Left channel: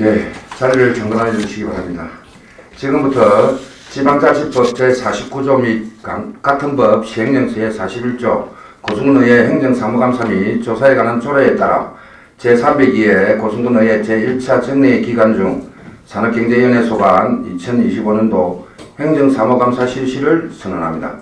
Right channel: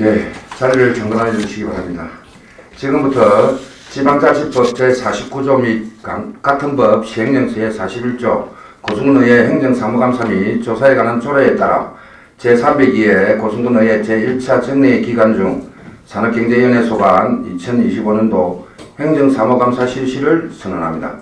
예, 자리를 정돈해 주시기 바랍니다. 지금부터 지방자치법 제49조 및 같은 법 시행령 제41조 고승군의회 행정사무감사 및 조사에 관한 조례에 따라 제302회 고승군의회 제1차 정례 기간 중 산업경제위원회 소관 2025년도 행정사무감사 실시를 선언합니다.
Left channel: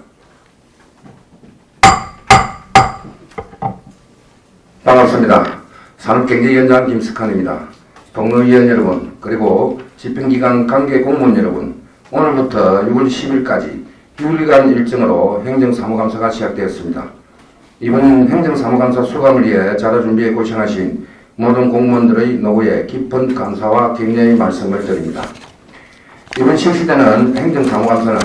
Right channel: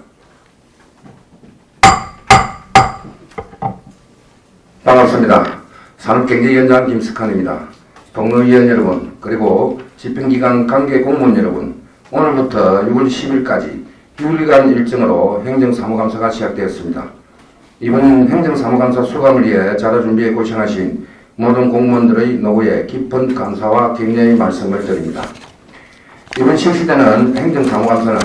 반갑습니다. 산업경제위원장 김석환입니다. 동료위원 여러분, 그리고 집행기관 관계 공무원 여러분, 오늘부터 6월 10일까지 6일간 일정으로 행정사무감사가 시작되었습니다. 이번 행정사무감사 수감을 위해 자료 준비에 고생하신 모든 공무원들의 노고에 깊은 감사와 격려의 말씀을 드립니다. 이번 실시되는 행정사무감사는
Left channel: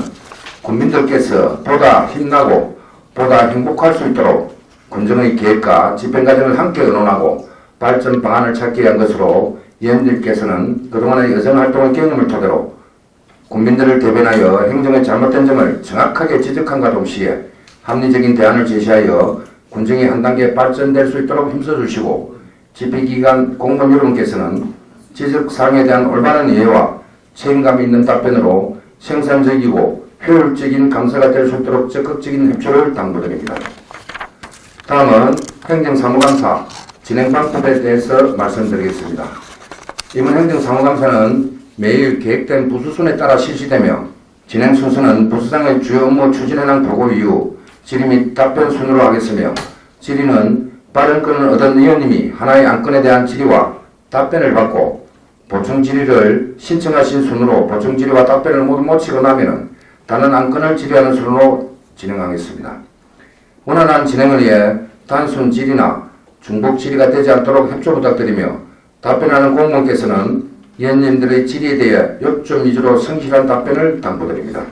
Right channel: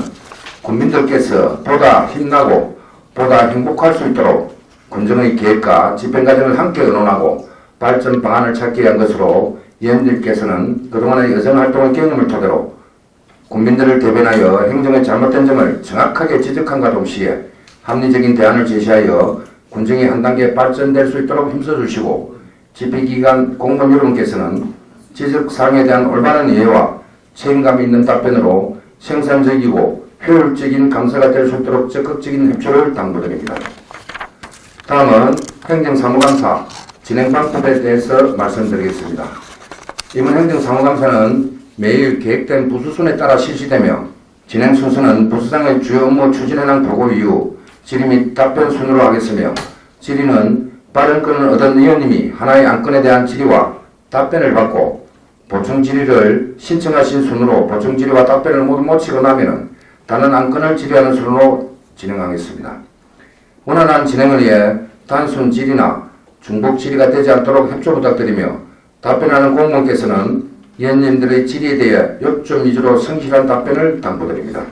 국민들께서 보다 힘나고 보다 행복할 수 있도록 군정의 계획과 집행과정을 함께 의논하고 발전 방안을 찾기 위한 것으로 위원들께서는 그동안의 여정활동의 경험을 토대로 국민들을 대변하여 행정의 잘못된 점을 정확하게 지적함과 동시에 합리적인 대안을 제시하여 군정이 한 단계 발전될 수 있도록 힘써주시고 집행기관 공무원 여러분께서는 지적사항에 대한 올바른 이해와 책임감 있는 답변으로 생산적이고 효율적인 감사가 될 수 있도록 적극적인 협조를 당부드립니다. 다음은 행정사무감사 진행 방법에 대해서 말씀드리겠습니다. 이번 행정사무감사는 매일 계획된 부수순에 따라 실시되며 진행 순서는 부수장의 주요 업무 추진현황 보고 이후 질의 및 답변 순으로 하겠으며 질의는 발언권을 얻은 의원님이 하나의 안건에 대한 질의와 답변을 받고 보충 질의를 신청하신 순으로 보충 질의와 답변을 모두 마치고 나면 다른 안건을 질의하는 순으로 진행하겠습니다. 원활한 진행을 위해 단순 질의나 중복 질의가 되지 않도록 협조 부탁드리며 답변하는 공무원께서는 위원님들의 질의에 대해 요점 위주로 성실한 답변을 당부드립니다.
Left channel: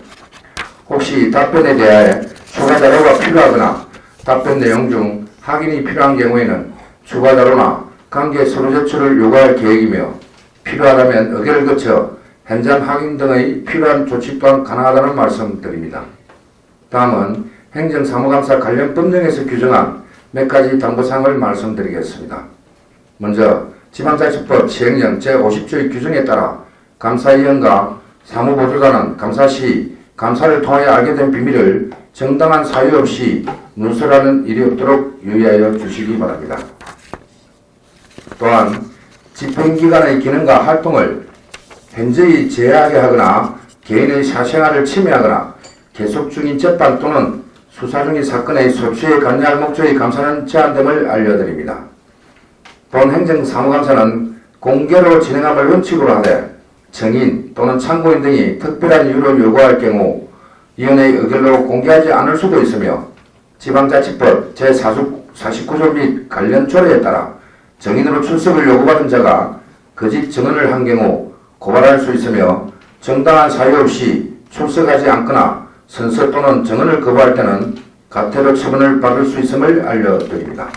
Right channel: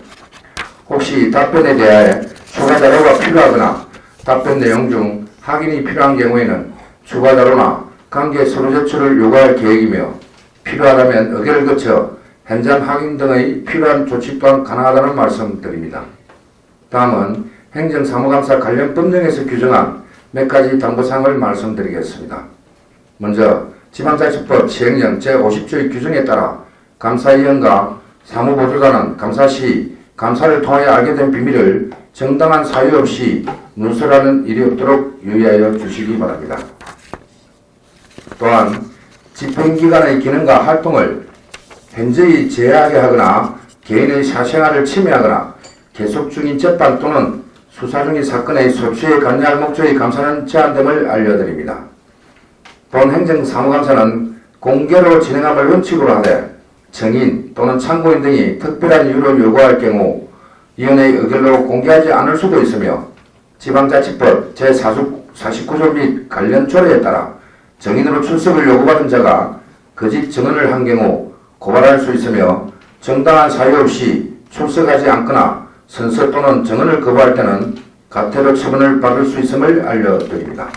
혹시 답변에 대해 추가 자료가 필요하거나 답변 내용 중 확인이 필요한 경우에는 추가 자료나 관계 서류 제출을 요구할 계획이며 필요하다면 의결을 거쳐 현장 확인 등의 필요한 조치 또한 가능하다는 말씀드립니다. 다음은 행정사무감사 관련 법령에서 규정한 몇 가지 당부사항을 말씀드리겠습니다. 먼저 지방자치법 시행령 제50조의 규정에 따라 감사위원과 사무보조자는 감사 시 감사를 통하여 알게 된 비밀을 정당한 사유 없이 누설하는 일이 없도록 유의하여 주시기 바랍니다. 또한 집행기관의 기능과 활동을 현저히 제한하게 하거나 개인의 사생활을 침해하거나 계속 중인 재판 또는 수사 중인 사건의 소추에 관여할 목적의 감사는 제한됨을 알려드립니다. 본 행정사무감사는 공개로 진행함을 원칙으로 하되 증인 또는 참고인 등이 특별한 이유를 요구할 경우 위원회의 의결로 공개하지 않을 수도 있으며 지방자치법 제49조 및 관련 조례에 따라 증인으로 출석을 요구받은 자가 거짓 증언을 한 경우 고발할 수 있으며 정당한 사유 없이 출석하지 않거나 선서 또는 증언을 거부할 때는 가태료 처분을 받을 수 있음을 알려드립니다.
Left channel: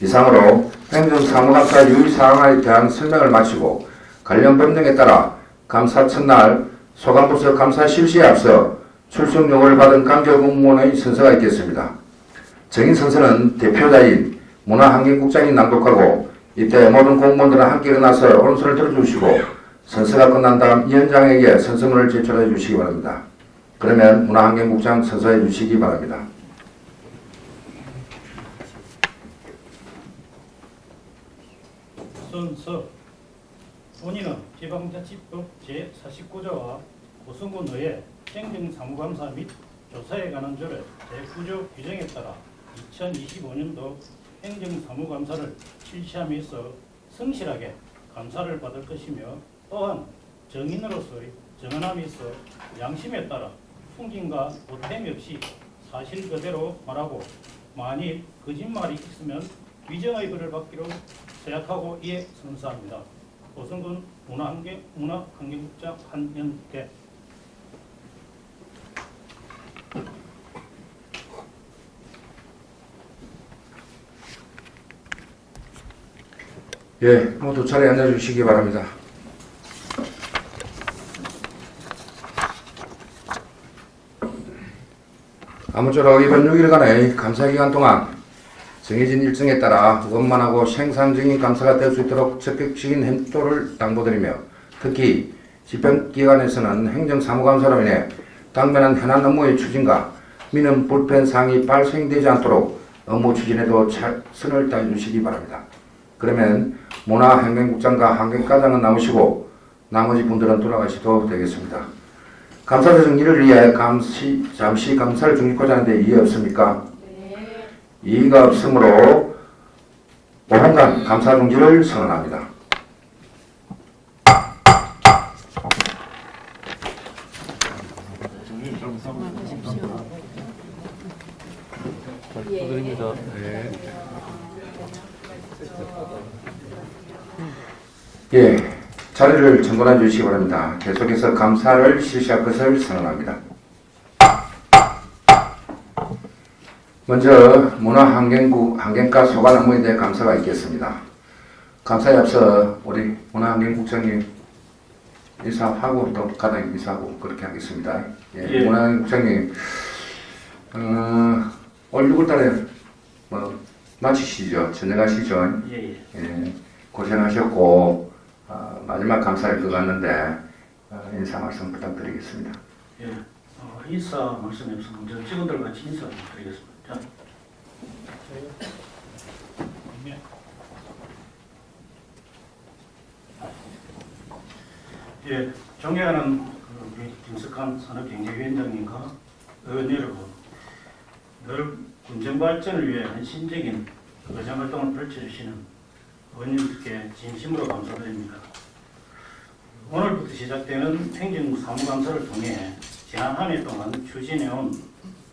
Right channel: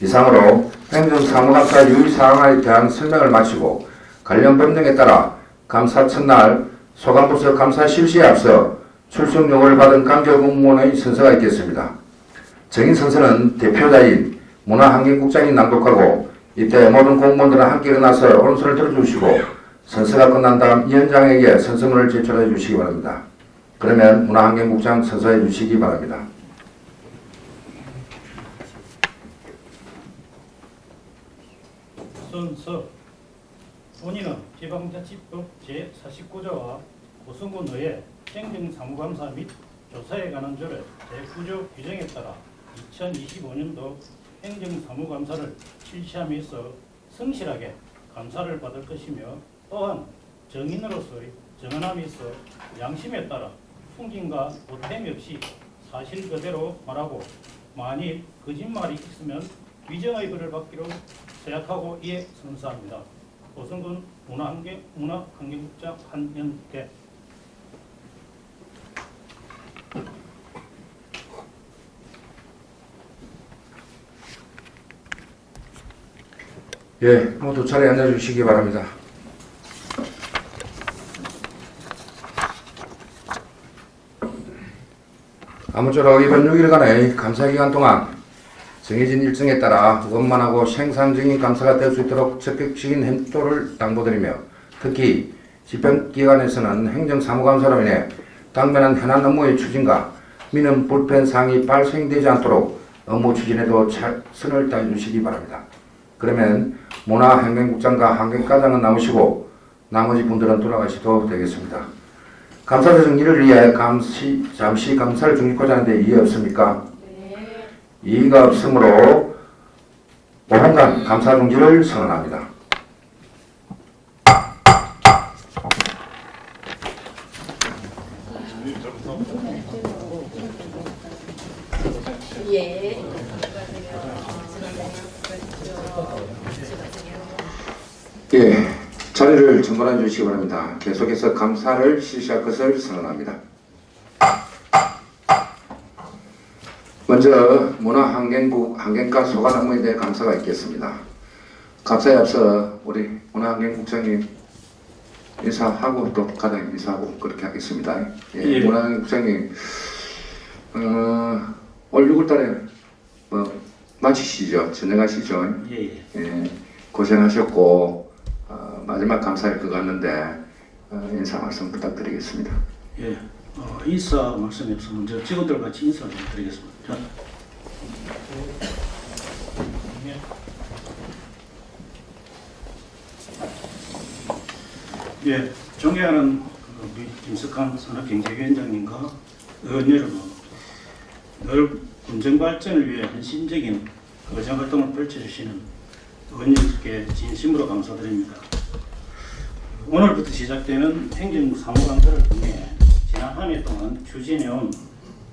이상으로 행정사무감사 유의사항에 대한 설명을 마치고 관련 법령에 따라 감사 첫날 소관부서 감사 실시에 앞서 출석 요구를 받은 관계공무원의 선서가 있겠습니다. 정인 선서는 대표자인 문화환경국장이 낭독하고 이때 모든 공무원들은 함께 일어나서 오른손을 들어주시고 선서가 끝난 다음 위원장에게 선서문을 제출해 주시기 바랍니다. 그러면 문화환경국장 선서해 주시기 바랍니다. 선서 본인은 지방자치법 제49조와 고승군의회 행정사무감사 및 조사에 관한 조례 제9조 규정에 따라 2025년도 행정사무감사를 실시함에 있어 성실하게 감사를 받을 것이며 또한 정인으로서의 정언함에 있어 양심에 따라 풍김과 보탬이 없이 사실 그대로 말하고 만일 거짓말이 있으면 위정의 벌을 받기로 생각하고 이에 선서합니다. 고승군 문화환경국장 한연계. 예, 모두 자리에 앉아주시기 바랍니다. 아무쪼록 이번 6일간의 감사기간 동안 정해진 일정에 따라 원만하고 생산적인 감사가 될 수 있도록 적극적인 협조를 당부드리며 특히 집행기관에서는 행정사무감사로 인해 당면한 현안 업무의 추진과 민원 불편 사항이 발생되지 않도록 업무 추진에도 최선을 다해주시기 바랍니다. 그러면 문화환경국장과 환경과장은 나오시고 나머지 분들은 돌아가셔도 되겠습니다. 감사자 정리를 위해 잠시 감사를 중지하고자 하는데 이해 없습니까? 네. 이의가 없으므로 5분간 감사 중지를 선언합니다. 예. 예, 자리를 정돈해 주시기 바랍니다. 계속해서 감사를 실시할 것을 선언합니다. 먼저 문화환경과 소관 업무에 대해 감사가 있겠습니다. 감사에 앞서 우리 문화환경국장님 인사하고 또 과장님 인사하고 그렇게 하겠습니다. 예, 예. 문화환경국장님 올 6월달에 마치시죠? 전역하시죠? 예. 예, 고생하셨고 마지막 감사일 것 같는데 인사 말씀 부탁드리겠습니다. 예. 인사 말씀이 없어 먼저 직원들 같이 인사 드리겠습니다. 자. 예. 예, 존경하는 우리 김석환 산업경제위원장님과 의원 여러분, 늘 군정 발전을 위해 헌신적인 의정활동을 펼쳐주시는 의원님들께 진심으로 감사드립니다. 오늘부터 시작되는 행정사무감사를 통해 지난 한 해 동안 추진해온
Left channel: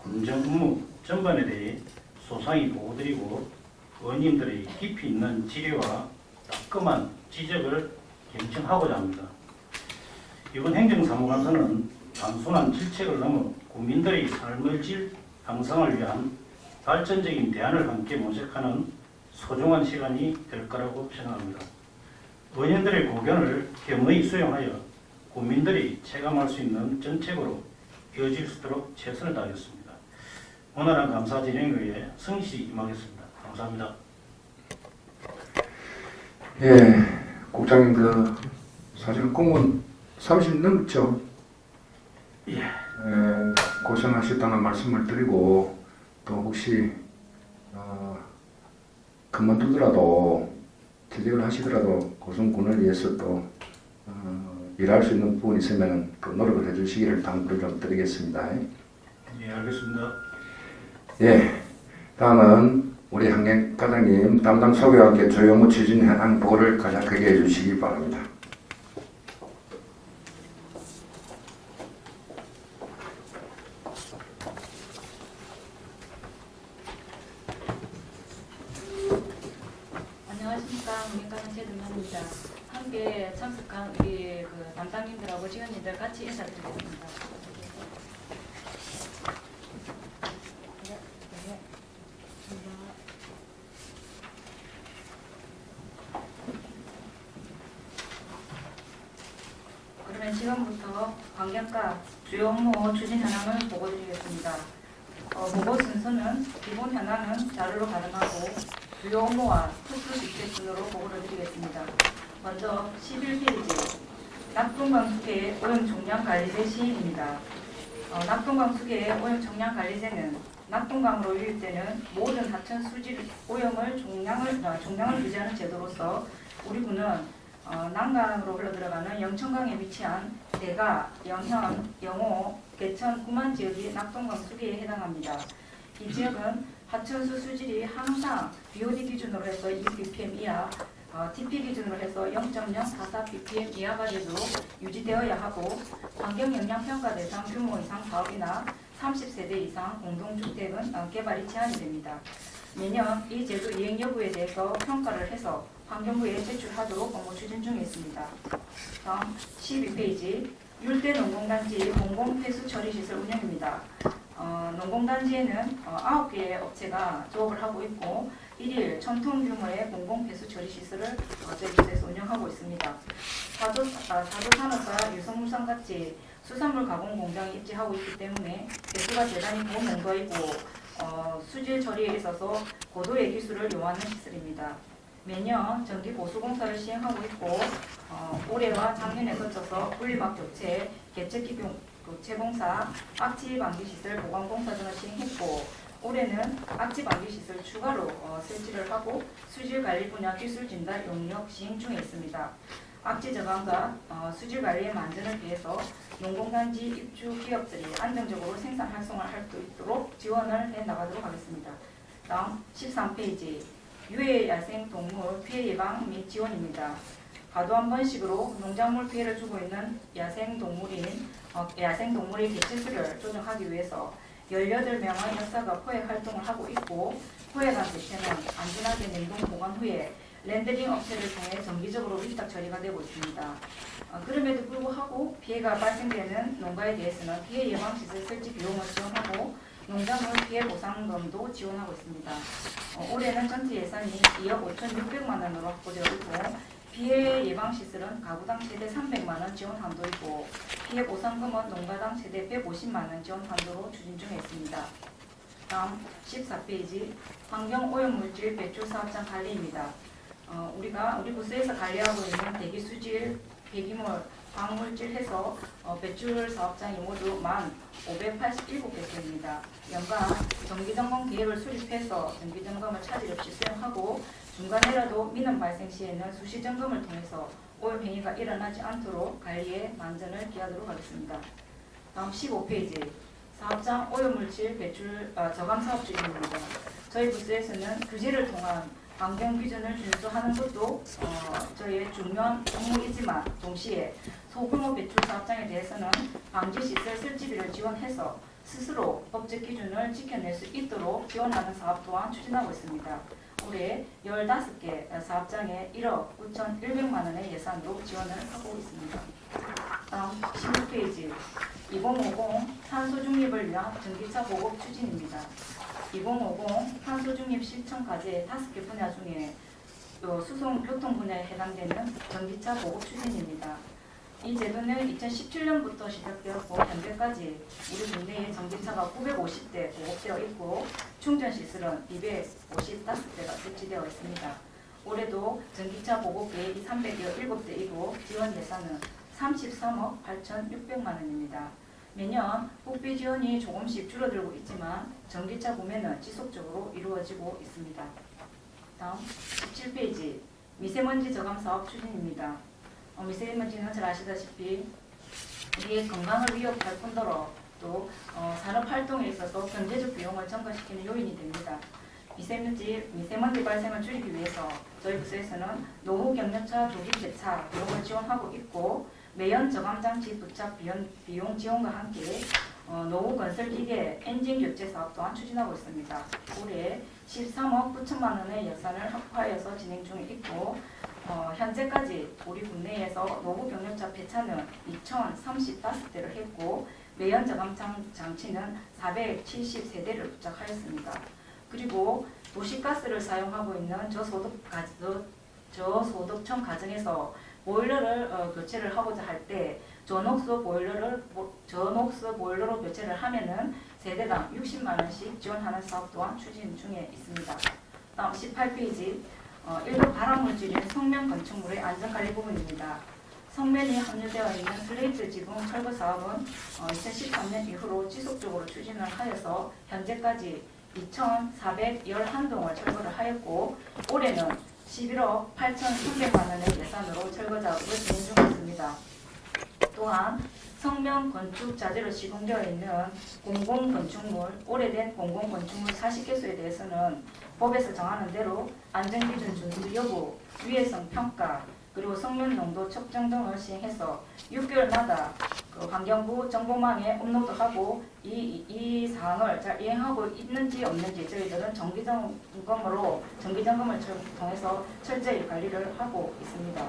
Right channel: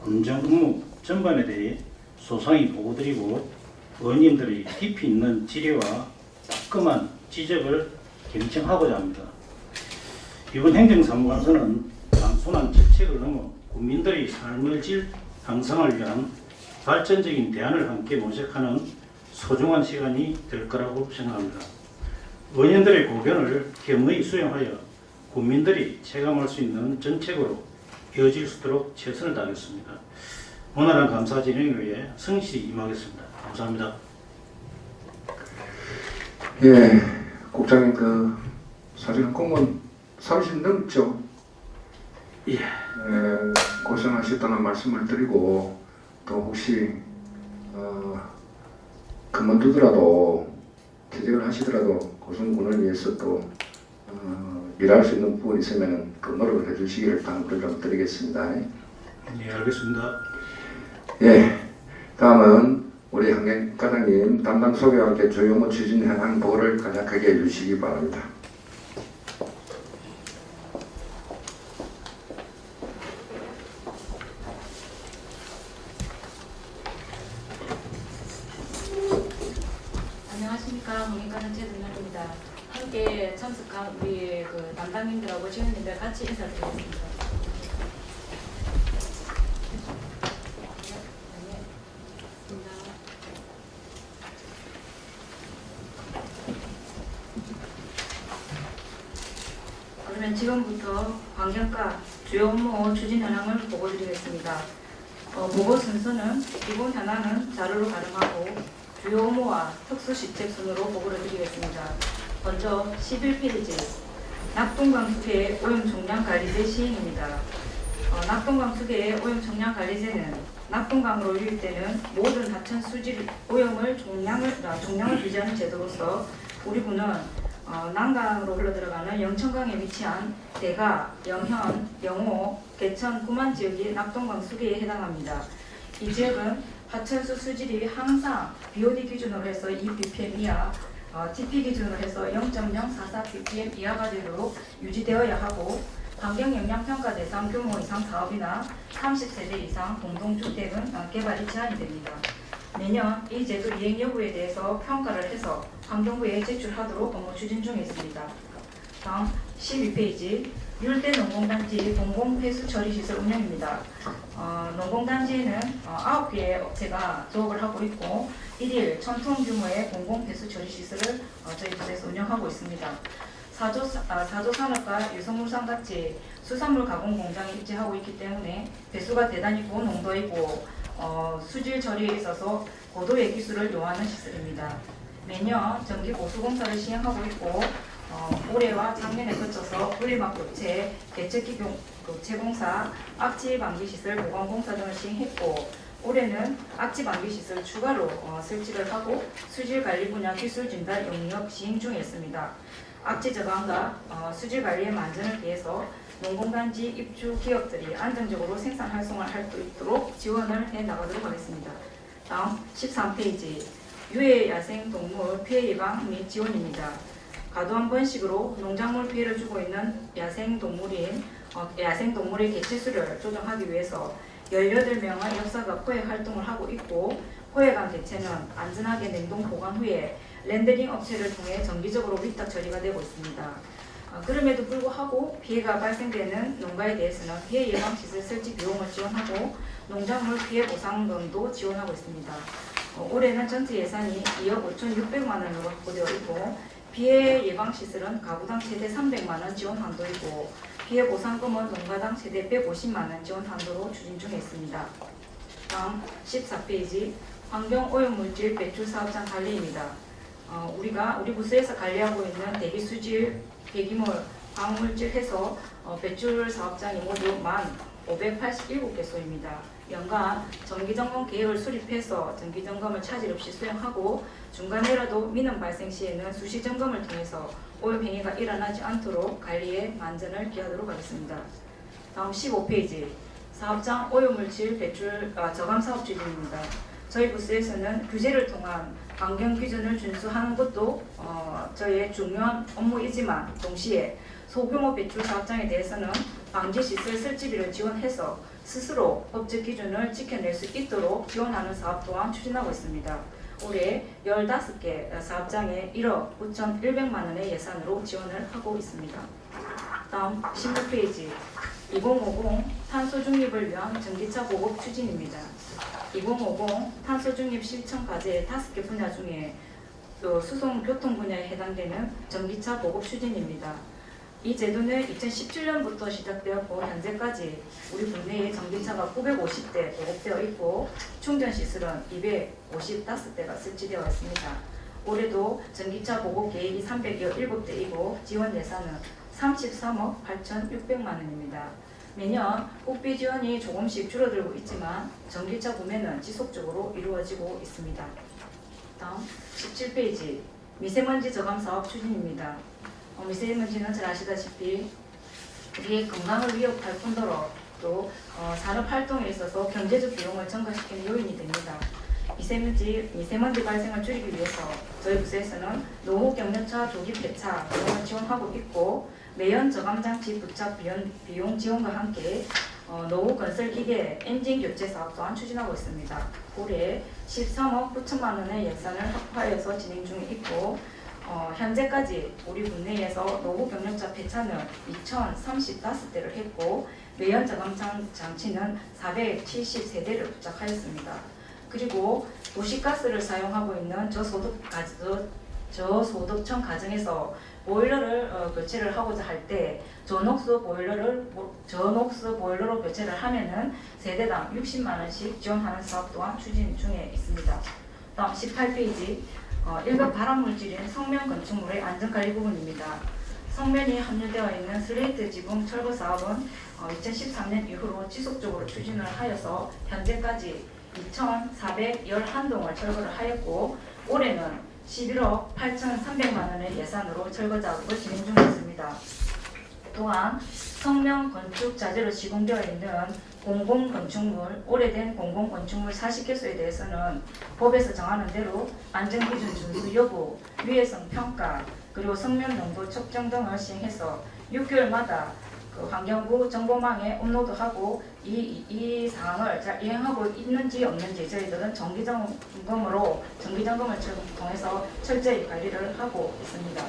군정 업무 전반에 대해 소상히 보고드리고 의원님들의 깊이 있는 질의와 따끔한 지적을 경청하고자 합니다. 이번 행정사무감사는 단순한 질책을 넘어 국민들의 삶의 질 향상을 위한 발전적인 대안을 함께 모색하는 소중한 시간이 될 거라고 생각합니다. 의원들의 고견을 겸허히 수용하여 국민들이 체감할 수 있는 정책으로 이어질 수 있도록 최선을 다하겠습니다. 원활한 감사 진행을 위해 성실히 임하겠습니다. 감사합니다. 예, 국장님 사실은 공무원 30 넘죠. 예. 고생하셨다는 말씀을 드리고 또 혹시 그만두더라도 퇴직을 하시더라도 고승군을 위해서 또 일할 수 있는 부분이 있으면 그 노력을 해주시기를 당부를 좀 드리겠습니다. 예, 알겠습니다. 예, 다음은 우리 환경과장님 담당 소개와 함께 주요 업무 추진 현황 보고를 간략하게 해주시기 바랍니다. 안녕하십니까. 문익과장 최준현입니다. 함께 참석한 우리 담당님들하고 지원님들 같이 인사드리겠습니다. 그러면 지금부터 환경과 주요 업무 추진 현황을 보고드리겠습니다. 보고 순서는 기본 현황은 자료로 가능하고 주요 업무와 특수식재 순으로 보고를 드리겠습니다. 먼저 11페이지 낙동강 수계 오염 총량 관리제 시행입니다. 낙동강 수계 오염 총량 관리제는 낙동강으로 유입되는 모든 하천 수질 오염을 총량을 규제하는 제도로서 우리 군은 남강으로 흘러들어가는 영천강에 위치한 대가, 영현, 영호, 개천, 구만 지역이 낙동강 수계에 해당합니다. 이 지역은 하천수 수질이 항상 BOD 기준으로 해서 2ppm 이하, TP 기준으로 해서 0.044ppm 이하 가격으로 유지되어야 하고 환경영향평가 대상 규모 이상 사업이나 30세대 이상 공동주택은 개발이 제한이 됩니다. 매년 이 제도 이행 여부에 대해서 평가를 해서 환경부에 제출하도록 업무 추진 중에 있습니다. 다음 12페이지 율대 농공단지 공공폐수 처리시설 운영입니다. 농공단지에는 9개의 업체가 조업을 하고 있고 1일 1000톤 규모의 공공폐수 처리시설을 저희 부서에서 운영하고 있습니다. 사조산업과 유성물산같이 수산물 가공 공장에 입지하고 있기 때문에 배수가 대단히 고농도이고 수질 처리에 있어서 고도의 기술을 요하는 시설입니다. 매년 전기 보수공사를 시행하고 있고 올해와 작년에 거쳐서 분리막 교체, 개척기 교체 공사, 악취 방지 시설 보강 공사 등을 시행했고 올해는 악취 방지 시설 추가로 설치를 하고 수질 관리 분야 기술 진단 용역 시행 중에 있습니다. 악취 저감과 수질 관리의 만전을 위해서 농공단지 입주 기업들이 안정적으로 생산 활성화를 할 수 있도록 지원을 해 나가도록 하겠습니다. 다음 13페이지 유해 야생 동물 피해 예방 및 지원입니다. 과도한 번식으로 농작물 피해를 주고 있는 야생 동물의 개체수를 조정하기 위해서 18명의 역사가 포획 활동을 하고 있고 포획한 개체는 안전하게 냉동 보관 후에 렌더링 업체를 통해 정기적으로 위탁 처리가 되고 있습니다. 그럼에도 불구하고 피해가 발생되는 농가에 대해서는 피해 예방 시설 설치 비용을 지원하고 농작물 피해 보상금도 지원하고 있습니다. 올해는 전체 예산이 2억 5,600만 원으로 확보되어 있고 피해 예방 시설은 가구당 최대 300만 원 지원 한도이고 피해 보상금은 농가당 최대 150만 원 지원 한도로 추진 중에 있습니다. 다음 14페이지 환경 오염물질 배출 사업장 관리입니다. 우리 부서에서 관리하고 있는 대기 수질, 폐기물, 화학물질 해서 배출 사업장이 모두 1,587개소입니다. 연간 정기점검 계획을 수립해서 정기점검을 차질 없이 수행하고 중간에라도 민원 발생 시에는 수시점검을 통해서 오염행위가 일어나지 않도록 관리에 만전을 기하도록 하겠습니다. 다음 15페이지 사업장 오염물질 배출 저감 사업 추진입니다. 저희 부서에서는 규제를 통한 환경 기준을 준수하는 것도 저희의 중요한 업무이지만 동시에 소규모 배출 사업장에 대해서는 방지시설 설치비를 지원해서 스스로 법적 기준을 지켜낼 수 있도록 지원하는 사업 또한 추진하고 있습니다. 올해 15개 사업장에 1억 9,100만 원의 예산으로 지원을 하고 있습니다. 다음 19페이지 2050 탄소 중립을 위한 전기차 보급 추진입니다. 2050 탄소 중립 실천 과제의 5개 분야 중에 수송 교통 분야에 해당되는 전기차 보급 추진입니다. 이 제도는 2017년부터 시작되었고 현재까지 우리 국내에 전기차가 950대 보급되어 있고 충전 시설은 255대가 설치되어 있습니다. 올해도 전기차 보급 계획이 317대이고 지원 예산은 33억 8,600만 원입니다. 매년 국비 지원이 조금씩 줄어들고 있지만 전기차 구매는 지속적으로 이루어지고 있습니다. 다음 17페이지 미세먼지 저감 사업 추진입니다. 미세먼지는 잘 아시다시피 우리의 건강을 위협할 뿐더러 또 산업 활동에 있어서 경제적 비용을 증가시키는 요인이 됩니다. 미세먼지 발생을 줄이기 위해서 저희 부서에서는 노후 경련차 조기 폐차 비용을 지원하고 있고 매연 저감 장치 부착 비용 지원과 함께 노후 건설 기계 엔진 교체 사업 또한 추진하고 있습니다. 올해 13억 9천만 원의 예산을 확보하여서 진행 중에 있고 현재까지 우리 국내에서 노후 경력자 폐차는 2,035대를 했고 매연 저감 장치는 470세대를 부착하였습니다. 그리고 도시가스를 사용하고 있는 저소득층 가정에서 보일러를 교체를 하고자 할 때 저녹스 보일러로 교체를 하면은 세대당 60만 원씩 지원하는 사업 또한 추진 중에 있습니다. 다음 18페이지 1급 발암물질인 성면 건축물의 안전관리 부분입니다. 성면이 함유되어 있는 슬레이트 지붕 철거 사업은 2013년 이후로 지속적으로 추진을 하여서 현재까지 2,411동을 철거를 하였고 올해는 11억 8,300만 원의 예산으로 철거 작업을 진행 중에 있습니다. 또한 성명 건축 자재로 시공되어 있는 공공건축물, 오래된 공공건축물 40개소에 대해서는 법에서 정하는 대로 안전기준 준수 여부, 위해성 평가, 그리고 성명 농도 측정 등을 시행해서 6개월마다 환경부 정보망에 업로드하고 이 사항을 잘 이행하고 있는지 없는지 저희들은 정기점검을 통해서 철저히 관리를 하고 있습니다.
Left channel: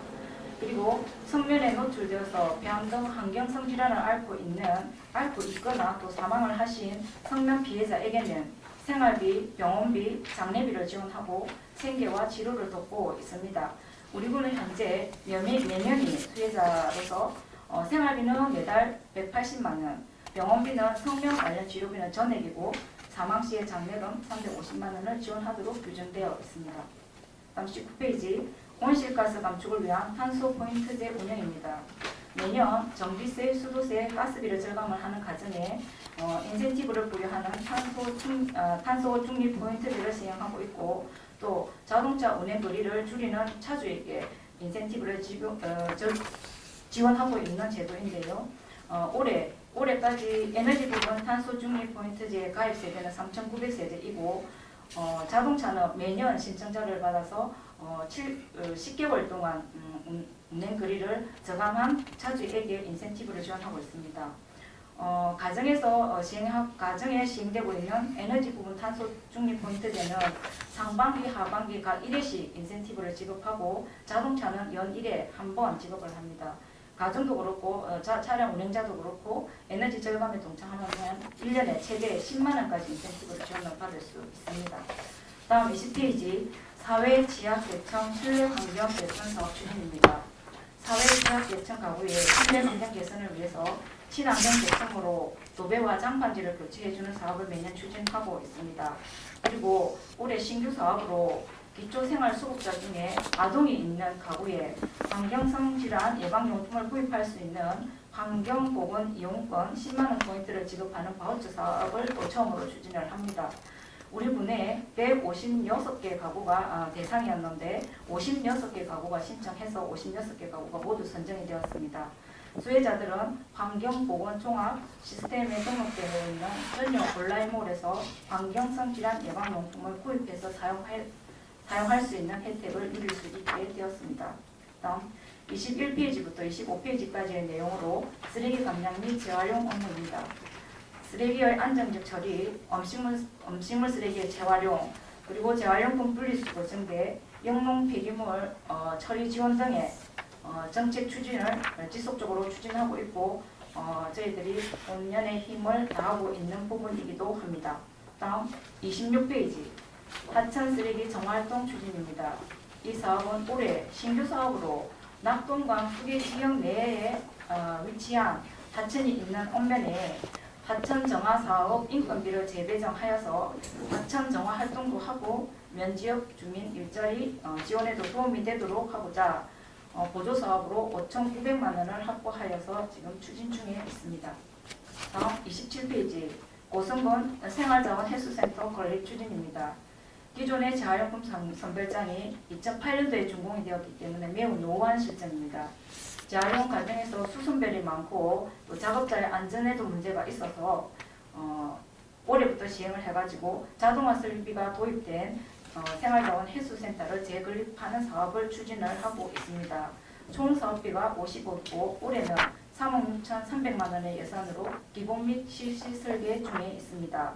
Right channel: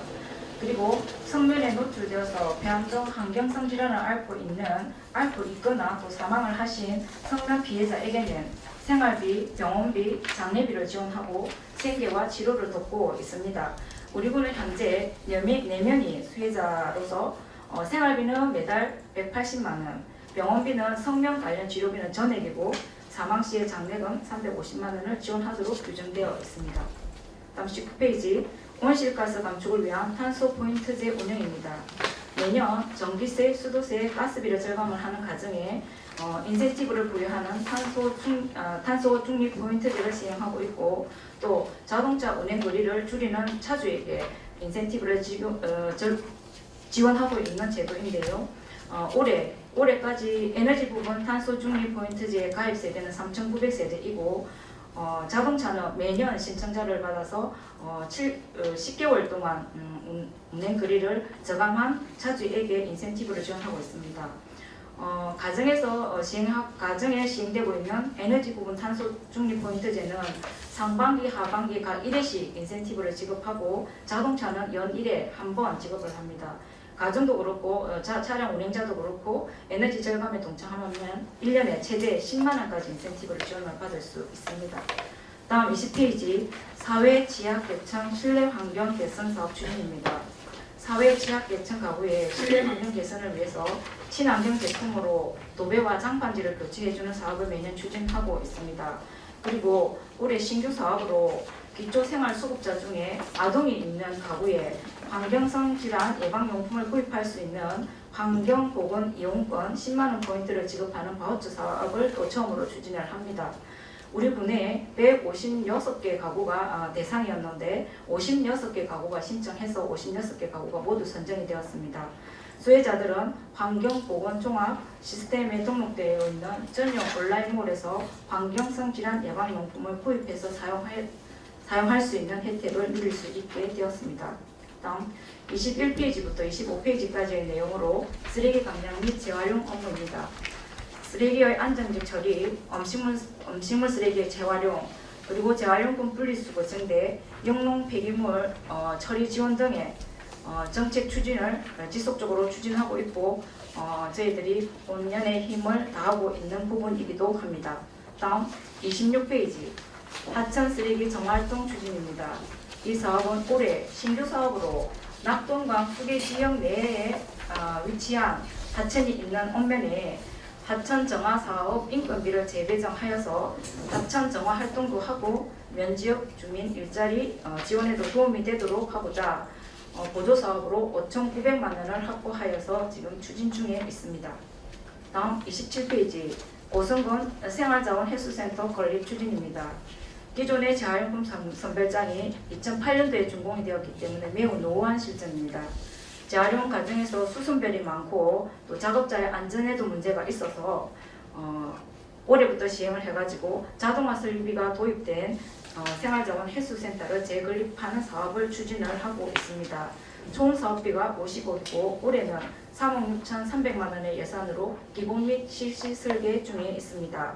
그리고 성면에 노출되어서 폐암 등 환경성 질환을 앓고 있거나 또 사망을 하신 성면 피해자에게는 생활비, 병원비, 장례비를 지원하고 생계와 치료를 돕고 있습니다. 우리 군은 현재 4명이 수혜자로서 생활비는 매달 180만 원, 병원비는 성면 관련 치료비는 전액이고 사망 시의 장려금 350만 원을 지원하도록 규정되어 있습니다. 다음 19페이지 온실가스 감축을 위한 탄소 포인트제 운영입니다. 매년 전기세, 수도세, 가스비를 절감을 하는 가정에 인센티브를 부여하는 탄소 중립 포인트제를 시행하고 있고 또 자동차 운행 거리를 줄이는 차주에게 인센티브를 지원하고 있는 제도인데요. 올해까지 에너지 부분 탄소 중립 포인트제 가입 세대는 3,900세대이고 자동차는 매년 신청자를 받아서 10개월 동안 운행 거리를 저감한 차주에게 인센티브를 지원하고 있습니다. 가정에 시행되고 있는 에너지 부분 탄소 중립 포인트제는 상반기, 하반기 각 1회씩 인센티브를 지급하고 자동차는 연 1회 한 번 지급을 합니다. 가정도 그렇고 차량 운행자도 그렇고 에너지 절감에 동참하면 1년에 최대 10만 원까지 인센티브를 지원을 받을 수 있습니다. 다음 20페이지 사회 취약 계층 실내 환경 개선 사업 추진입니다. 사회 취약 계층 가구의 실내 환경 개선을 위해서 친환경 계층으로 도배와 장판지를 교체해주는 사업을 매년 추진하고 있습니다. 그리고 올해 신규 사업으로 기초생활수급자 중에 아동이 있는 가구에 환경성 질환 예방용품을 구입할 수 있는 환경보건 이용권 10만원 포인트를 지급하는 바우처 사업을 또 처음으로 추진을 합니다. 우리 분에 156개 가구가 대상이었는데 56개 가구가 신청해서 56개 가구가 모두 선정이 되었습니다. 수혜자들은 환경보건종합 시스템에 등록되어 있는 전용 온라인몰에서 환경성 질환 예방용품을 구입해서 사용할 수 있는 혜택을 누릴 수 있게 되었습니다. 다음 21페이지부터 25페이지까지의 내용으로 쓰레기 감량 및 재활용 업무입니다. 쓰레기의 안정적 처리, 음식물 쓰레기의 재활용, 그리고 재활용품 분리수거 증대, 영농 폐기물 처리 지원 등의 정책 추진을 지속적으로 추진하고 있고 저희들이 본연의 힘을 다하고 있는 부분이기도 합니다. 다음 26페이지 하천 쓰레기 정활동 추진입니다. 이 사업은 올해 신규 사업으로 낙동강 후계 지역 내에 위치한 하천이 있는 읍면에 하천 정화 사업 인건비를 재배정하여서 하천 정화 활동도 하고 면지역 주민 일자리 지원에도 도움이 되도록 하고자 보조 사업으로 5,900만 원을 확보하여서 지금 추진 중에 있습니다. 다음 27페이지 오성군 생활자원 해수센터 건립 추진입니다. 기존의 재활용품 선별장이 2008년도에 준공이 되었기 때문에 매우 노후한 실정입니다. 재활용 과정에서 수선별이 많고 또 작업자의 안전에도 문제가 있어서 올해부터 시행을 해가지고 자동화 설비가 도입된 생활자원 해수센터를 재건립하는 사업을 추진을 하고 있습니다. 총 사업비가 55고 올해는 3억 6,300만 원의 예산으로 기본 및 실시 설계 중에 있습니다.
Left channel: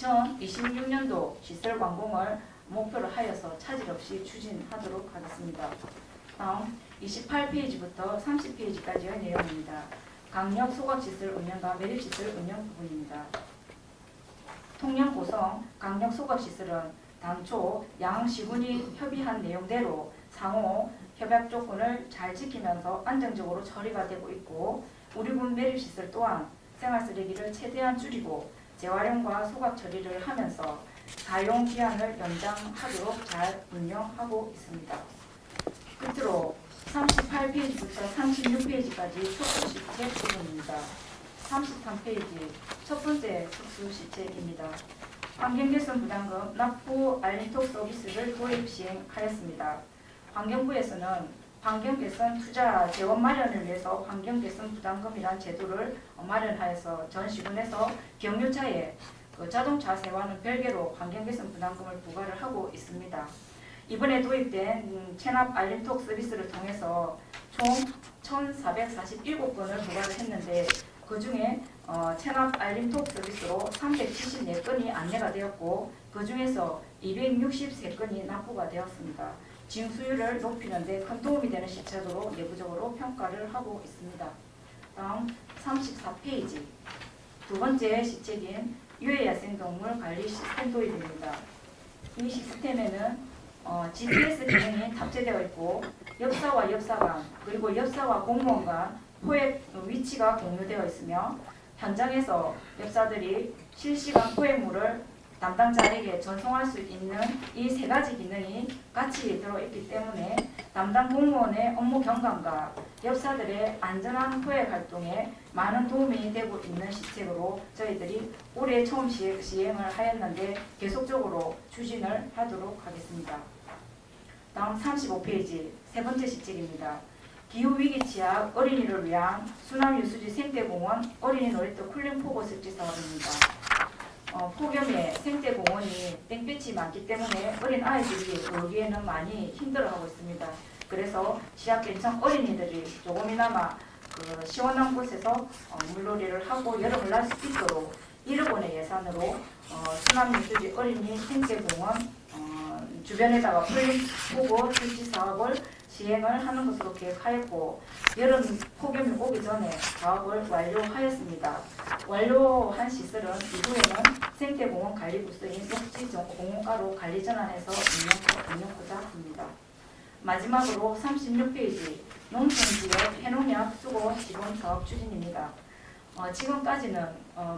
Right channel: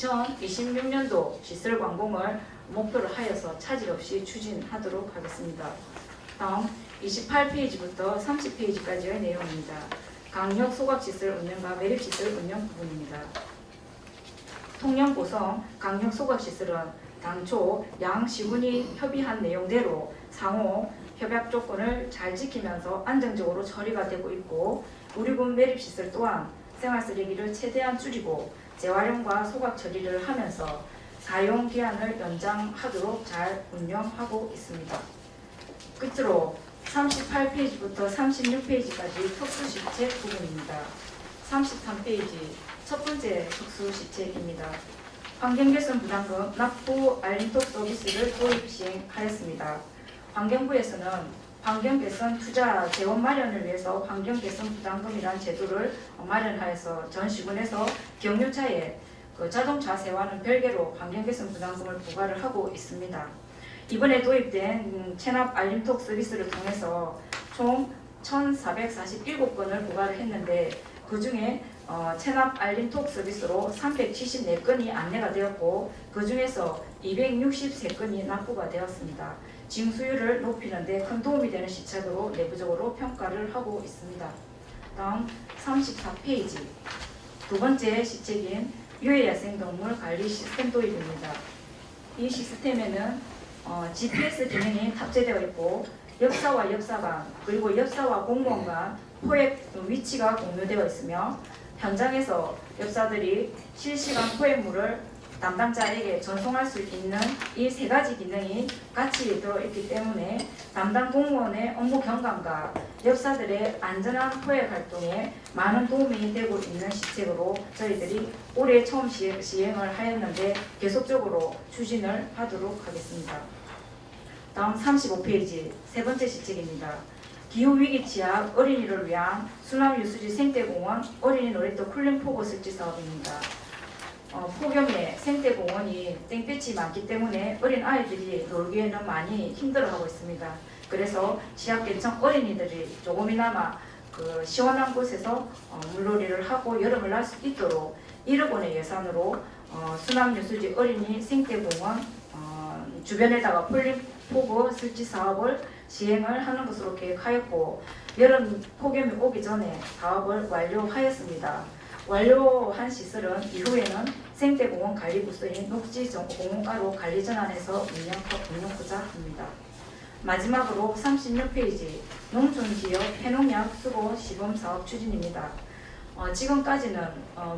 2026년도 시설 완공을 목표로 하여서 차질 없이 추진하도록 하겠습니다. 다음 28페이지부터 30페이지까지의 내용입니다. 강력 소각시설 운영과 매립시설 운영 부분입니다. 통영 고성 강력 소각시설은 당초 양 시군이 협의한 내용대로 상호 협약 조건을 잘 지키면서 안정적으로 처리가 되고 있고 우리 군 매립시설 또한 생활쓰레기를 최대한 줄이고 재활용과 소각 처리를 하면서 사용 기한을 연장하도록 잘 운영하고 있습니다. 끝으로 38페이지부터 36페이지까지 특수시책 부분입니다. 33페이지 첫 번째 특수시책입니다. 환경개선 부담금 납부 알림톡 서비스를 도입 시행하였습니다. 환경부에서는 환경개선 투자 재원 마련을 위해서 환경개선 부담금이라는 제도를 마련하여서 전 시군에서 경유차에 자동차 세와는 별개로 환경개선 부담금을 부과를 하고 있습니다. 이번에 도입된 체납 알림톡 서비스를 통해서 총 1,447건을 부과를 했는데 그 중에 체납 알림톡 서비스로 374건이 안내가 되었고 그 중에서 263건이 납부가 되었습니다. 징수율을 높이는 데 큰 도움이 되는 시책으로 내부적으로 평가를 하고 있습니다. 다음 34페이지 두 번째 시책인 유해야생동물 관리 시스템 도입입니다. 이 시스템에는 GPS 기능이 탑재되어 있고 엽사와 엽사관 그리고 엽사와 공무원 간 포획 위치가 공유되어 있으며 현장에서 엽사들이 실시간 포획물을 담당자에게 전송할 수 있는 이 세 가지 기능이 같이 들어있기 때문에 담당 공무원의 업무 경감과 엽사들의 안전한 포획 활동에 많은 도움이 되고 있는 시책으로 저희들이 올해 처음 시행을 하였는데 계속적으로 추진을 하도록 하겠습니다. 다음 35페이지 세 번째 시책입니다. 기후위기 취약 어린이를 위한 수납유수지 생태공원 어린이 놀이터 쿨링포구 설치 사업입니다. 폭염에 생태공원이 땡볕이 많기 때문에 어린 아이들이 거기에는 많이 힘들어하고 있습니다. 그래서 취약계층 어린이들이 조금이나마 그 시원한 곳에서 물놀이를 하고 여름을 날 수 있도록 1억 원의 예산으로 수납유수지 어린이 생태공원 주변에다가 쿨링포구 설치 사업을 시행을 하는 것으로 계획하였고 여름 폭염이 오기 전에 사업을 완료하였습니다. 완료한 시설은 이후에는 생태공원 관리부서인 녹지공원가로 관리 전환해서 운영하고자 합니다. 마지막으로 36페이지 농촌지역 폐농약 수거 시범 사업 추진입니다. 지금까지는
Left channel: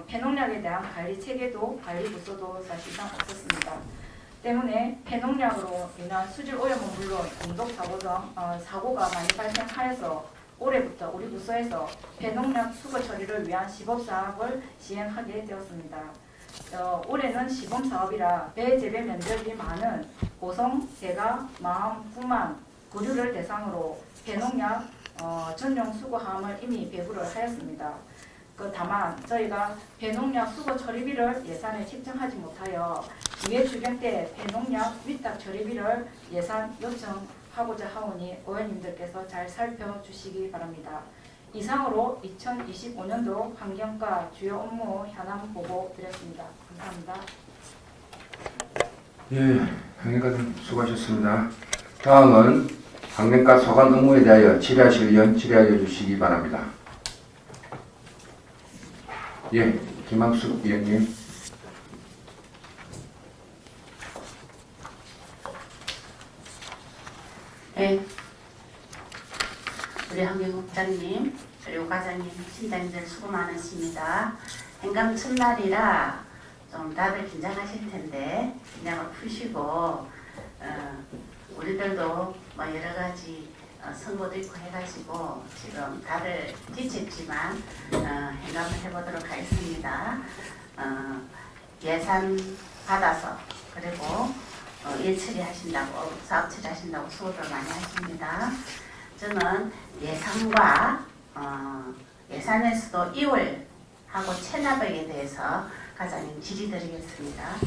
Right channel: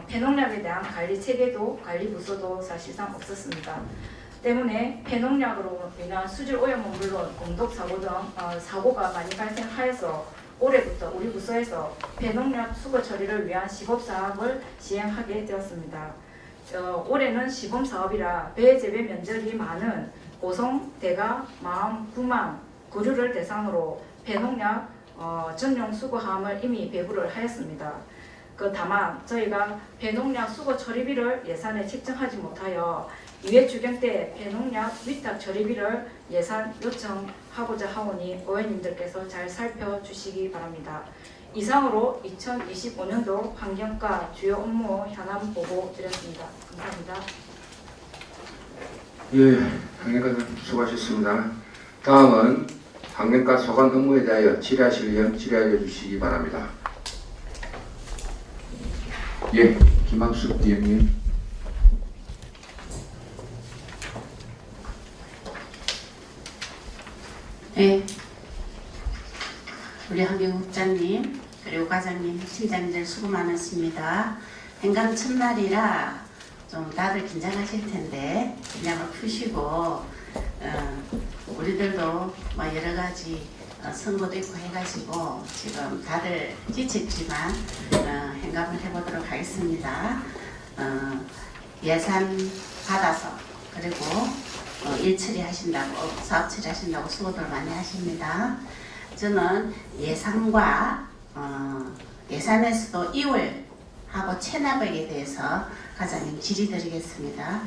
폐농약에 대한 관리 체계도 관리부서도 사실상 없었습니다. 때문에 폐농약으로 인한 수질 오염은 물론 공독 사고 등 사고가 많이 발생하여서 올해부터 우리 부서에서 폐농약 수거 처리를 위한 시범 사업을 시행하게 되었습니다. 올해는 시범 사업이라 배 재배 면적이 많은 고성, 대가, 마암, 구만, 구류를 대상으로 폐농약 전용 수거함을 이미 배부를 하였습니다. 다만 저희가 폐농약 수거 처리비를 예산에 책정하지 못하여 기회추경 때 폐농약 위탁 처리비를 예산 요청하고자 하오니 의원님들께서 잘 살펴주시기 바랍니다. 이상으로 2025년도 환경과 주요 업무 현안 보고 드렸습니다. 감사합니다. 예, 환경과님 수고하셨습니다. 다음은 환경과 소관 업무에 대하여 질의하실 의원 질의하여 주시기 바랍니다. 예, 김학숙 의원님. 네, 우리 환경국장님 그리고 과장님, 팀장님들 수고 많으십니다. 행감 첫날이라 좀 다들 긴장하실 텐데 긴장을 푸시고 우리들도 뭐 여러 가지 선거도 있고 해가지고 지금 다들 지쳤지만 행감을 해보도록 하겠습니다. 예산 받아서 그리고 일 처리하신다고 사업 처리하신다고 수고들 많이 하십니다. 저는 예산과 예산에서도 이월하고 체납액에 대해서 과장님 질의드리겠습니다.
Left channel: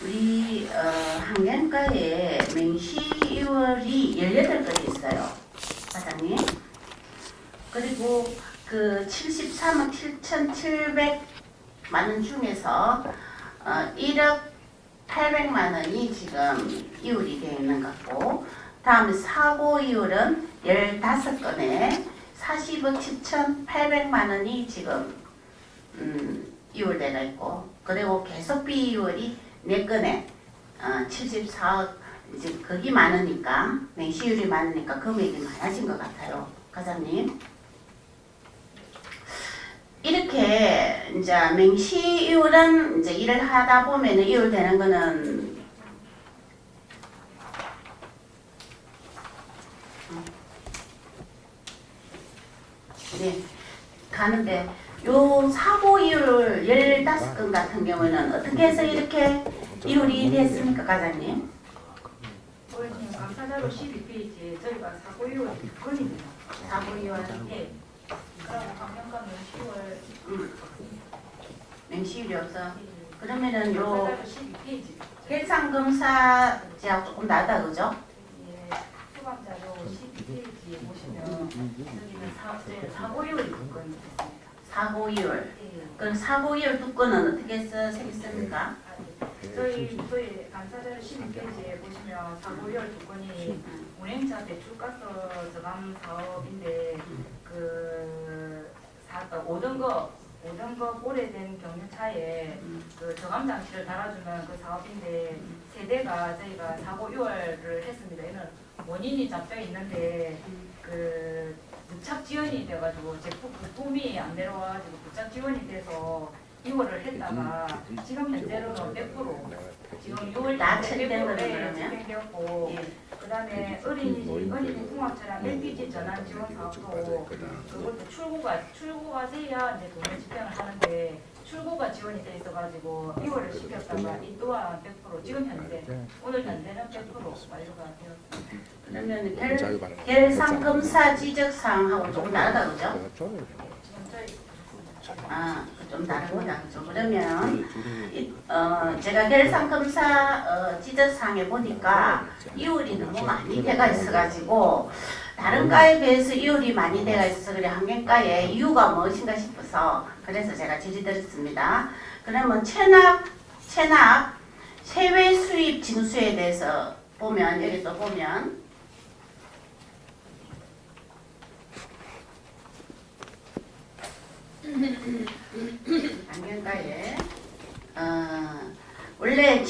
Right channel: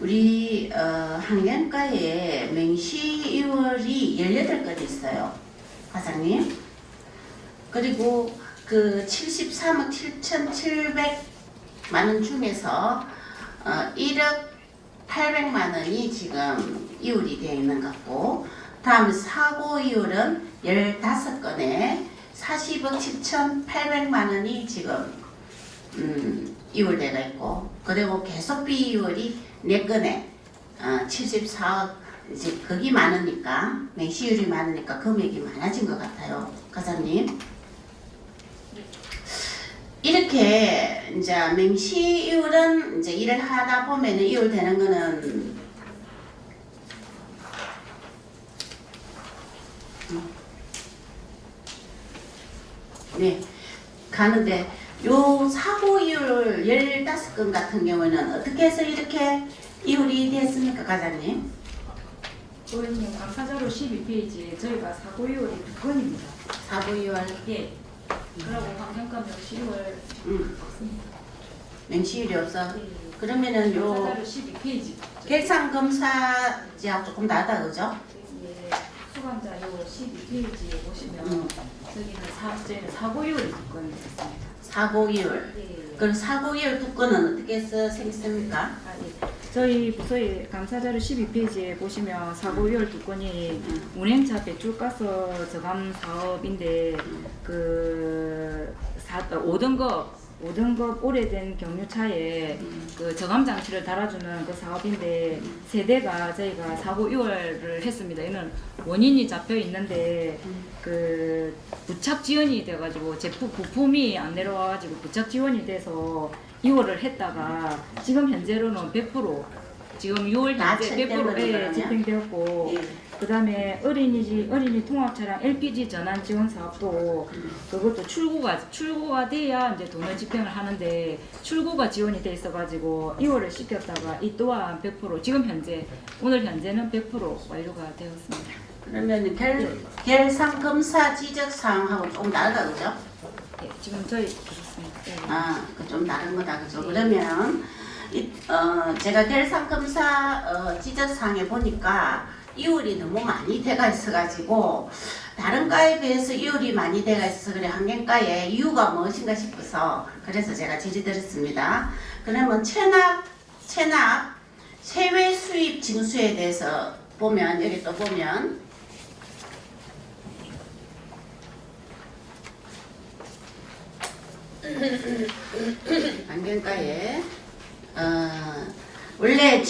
우리 환경과에 맹시이월이 18건이 있어요. 과장님. 그리고 그 73억 7,700만 원 중에서 1억 800만 원이 지금 이율이 되어 있는 것 같고 다음 사고 이율은 15건에 40억 7,800만 원이 지금 이율되어 있고 그리고 계속비 이율이 4건에 74억 이제 거기 많으니까 맹시율이 많으니까 금액이 많아진 것 같아요. 과장님. 이렇게 이제 맹시이율은 이제 일을 하다 보면은 이율 되는 거는 네 가는데 요 사고 이율 15건 같은 경우에는 어떻게 해서 이렇게 이율이 됐습니까, 과장님? 의원님 감사자료 12페이지에 저희가 사고이율이 2건입니다. 사고 이율 예. 그리고 환경과 명시이율 맹시율이 없어. 예. 그러면은 요 감사자료 12페이지. 결산 검사제하고 조금 다르다 그죠? 예. 수감자료 12페이지에 보시면 저희는 사고이율이 2건 있습니다. 사고 이율. 예. 그럼 사고 이율 2건은 어떻게 해서 생겼습니까? 저희 부서의 감사자료 12페이지에 보시면 사고이율 2건이 운행차 배출가스 저감 사업인데 그 5등급 오래된 경유차에 그 저감 장치를 달아주는 그 사업인데 세대가 저희가 사고 이월을 했습니다. 이는 원인이 잡혀 있는데 그 부착 지연이 돼가지고 제품 부품이 안 내려와가지고 부착 지연이 돼서 2월을 했다가 지금 현재로는 100% 지금 6월 다 현재 집행된 100% 거네요. 집행되었고 예. 그다음에 어린이 통합차량 LPG 전환 지원 사업도 그것도 출고가 돼야 이제 돈을 집행을 하는데 출고가 지원이 돼 있어가지고 2월을 시켰다가 이 또한 100% 지금 현재 오늘 현재는 100% 완료가 되었습니다. 그러면 결상 검사 지적 사항하고 조금 다르다 그죠? 예, 지금 저희 그렇습니다. 예. 아, 그 좀 다른 거다 그죠? 그러면 제가 결상 검사 지적 사항에 보니까 이율이 너무 많이 돼가 있어가지고 다른 과에 비해서 이율이 많이 돼가 있어서 그래 환경과의 이유가 무엇인가 싶어서 그래서 제가 질의드렸습니다. 그러면 체납 세외 수입 징수에 대해서 보면 여기 또 보면 환경과에 원래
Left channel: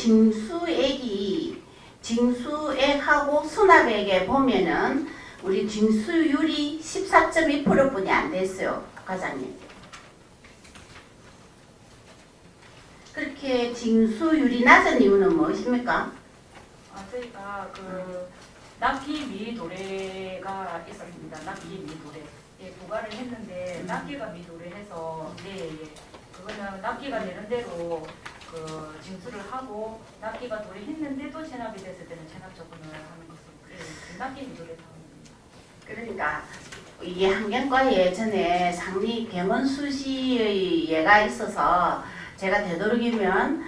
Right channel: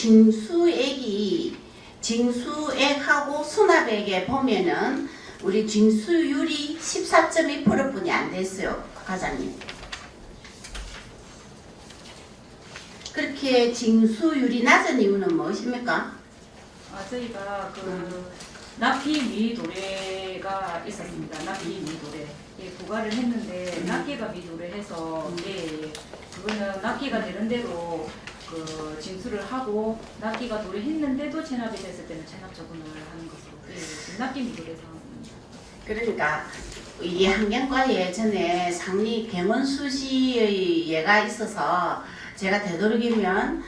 징수액하고 수납액에 보면은 우리 징수율이 14.2%뿐이 안 됐어요, 과장님. 그렇게 징수율이 낮은 이유는 무엇입니까? 저희가 그 납기 미도래가 있었습니다. 납기 미도래. 예, 부과를 했는데 납기가 미도래해서 그거는 납기가 되는 대로 그 징수를 하고 납기가 도래했는데도 체납이 됐을 때는 체납 처분을 하는 것으로 납기 미도래 상황입니다. 그러니까 이게 환경과에 예전에 상리 계문수시의 예가 있어서 제가 되도록이면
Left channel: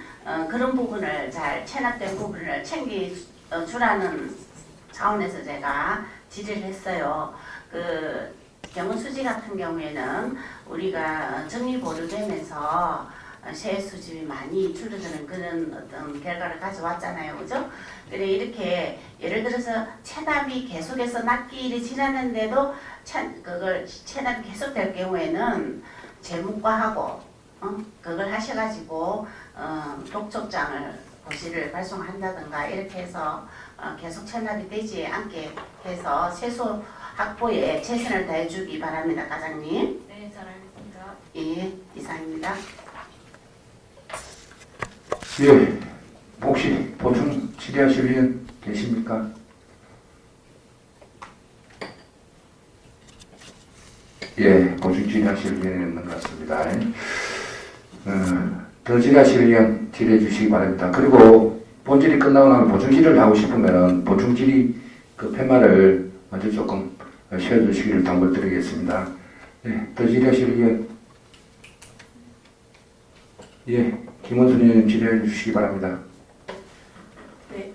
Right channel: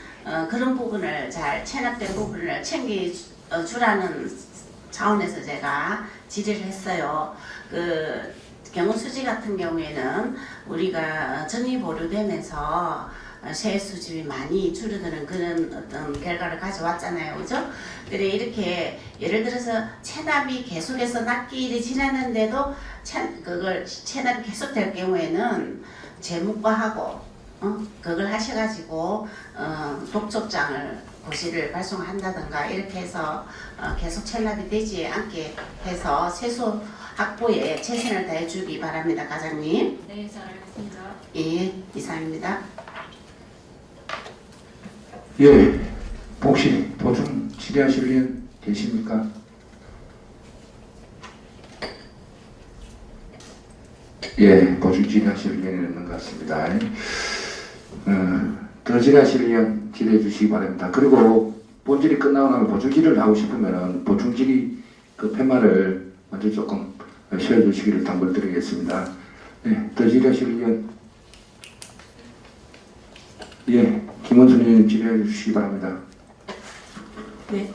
그런 부분을 잘 체납된 부분을 챙겨주라는 차원에서 제가 질의를 했어요. 그 계문수지 같은 경우에는 우리가 정리 보류되면서 세액 수집이 많이 줄어드는 그런 어떤 결과를 가져왔잖아요, 그죠? 그래 이렇게 예를 들어서 체납이 계속해서 납기일이 지났는데도 그걸 체납이 계속될 경우에는 재무과하고 그걸 하셔가지고 독촉장을 고시를 발송한다든가 이렇게 해서 계속 체납이 되지 않게 해서 세수 확보에 최선을 다해주기 바랍니다, 과장님. 네, 잘 알겠습니다. 예, 이상입니다. 예, 혹시 보충 질의하실 분 계십니까? 예, 보충 질의하실 분은 없는 것 같습니다. 더 질의하실 분 질의해 주시기 바랍니다. 그리고 본질이 끝나고 나면 보충 질의를 하고 싶으면 보충 질의 그 팻말을 먼저 조금 쉬어주시기를 당부드리겠습니다. 네, 더 질의하실 분 예, 김원순 의원님 질의해 주시기 바랍니다. 네.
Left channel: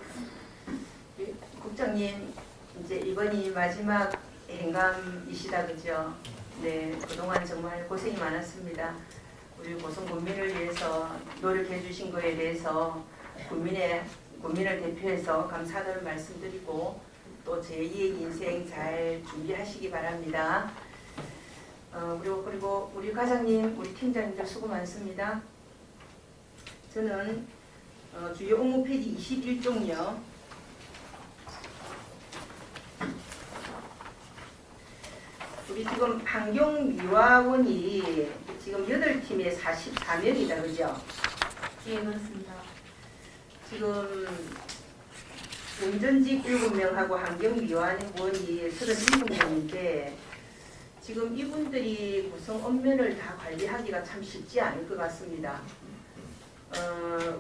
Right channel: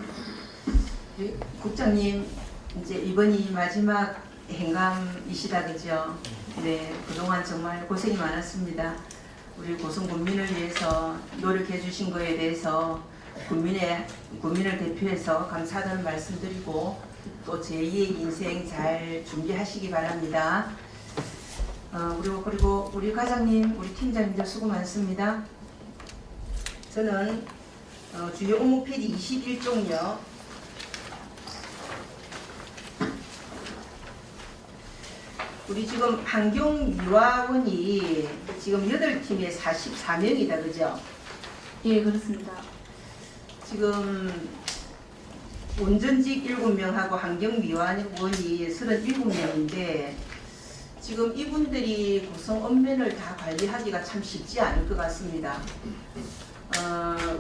국장님, 이제 이번이 마지막 행감이시다, 그죠? 네, 그동안 정말 고생이 많았습니다. 우리 고성 군민을 위해서 노력해 주신 거에 대해서 국민을 대표해서 감사하다는 말씀드리고 또 제2의 인생 잘 준비하시기 바랍니다. 그리고 우리 과장님, 우리 팀장님들 수고 많습니다. 저는 주요 업무 페이지 21쪽요. 우리 지금 환경미화원이 지금 8팀에 44명이다, 그죠? 예, 그렇습니다. 지금 운전직 7명하고 환경미화원이 37명인데 지금 이분들이 구성 업면을 다 관리하기가 참 쉽지 않을 것 같습니다.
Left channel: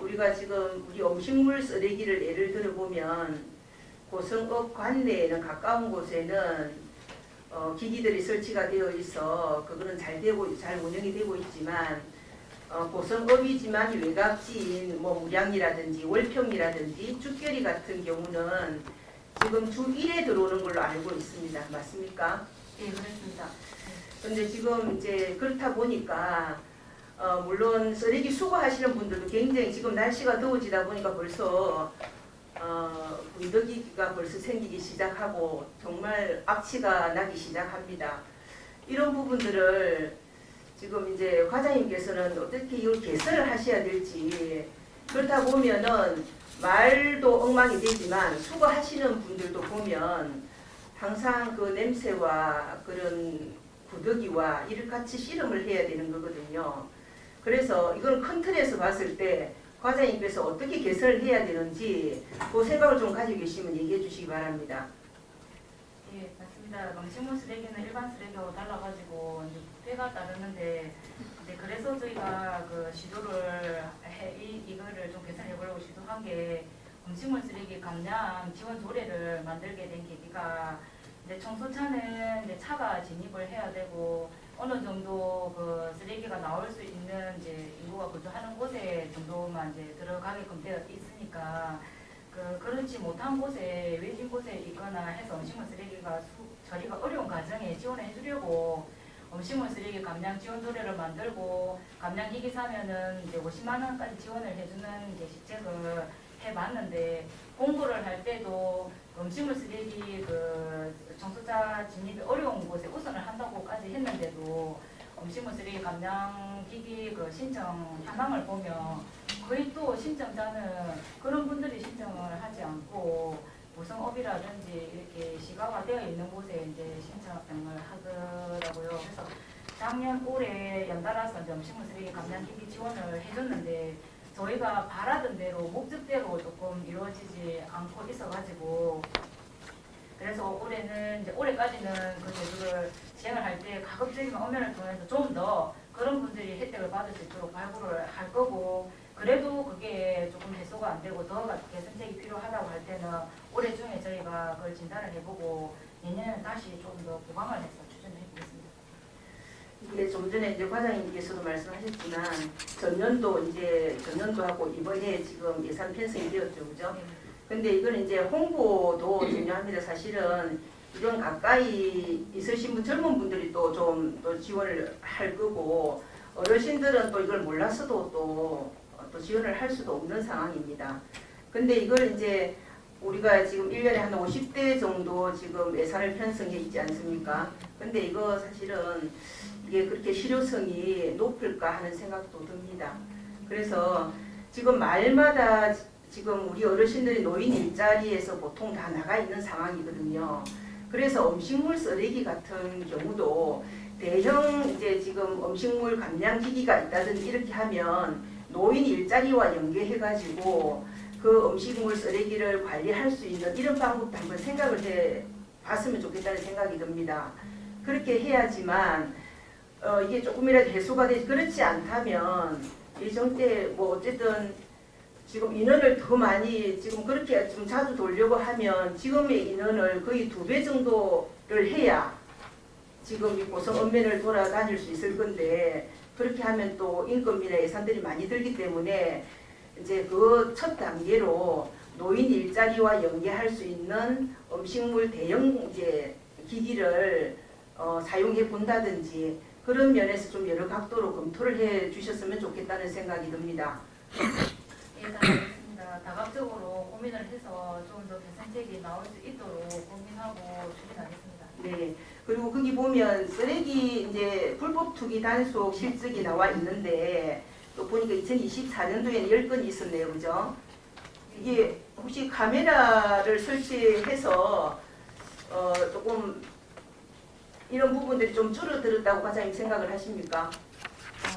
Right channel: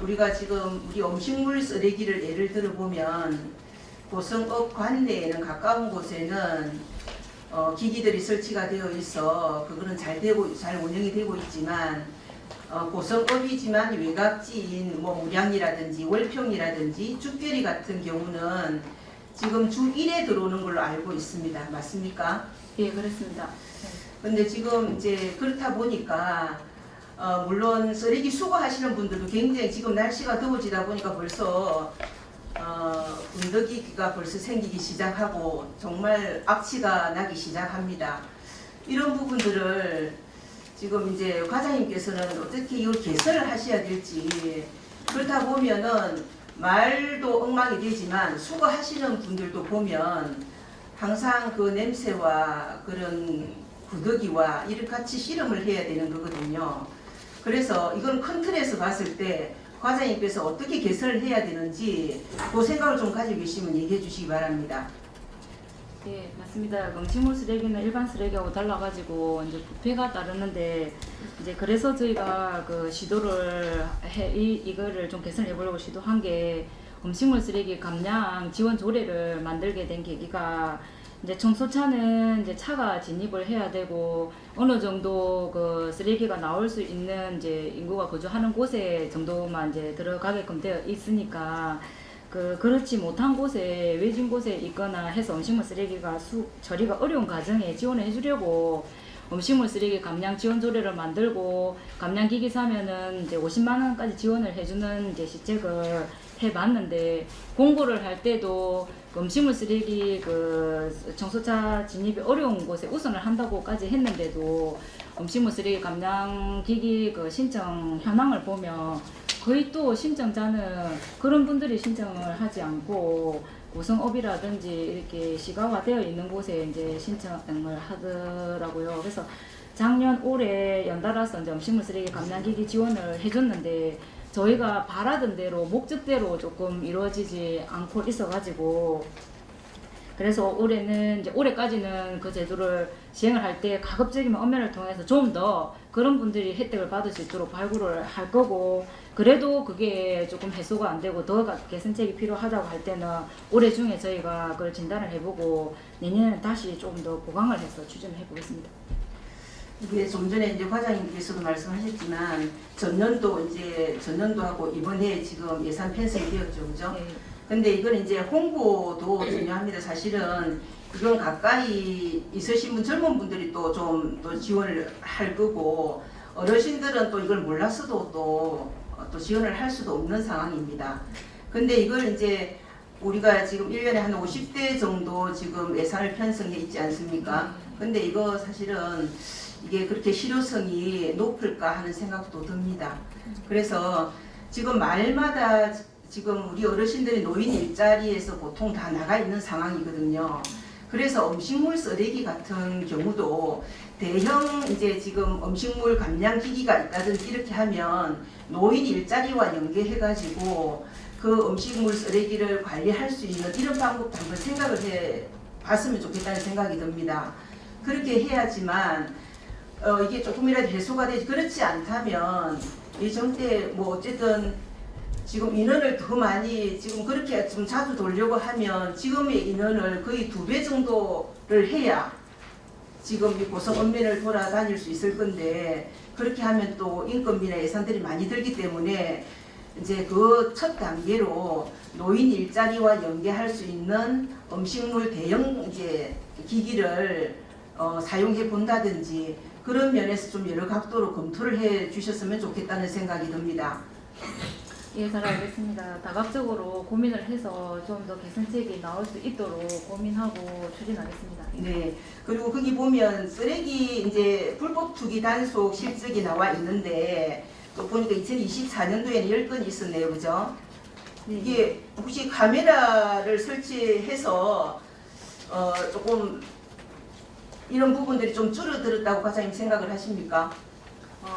우리가 지금 우리 음식물 쓰레기를 예를 들어 보면 고성읍 관내에는 가까운 곳에는 기기들이 설치가 되어 있어 그거는 잘 운영이 되고 있지만 고성읍이지만 외곽지인 뭐 무량이라든지 월평이라든지 죽결이 같은 경우는 지금 주 1회 들어오는 걸로 알고 있습니다. 맞습니까? 예, 그렇습니다. 근데 지금 이제 그렇다 보니까 물론 쓰레기 수거하시는 분들도 굉장히 지금 날씨가 더워지다 보니까 벌써 군더기가 벌써 생기기 시작하고 정말 악취가 나기 시작합니다. 이런 부분들을 지금 이제 과장님께서는 어떻게 이걸 개선을 하셔야 될지 그렇다 보면은 말도 엉망이 되지만 수거하시는 분들도 보면 항상 그 냄새와 그런 구더기와 이를 같이 실험을 해야 되는 거거든요. 그래서 이건 큰 틀에서 봤을 때 과장님께서 어떻게 개선을 해야 되는지 그 생각을 좀 가지고 계시면 얘기해 주시기 바랍니다. 네, 맞습니다. 음식물 쓰레기는 일반 쓰레기하고 달라가지고 이제 부피가 다르는데 이제 그래서 저희가 그 시도를 이거를 좀 개선해 보려고 시도한 게 음식물 쓰레기 감량 지원 조례를 만들게 된 계기가 이제 청소차는 이제 차가 진입을 해야 되고 어느 정도 그 쓰레기가 나올 수 있는 이제 인구가 거주하는 곳에 정도만 이제 들어가게끔 되어 있으니까 그렇지 못한 곳에 외진 곳에 있거나 해서 음식물 쓰레기가 처리가 어려운 가정에 지원을 해주려고 음식물 쓰레기 감량 지원 조례를 만들고 감량기기 사면은 이제 50만 원까지 지원을 해주는 이제 시책을 해봤는데 공고를 할 때도 음식물 쓰레기 청소차 진입이 어려운 곳에 우선을 한다고까지 했는데도 음식물 쓰레기 감량기기 신청 현황을 보면 거의 또 신청자는 그런 분들이 신청을 하지 않고 고성업이라든지 이렇게 시가화되어 있는 곳에 이제 신청을 하더라고요. 그래서 작년 올해 연달아서 이제 음식물 쓰레기 감량기기 지원을 해줬는데 저희가 바라던 대로 목적대로 조금 이루어지지 않고 있어가지고 그래서 올해는 이제 올해까지는 그 제도를 시행을 할 때 가급적이면 엄연을 통해서 좀 더 그런 분들이 혜택을 받을 수 있도록 발굴을 할 거고 그래도 그게 조금 해소가 안 되고 더 개선책이 필요하다고 할 때는 올해 중에 저희가 그걸 진단을 해보고 내년에는 다시 조금 더 보강을 해서 추진을 해보겠습니다. 이게 좀 전에 이제 과장님께서도 말씀하셨지만 전년도하고 이번에 지금 예산 편성이 되었죠, 그죠? 네. 근데 이건 이제 홍보도 중요합니다. 사실은 이건 가까이 있으신 분 젊은 분들이 또 좀 또 지원을 할 거고 어르신들은 또 이걸 몰랐어도 또 지원을 할 수도 없는 상황입니다. 근데 이걸 이제 우리가 지금 1년에 한 50대 정도 지금 예산을 편성해 있지 않습니까? 근데 이거 사실은 이게 그렇게 실효성이 높을까 하는 생각도 듭니다. 그래서 지금 말마다 지금 우리 어르신들이 노인 일자리에서 보통 다 나가 있는 상황이거든요. 그래서 음식물 쓰레기 같은 경우도 대형 이제 지금 음식물 감량 기기가 있다든지 이렇게 하면 노인 일자리와 연계해가지고 그 음식물 쓰레기를 관리할 수 있는 이런 방법도 한번 생각을 해 봤으면 좋겠다는 생각이 듭니다. 그렇게 해야지만 이게 조금이라도 해소가 되지 그렇지 않다면 이 정때 뭐 어쨌든 지금 인원을 더 많이 지금 그렇게 좀 자주 돌려고 하면 지금의 인원을 거의 2배 정도를 해야 지금 이 고성 읍면을 돌아다닐 수 있을 건데 그렇게 하면 또 인건비나 예산들이 많이 들기 때문에 이제 그 첫 단계로 노인 일자리와 연계할 수 있는 음식물 대형 이제 기기를 사용해 본다든지 그런 면에서 좀 여러 각도로 검토를 해 주셨으면 좋겠다는 생각이 듭니다. 예, 잘 알겠습니다. 다각적으로 고민을 해서 좀 더 개선책이 나올 수 있도록 고민하고 추진하겠습니다. 네. 그리고 거기 보면 쓰레기 이제 불법 투기 단속 실적이 나와 있는데 또 보니까 2024년도에는 10건이 있었네요. 그죠? 네. 이게 혹시 카메라를 설치해서 조금 이런 부분들이 좀 줄어들었다고 과장님 생각을 하십니까?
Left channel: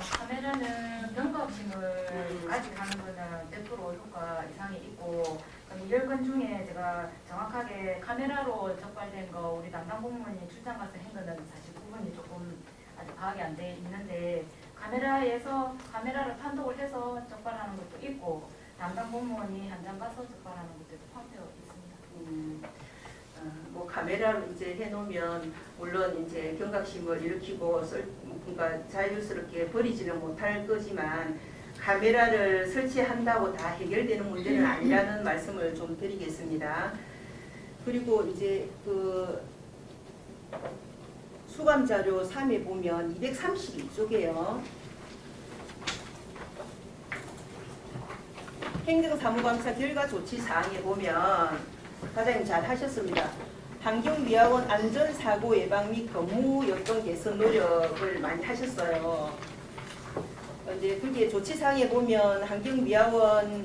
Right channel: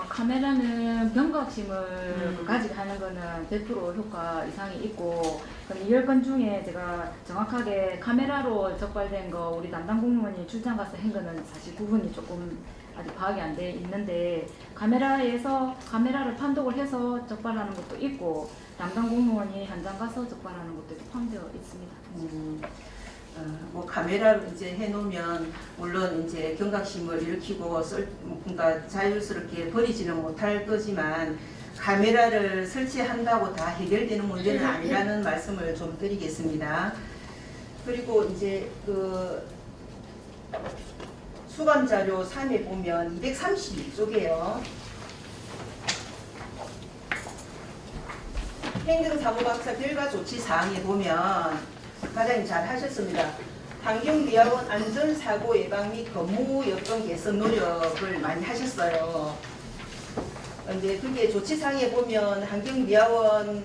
카메라는 병각심을 가지고 하는 거는 100% 효과 이상이 있고 그럼 10건 중에 제가 정확하게 카메라로 적발된 거 우리 담당 공무원이 출장 가서 한 거는 사실 구분이 조금 아직 파악이 안 돼 있는데 카메라를 판독을 해서 적발하는 것도 있고 담당 공무원이 현장 가서 적발하는 것도 포함되어 있습니다. 뭐 카메라로 이제 해놓으면 물론 이제 경각심을 일으키고 뭔가 자유스럽게 버리지는 못할 거지만 카메라를 설치한다고 다 해결되는 문제는 아니라는 말씀을 좀 드리겠습니다. 그리고 이제 그 수감 자료 3에 보면 232쪽이에요. 행정사무각사 결과 조치 사항에 보면 과장님 잘 하셨습니다. 환경미화원 안전사고 예방 및 건무요건 개선 노력을 많이 하셨어요. 근데 그게 조치사항에 보면 환경미화원이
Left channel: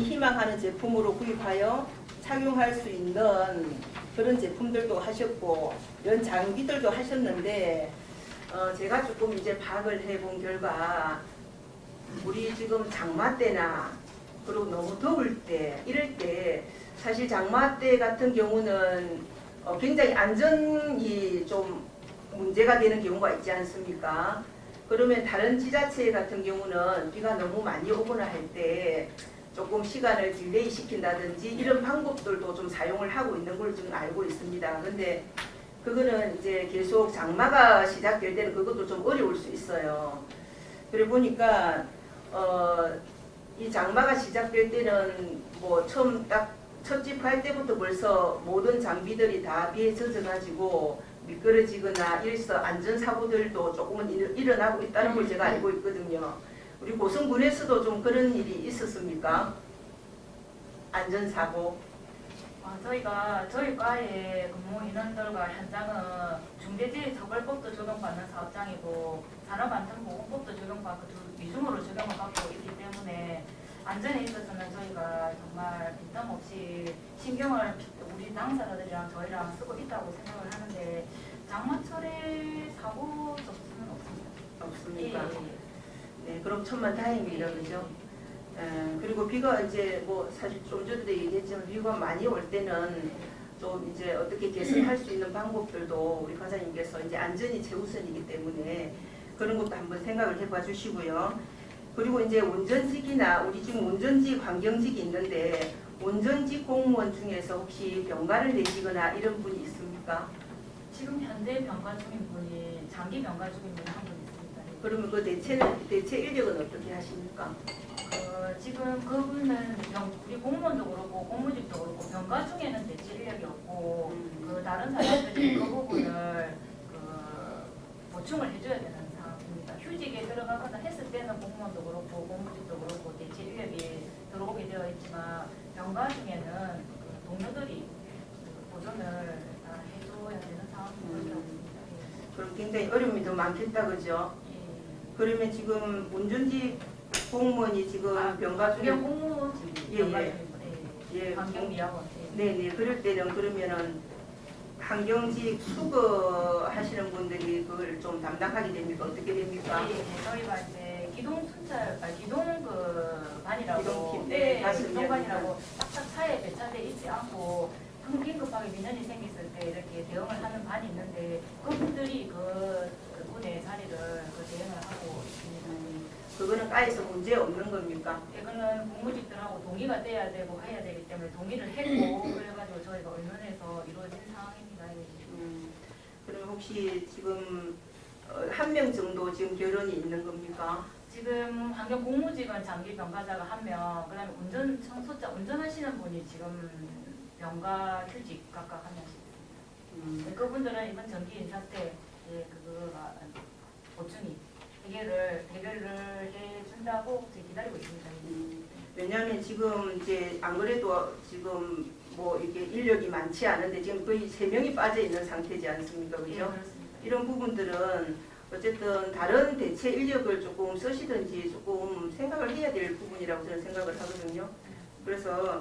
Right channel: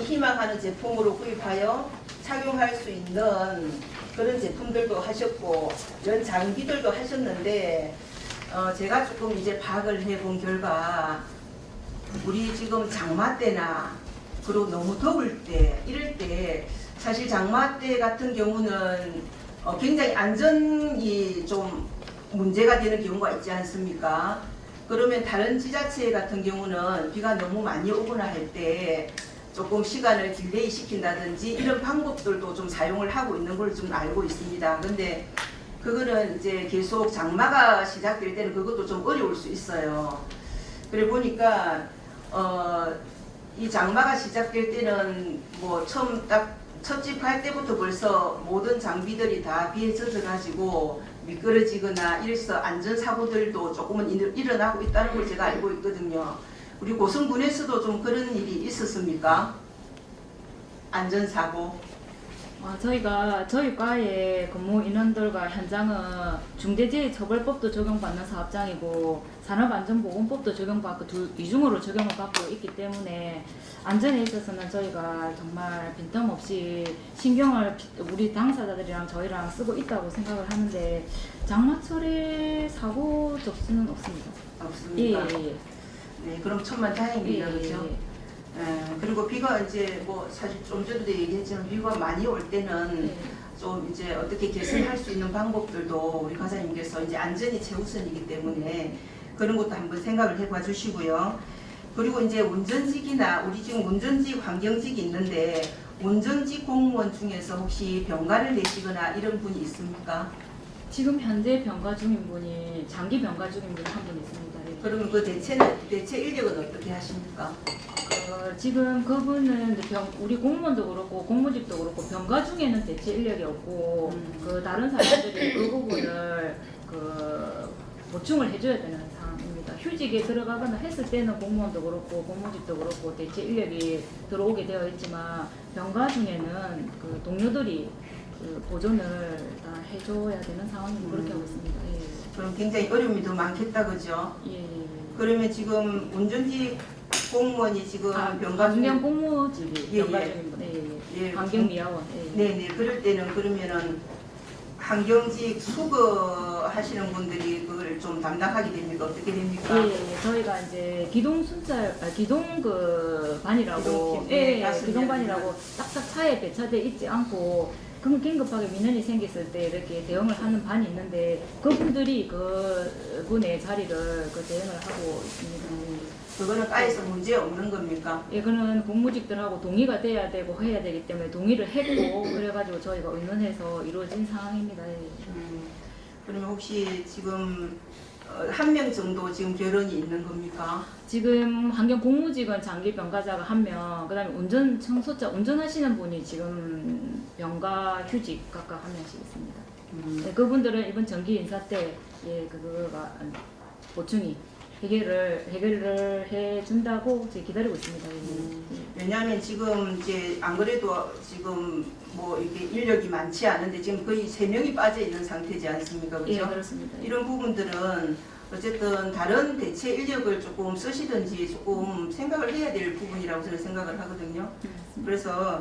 희망하는 제품으로 구입하여 착용할 수 있는 그런 제품들도 하셨고 이런 장비들도 하셨는데 제가 조금 이제 파악을 해본 결과 우리 지금 장마 때나 그리고 너무 더울 때 이럴 때 사실 장마 때 같은 경우는 굉장히 안전이 좀 문제가 되는 경우가 있지 않습니까? 그러면 다른 지자체 같은 경우는 비가 너무 많이 오거나 할 때 조금 시간을 딜레이 시킨다든지 이런 방법들도 좀 사용을 하고 있는 걸 좀 알고 있습니다. 근데 그거는 이제 계속 장마가 시작될 때는 그것도 좀 어려울 수 있어요. 그래 보니까 이 장마가 시작될 때는 뭐 처음 딱 첫집할 때부터 벌써 모든 장비들이 다 비에 젖어가지고 미끄러지거나 이래서 안전사고들도 조금은 일어나고 있다는 걸 제가 알고 있거든요. 우리 고성군에서도 좀 그런 일이 있었습니까? 안전사고. 저희가 저희 과의 근무 인원들과 현장은 중대재해처벌법도 적용받는 사업장이고 산업안전보건법도 적용받고 이중으로 적용을 받고 있기 때문에 안전에 있어서는 저희가 정말 빈틈없이 신경을 우리 당사자들이랑 저희랑 쓰고 있다고 생각을 하는데 장마철에 사고 접수는 없습니다. 없습니까? 예. 네, 그럼 천만 다행이네요, 그렇죠? 그리고 비가 이제 뭐 사실 좀 전에도 얘기했지만 비가 많이 올 때는 좀 이제 어떻게 개선할 수 있는 방법들도 우리 과장님께서 이제 안전이 최우선이기 때문에 그런 것도 한번 생각을 해봐 주시고요. 그리고 이제 운전직이나 우리 지금 운전직, 환경직이 있는데 운전직 공무원 중에서 혹시 병가를 내시거나 이런 분이 있습니까? 지금 현재 병가 중인 분이 장기 병가 중인 분이 한 분 있습니다. 예. 그러면 그 대체 인력은 어떻게 하십니까? 지금 그분은 우리 공무원도 그렇고 공무집도 그렇고 병가 중에는 대체 인력이 없고 그 다른 사람들이 그 부분을 보충을 해줘야 되는 상황입니다. 휴직에 들어가거나 했을 때는 공무원도 그렇고 공무집도 그렇고 대체 인력이 들어오게 되어 있지만 병가 중에는 그 동료들이 그 보존을 다 해줘야 되는 상황이고 그렇게 하고 있습니다. 그럼 굉장히 어려움이 더 많겠다, 그죠? 예. 그러면 지금 운전직 공무원이 지금 병가 중에 환경 공무집이 병가 중인 분. 예, 환경미화원. 네네. 그럴 때는 그러면은 환경직 수거하시는 분들이 그걸 좀 담당하게 됩니까? 어떻게 됩니까? 저희가 이제 기동 순찰, 기동 그 반이라고, 기동 반이라고 딱딱 차에 배차돼 있지 않고 긴급하게 민원이 생겼을 때 이렇게 대응을 하는 반이 있는데 그분들이 그분의 자리를 대응을 하고 있습니다. 그거는 과에서 문제 없는 겁니까? 이거는 공무직들하고 동의가 돼야 되고 해야 되기 때문에 동의를 했고 그래가지고 저희가 의논해서 이루어진 상황입니다. 그러면 혹시 지금 한 명 정도 지금 결혼이 있는 겁니까? 지금 환경 공무직은 장기 병가자가 1명, 그다음에 운전 청소자 운전하시는 분이 지금 병가 휴직 각각 1명씩 있습니다. 그분들은 이번 정기 인사 때 그거가 보충이 해결을 해준다고 기다리고 있습니다. 왜냐하면 지금 이제 안 그래도 지금 뭐 이렇게 인력이 많지 않은데 지금 거의 3명이 빠져 있는 상태지 않습니까? 그렇죠? 예, 그렇습니다. 이런 부분들은 어쨌든 다른 대체 인력을 조금 쓰시든지 조금 생각을 해야 될 부분이라고 저는 생각을 하거든요. 그래서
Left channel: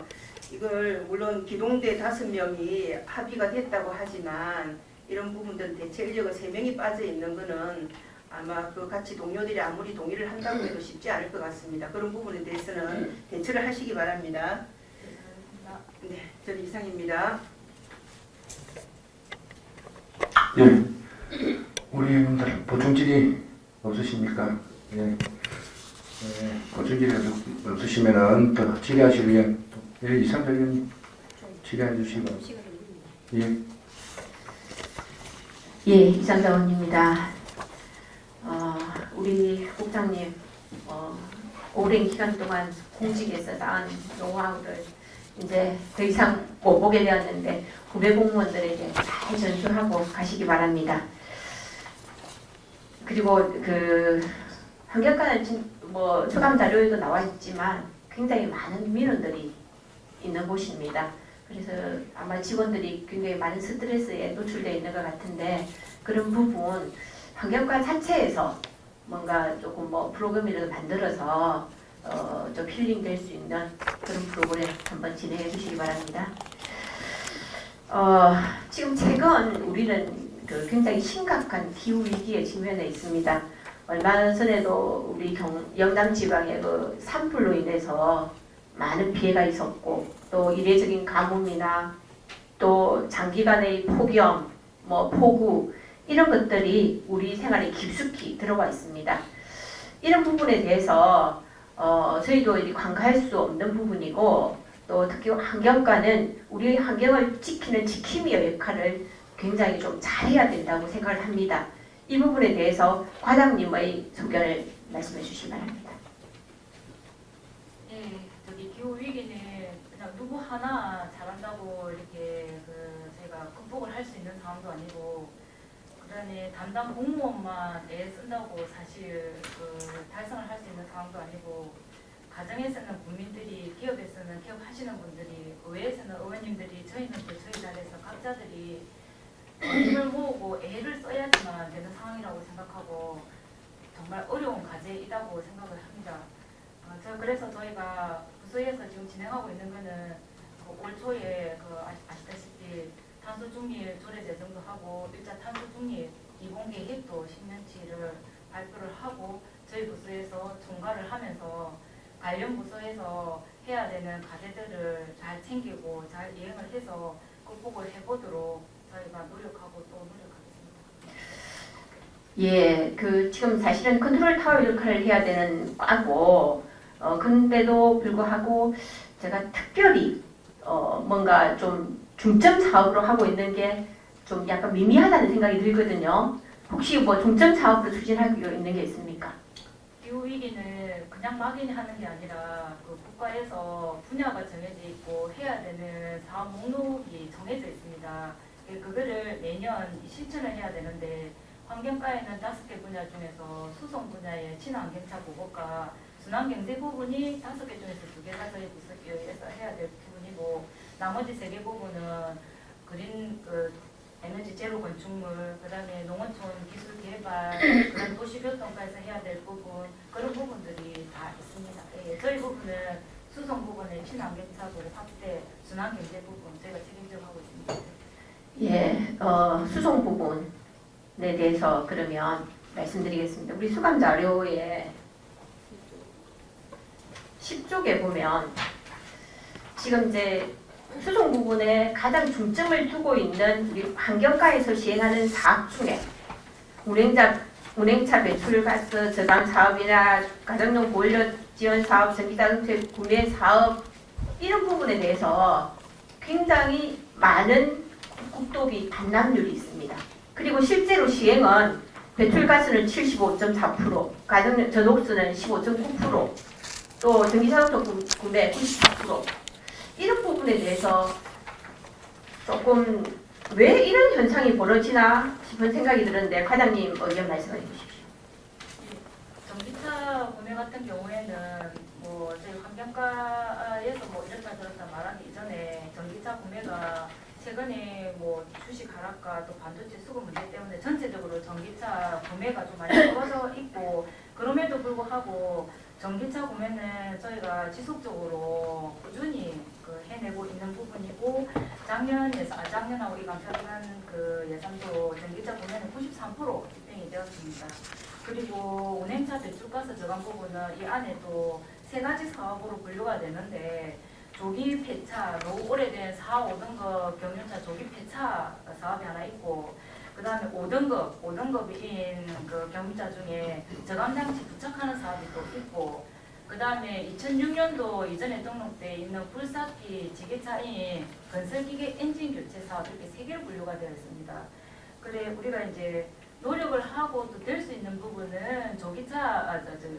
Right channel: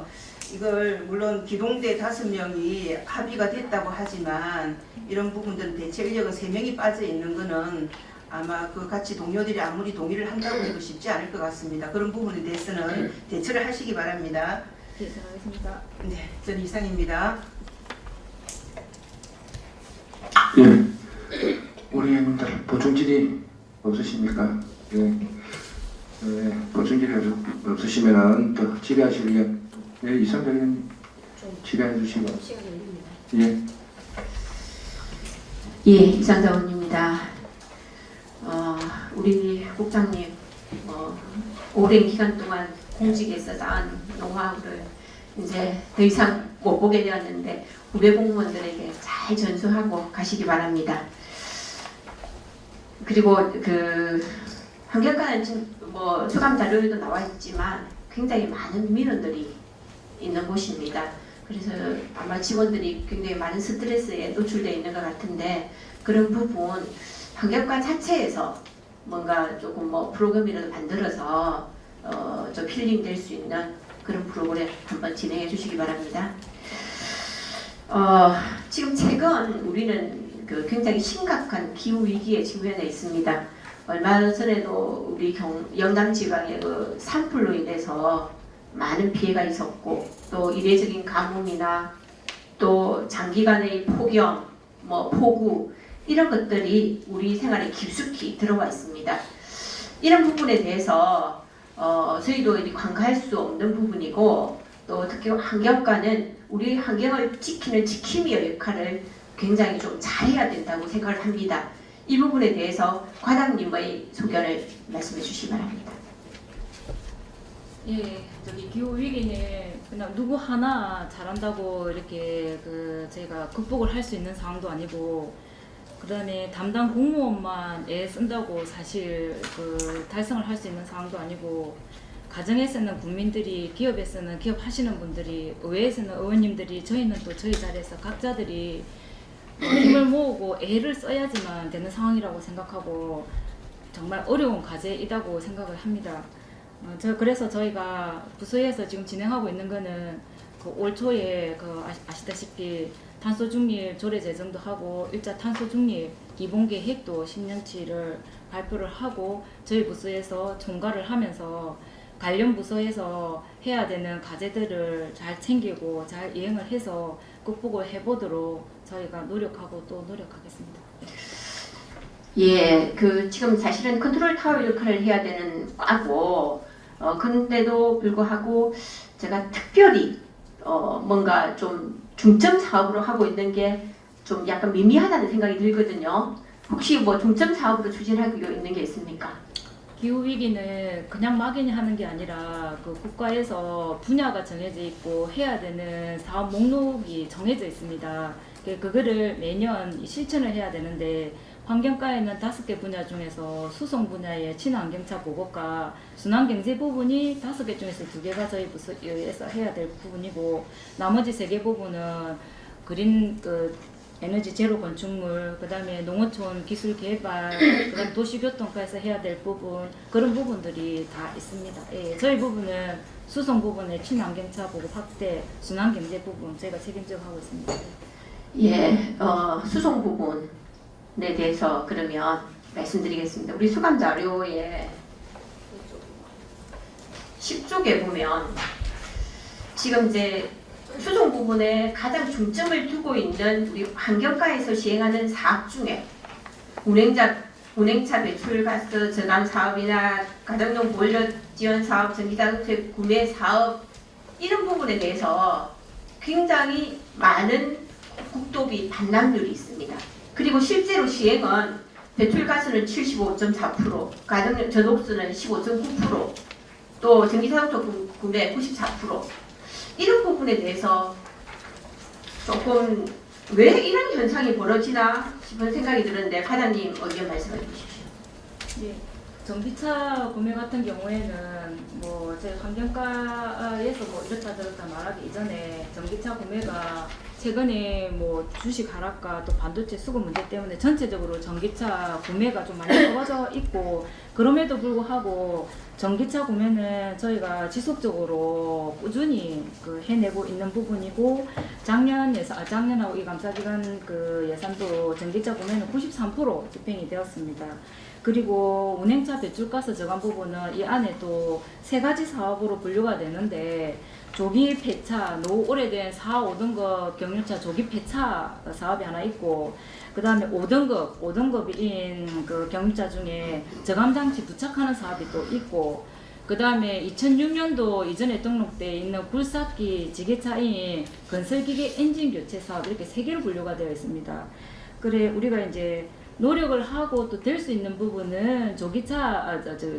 이걸 물론 기동대 5명이 합의가 됐다고 하지만 이런 부분들은 대체 인력은 3명이 빠져 있는 거는 아마 그 같이 동료들이 아무리 동의를 한다고 해도 쉽지 않을 것 같습니다. 그런 부분에 대해서는 대처를 하시기 바랍니다. 네, 생각하겠습니다. 네, 전 이상입니다. 예. 우리 회원들 보충질이 없으십니까? 예. 보충질이 없으시면은 더 질의하실 의원, 이상정 의원님 질의해 주시기 바랍니다. 예. 이상자 의원입니다. 우리 국장님 오랜 기간 동안 공직에서 쌓은 노하우를 이제 더 이상 못 보게 되었는데 후배 공무원들에게 잘 전수하고 가시기 바랍니다. 그리고 그 환경과는 뭐 수감 자료에도 나와 있지만 굉장히 많은 민원들이 있는 곳입니다. 그래서 아마 직원들이 굉장히 많은 스트레스에 노출되어 있는 것 같은데 그런 부분 환경과 자체에서 뭔가 조금 뭐 프로그램이라도 만들어서 좀 힐링될 수 있는 그런 프로그램 한번 진행해 주시기 바랍니다. 지금 최근 우리는 굉장히 심각한 기후 위기에 직면해 있습니다. 얼마 전에도 우리 영남 지방의 그 산불로 인해서 많은 피해가 있었고 또 이례적인 가뭄이나 또 장기간의 폭염, 뭐 폭우 이런 것들이 우리 생활에 깊숙이 들어와 있습니다. 이런 부분에 대해서 저희도 이제 관가할 수 없는 부분이고 또 특히 환경과는 우리 환경을 지키는 지킴이의 역할을 굉장히 좀 잘해야 된다고 생각을 합니다. 이 부분에 대해서 과장님의 소견을 말씀해 주시기 바랍니다. 예, 기후 위기는 그냥 누구 하나 잘한다고 이렇게 저희가 극복을 할 수 있는 상황도 아니고, 그다음에 담당 공무원만 애 쓴다고 사실 달성을 할 수 있는 상황도 아니고, 가정에서는 국민들이, 기업에서는 기업 하시는 분들이, 의회에서는 의원님들이, 저희는 또 저희 자리에서 각자들이 힘을 모으고 애를 써야지만 되는 상황이라고 생각하고 정말 어려운 과제이다고 생각을 합니다. 그래서 저희가 부서에서 지금 진행하고 있는 거는 올 초에 아시다시피 탄소 중립 조례 제정도 하고 일자 탄소 중립 기본 계획도 10년치를 발표를 하고 저희 부서에서 총괄을 하면서 관련 부서에서 해야 되는 과제들을 잘 챙기고 잘 이행을 해서 극복을 해보도록 저희가 노력하고 또 노력하겠습니다. 예, 지금 사실은 컨트롤 타워 역할을 해야 되는 과고, 근데도 불구하고 제가 특별히 뭔가 좀 중점 사업으로 하고 있는 게 좀 약간 미미하다는 생각이 들거든요. 혹시 뭐 중점 사업으로 추진하고 있는 게 있습니까? 기후 위기는 그냥 막연히 하는 게 아니라 국가에서 분야가 정해져 있고 해야 되는 사업 목록이 정해져 있습니다. 그거를 매년 실천을 해야 되는데 환경과에는 5개 분야 중에서 수송 분야의 친환경차 보고과 순환경제 부분이 5개 중에서 2개가 저희 부서에서 해야 될 부분이고 나머지 3개 부분은 그린 에너지 제로 건축물, 그다음에 농어촌 기술 개발, 그다음 도시교통과에서 해야 될 부분 그런 부분들이 다 있습니다. 예, 저희 부분은 수송 부분의 친환경차 보급 확대, 순환경제 부분 저희가 책임지고 하고 있습니다. 예, 수송 부분에 대해서 그러면 말씀드리겠습니다. 우리 수감 자료에 10쪽에 보면 지금 이제 수송 부분에 가장 중점을 두고 있는 우리 환경과에서 시행하는 사업 중에 운행차 배출가스 저감 사업이나 가정용 보일러 지원 사업, 전기자동차 구매 사업 이런 부분에 대해서 굉장히 많은 국도비 반납률이 있습니다. 그리고 실제로 시행은 배출가스는 75.4%, 가정용 전옥수는 15.9%, 또 전기자동차 구매 94%. 이런 부분에 대해서 조금 왜 이런 현상이 벌어지나 싶은 생각이 드는데 과장님 의견 말씀해 주십시오. 네, 전기차 구매 같은 경우에는 저희 환경과에서 이렇다 저렇다 말하기 이전에 전기차 구매가 최근에 주식 하락과 또 반도체 수급 문제 때문에 전체적으로 전기차 구매가 좀 많이 떨어져 있고 그럼에도 불구하고 전기차 구매는 저희가 지속적으로 꾸준히 해내고 있는 부분이고 작년하고 이 감사기간 예산도 전기차 구매는 93% 집행이 되었습니다. 그리고 운행차 배출가스 저감 부분은 이 안에 또 3가지 사업으로 분류가 되는데 조기 폐차, 오래된 4, 5등급 경유차 조기 폐차 사업이 하나 있고 그 다음에 5등급인 경유차 중에 저감장치 부착하는 사업이 또 있고 그 다음에 2006년도 이전에 등록되어 있는 굴삭기 지게차인 건설기계 엔진 교체 사업 이렇게 3개로 분류가 되어 있습니다. 그래 우리가 이제 노력을 하고 또 될 수 있는 부분은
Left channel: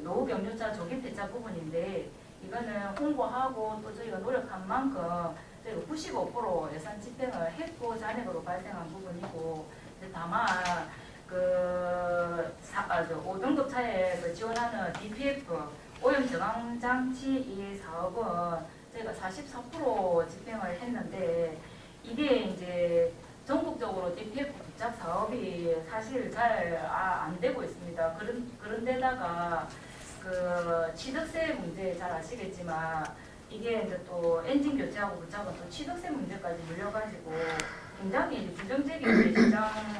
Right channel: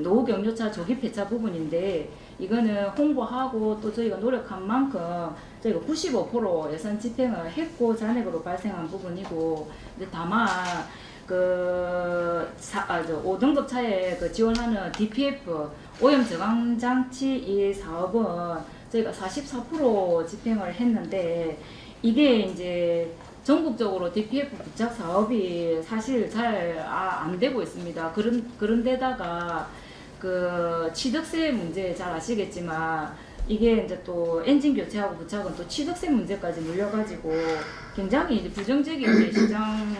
노후 경유차 조기 폐차 부분인데 이거는 홍보하고 또 저희가 노력한 만큼 저희가 95% 예산 집행을 했고 잔액으로 발생한 부분이고 근데 다만 5등급 차에 지원하는 DPF 오염 저감 장치 이 사업은 저희가 44% 집행을 했는데 이게 이제 전국적으로 DPF 부착 사업이 사실 잘 안 되고 있습니다. 그런 데다가 취득세 문제 잘 아시겠지만 이게 이제 또 엔진 교체하고 부착은 또 취득세 문제까지 물려가지고 굉장히 이제 부정적인 시장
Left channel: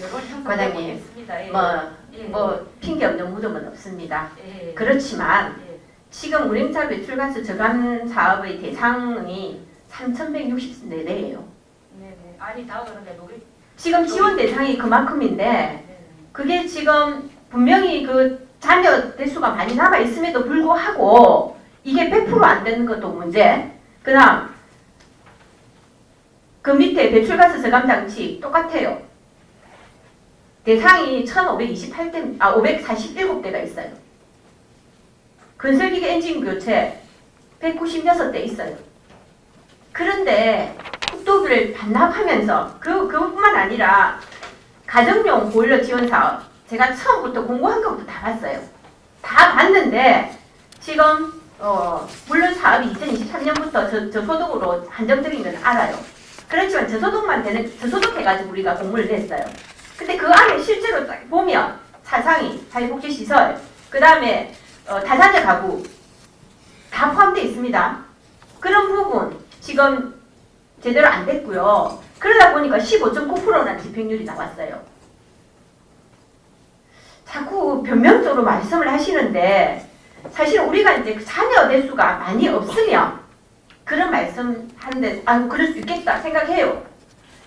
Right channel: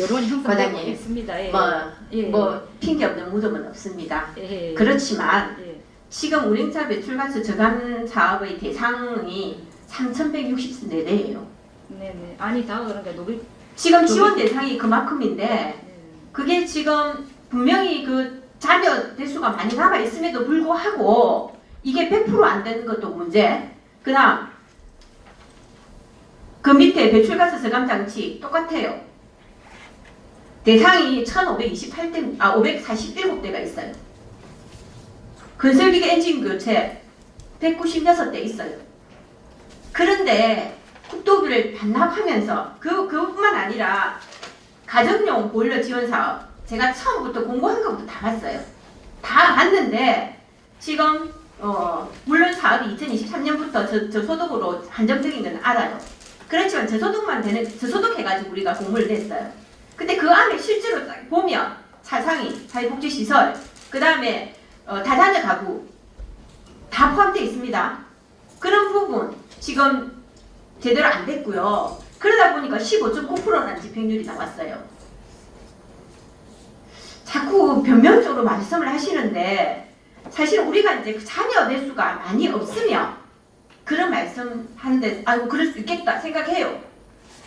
여론 형성되고 과장님, 있습니다. 예. 예. 뭐 핑계 없는 무덤은 없습니다. 예. 그렇지만 예. 지금 운행차 배출가스 저감 사업의 대상이 3,164대예요. 네네. 아니 다 그런 게 노비. 지금 지원 대상이 그만큼인데 네네. 그게 지금 분명히 그 자녀 대수가 많이 남아 있음에도 불구하고 이게 100% 안 되는 것도 문제. 그다음 그 밑에 배출가스 저감 장치 똑같아요. 대상이 547대가 있어요. 건설기계 엔진 교체 196대 있어요. 그런데 국도비를 반납하면서 그뿐만 아니라 가정용 보일러 지원 사업 제가 처음부터 공고한 것부터 다 봤어요. 다 봤는데 지금 물론 사업이 2023년부터 저소득으로 한정적인 건 알아요. 그렇지만 저소득해가지고 우리가 공모를 냈어요. 근데 그 안에 실제로 딱 보면 사상이, 사회복지시설, 그 다음에 다자녀 가구 다 포함되어 있습니다. 그런 부분 지금 제대로 안 됐고요. 그러다 보니까 15.9%라는 집행률이 나왔어요. 자꾸 변명적으로 말씀을 하시는데 사실 우리가 이제 자녀 대수가 많이 없으면 그런 말씀 하는데 아이고 그럴 수 있겠다 생각해요.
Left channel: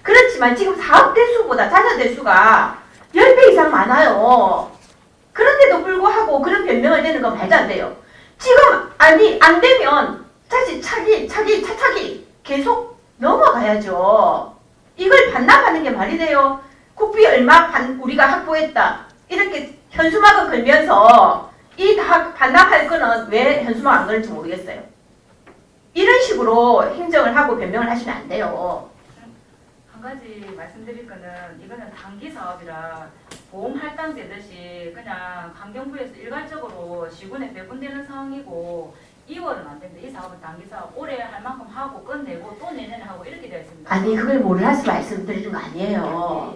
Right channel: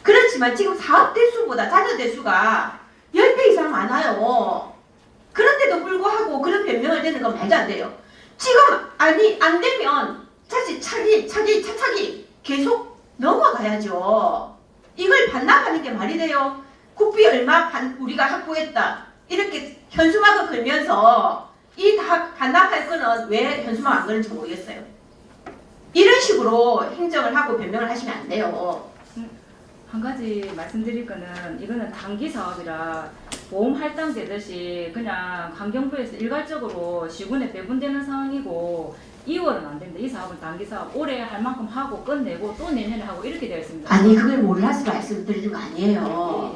그렇지만 지금 사업 대수보다 자녀 대수가 10배 이상 많아요. 그런데도 불구하고 그런 변명을 대는 건 말도 안 돼요. 지금 아니 안 되면 차차기 계속 넘어가야죠. 이걸 반납하는 게 말이 돼요. 국비 얼마 우리가 확보했다. 이렇게 현수막을 걸면서 이 다 반납할 거는 왜 현수막 안 걸는지 모르겠어요. 이런 식으로 행정을 하고 변명을 하시면 안 돼요. 한 가지 말씀드릴 거는 이거는 단기 사업이라 보험 할당되듯이 그냥 환경부에서 일괄적으로 시군에 배분되는 상황이고 2월은 안 된다. 이 사업은 단기 사업. 올해 할 만큼 하고 끝내고 또 내년에 하고 이렇게 되어 있습니다. 아니 그걸 몰라서 말씀드리는 거 아니에요.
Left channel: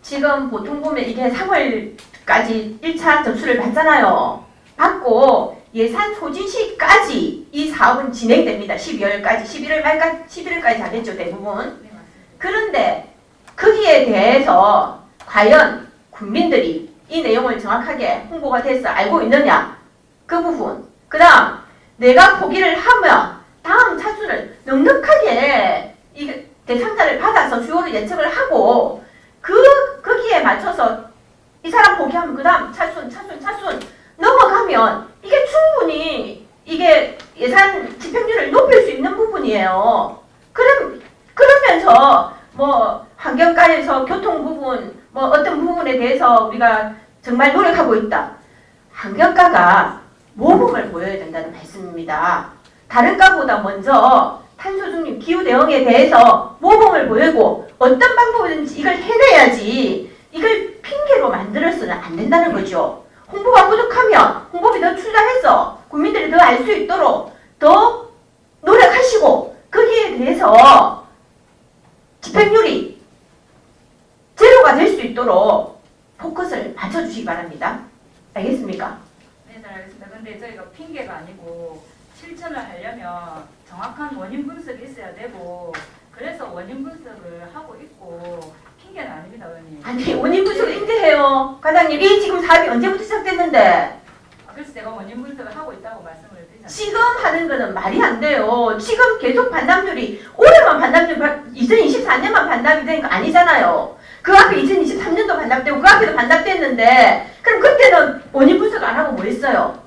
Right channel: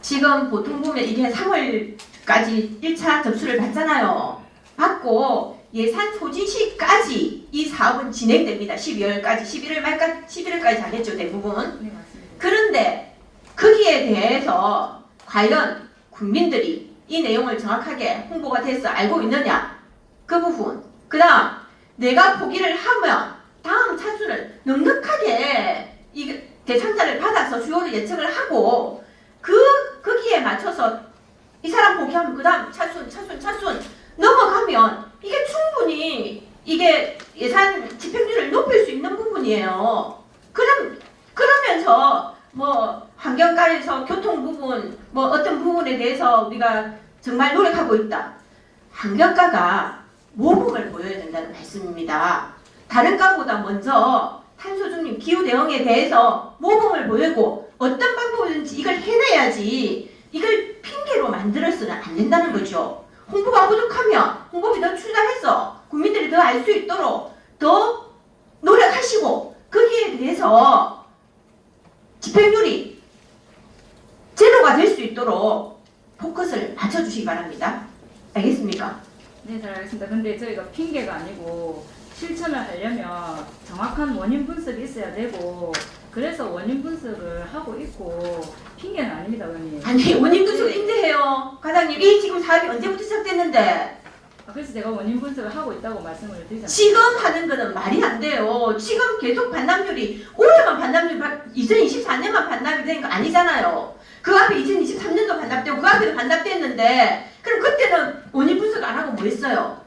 지금 보통 보면 이게 3월까지 1차 접수를 받잖아요. 받고 예산 소진 시까지 이 사업은 진행됩니다. 12월까지, 11월까지 안 했죠, 대부분. 네, 맞습니다. 그런데 거기에 대해서 과연 국민들이 이 내용을 정확하게 홍보가 돼서 알고 있느냐? 그 부분. 그 다음 내가 포기를 하면 다음 차수를 넉넉하게 이 대상자를 받아서 수요를 예측을 하고 거기에 맞춰서 이 사람 포기하면 그 다음 차순 넘어가면 이게 충분히 이게 예산 집행률을 높일 수 있는 부분이에요. 그러면서 뭐 환경과에서 교통 부분 뭐 어떤 부분에 대해서 우리가 정말 노력하고 있다. 환경과가 모범을 보여야 된다는 말씀입니다. 다른 과보다 먼저 탄소 중립 기후 대응에 대해서 모범을 보이고 어떤 방법이든지 이걸 해내야지 이걸 핑계로 만들어서는 안 된다는 거죠. 홍보가 부족하면 홍보비 더 투자해서 국민들이 더 알 수 있도록 더 노력하시고 거기에 대해서 집행률이 제로가 될 수 있도록 포커스를 맞춰주시기 바랍니다. 알겠습니까? 네, 잘 알겠습니다. 근데 저희가 핑계가 아니고 실천을 하려면 정확한 원인 분석이 있어야 되고 그래서 원인 분석을 하고 있고 핑계는 아닙니다, 의원님. 아니 원인 분석 힘들해요. 과장님 이 지금 사업이 언제부터 시작됐는데 그래서 제가 원인 분석을 하고 있다고 말씀을 드리잖아요. 지금 하는 거는 말이 안 돼요. 지금 계속 반납률이 올해만 반납률 2024년만 반납이 된 거 아니잖아요. 그 앞에 2023년도 반납되고 그 앞에도 반납됐는데 그럼 그때는 원인 분석 안 하고 뭐 했어요?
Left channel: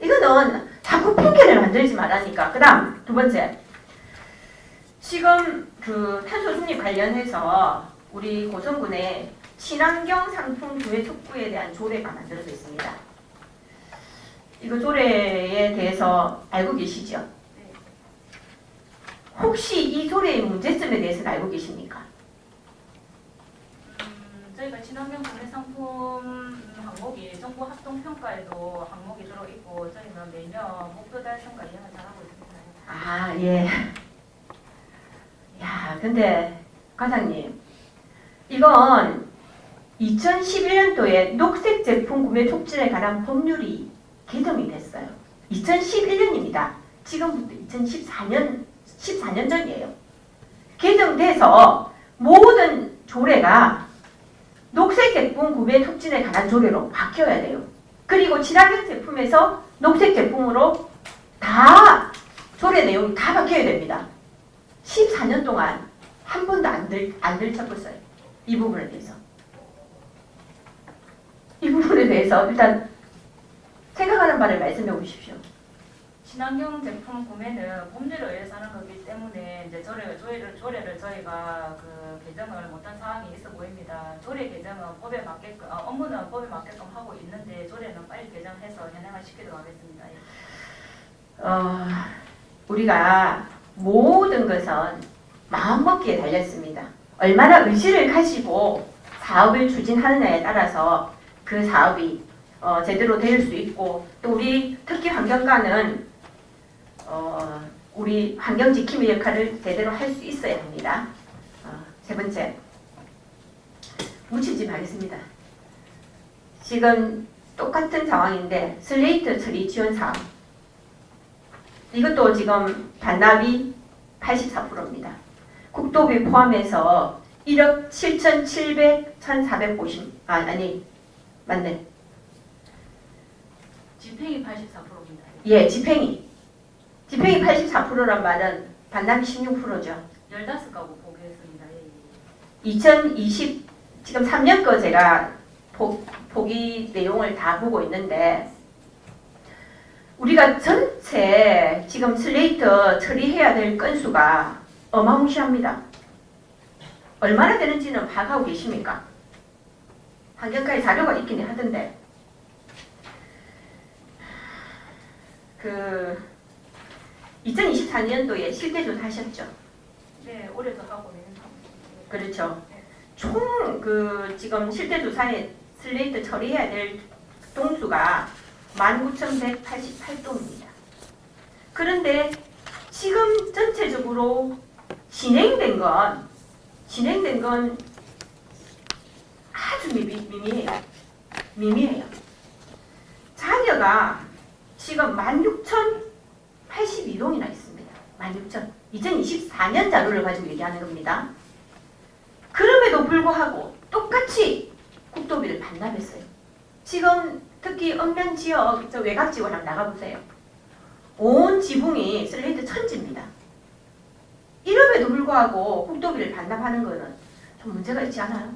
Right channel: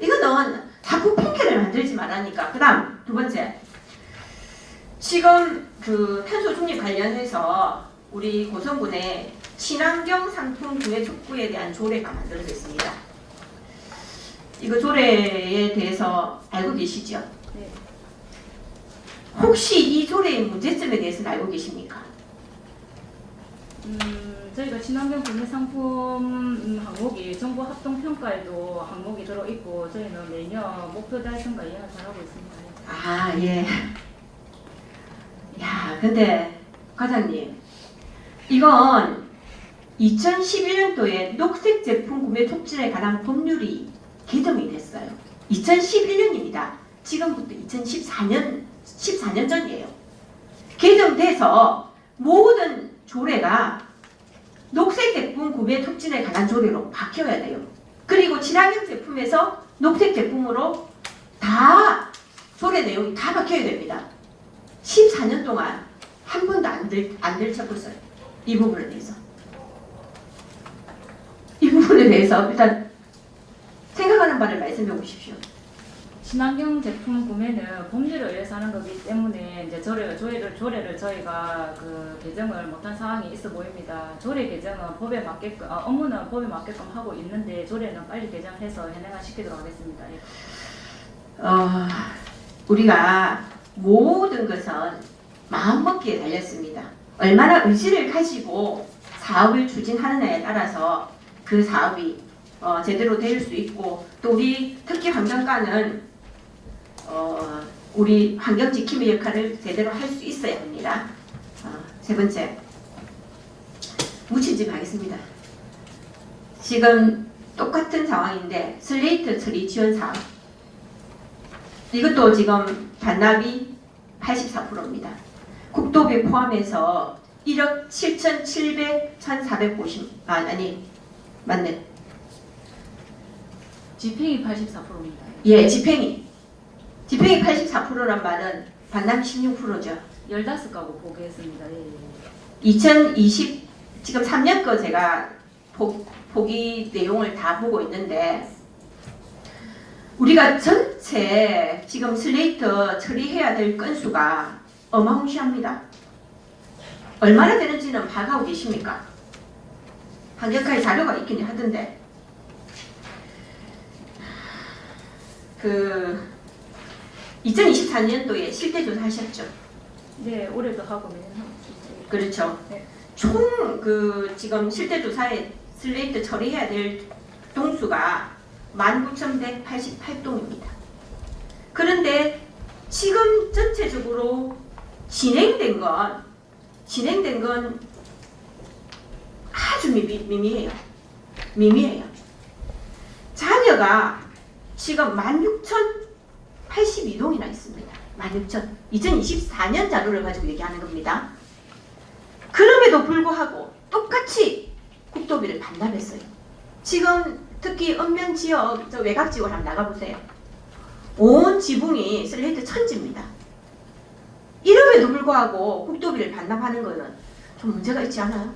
이거는 자꾸 핑계를 만들지 말라니까. 그 다음 두 번째 지금 그 탄소 중립 관련해서 우리 고성군에 친환경 상품 구매 촉구에 대한 조례가 만들어졌습니다. 이거 조례에 대해서 알고 계시죠? 네. 혹시 이 조례의 문제점에 대해서는 알고 계십니까? 저희가 친환경 구매 상품 항목이 정부 합동 평가에도 항목이 들어 있고 저희는 내년 목표 달성과 이행을 잘하고 있습니다. 아 예. 야 근데 과장님 이건 2011년도에 녹색 제품 구매 촉진에 관한 법률이 개정이 됐어요. 2011년입니다. 지금부터 14년 전이에요. 개정돼서 모든 조례가 녹색 제품 구매 촉진에 관한 조례로 바뀌어야 돼요. 그리고 친환경 제품에서 녹색 제품으로 다 조례 내용이 다 바뀌어야 됩니다. 14년 동안 한 번도 안 들춰봤어요. 이 부분에 대해서. 이 부분에 대해서 일단 생각하는 바를 말씀해 보십시오. 친환경 제품 구매는 법률에 의해서 하는 거기 때문에 이제 조례를 저희가 그 개정을 못한 상황이 있어 보입니다. 조례 개정은 법에 맞게끔 업무는 법에 맞게끔 하고 있는데 조례는 빨리 개정해서 현행화 시키도록 하겠습니다. 예. 우리가 모든 것은 마음먹기에 달렸습니다. 얼마나 의지를 가지고 사업을 추진하느냐에 따라서 그 사업이 제대로 될 수 있고 또 우리 특히 환경과는 우리 환경 지킴의 역할을 제대로 할 수 있어야 합니다. 세 번째, 묻힌집 하겠습니다. 지금 똑같은 상황인데 슬레이트 처리 지원 사업 이것도 지금 반납이 84%입니다. 국도비 포함해서 1억 7,700, 1,450 아니 맞네. 집행이 84%입니다. 예, 집행이 84%란 말은 반납이 16%죠. 15가구 보겠습니다. 예. 2020 지금 3년 거 제가 보기 내용을 다 보고 있는데 우리가 전체 지금 슬레이트 처리해야 될 건수가 어마무시합니다. 얼마나 되는지는 파악하고 계십니까? 환경과의 자료가 있긴 하던데 그 2024년도에 실태조사 하셨죠? 네, 올해도 하고 내년 하고 있습니다. 그렇죠. 네. 총 그 지금 실태조사에 슬레이트 처리해야 될 동수가 19,188동입니다. 그런데 지금 전체적으로 진행된 건 아주 미미해요. 자녀가 지금 16,082동이나 있습니다. 16,000. 2024년 자료를 가지고 얘기하는 겁니다. 그럼에도 불구하고 똑같이 국도비를 반납했어요. 지금 특히 읍면 지역 저 외곽 지역을 한번 나가보세요. 온 지붕이 슬레이트 천지입니다. 이럼에도 불구하고 국도비를 반납하는 거는 좀 문제가 있지 않아요?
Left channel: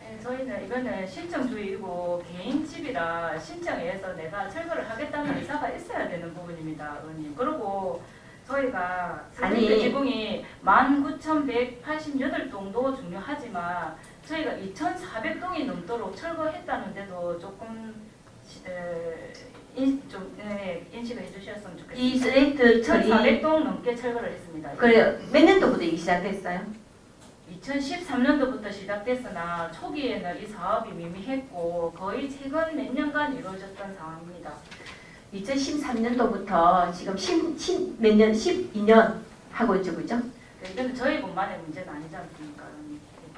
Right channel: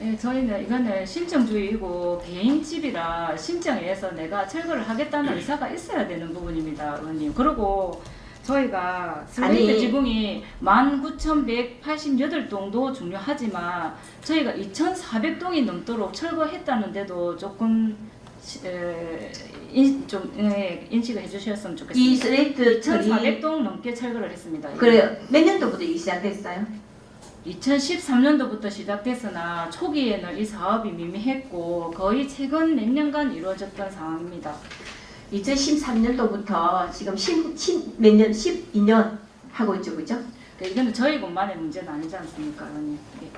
네, 저희는 이거는 신청주의이고 개인 집이라 신청에 의해서 내가 철거를 하겠다는 의사가 있어야 되는 부분입니다, 의원님. 그리고 저희가 슬레이트 아니. 지붕이 19,188동도 중요하지만 저희가 2,400동이 넘도록 철거했다는데도 조금 인식을 해주셨으면 좋겠습니다. 이 슬레이트 처리 1,400동 넘게 철거를 했습니다. 그래요. 몇 년도부터 이게 시작됐어요? 2013년도부터 시작됐으나 초기에는 이 사업이 미미했고 거의 최근 몇 년간 이루어졌던 상황입니다. 2013년도부터 지금 12년 하고 있죠, 그죠? 이건 저희 것만의 문제는 아니지 않습니까, 의원님? 네.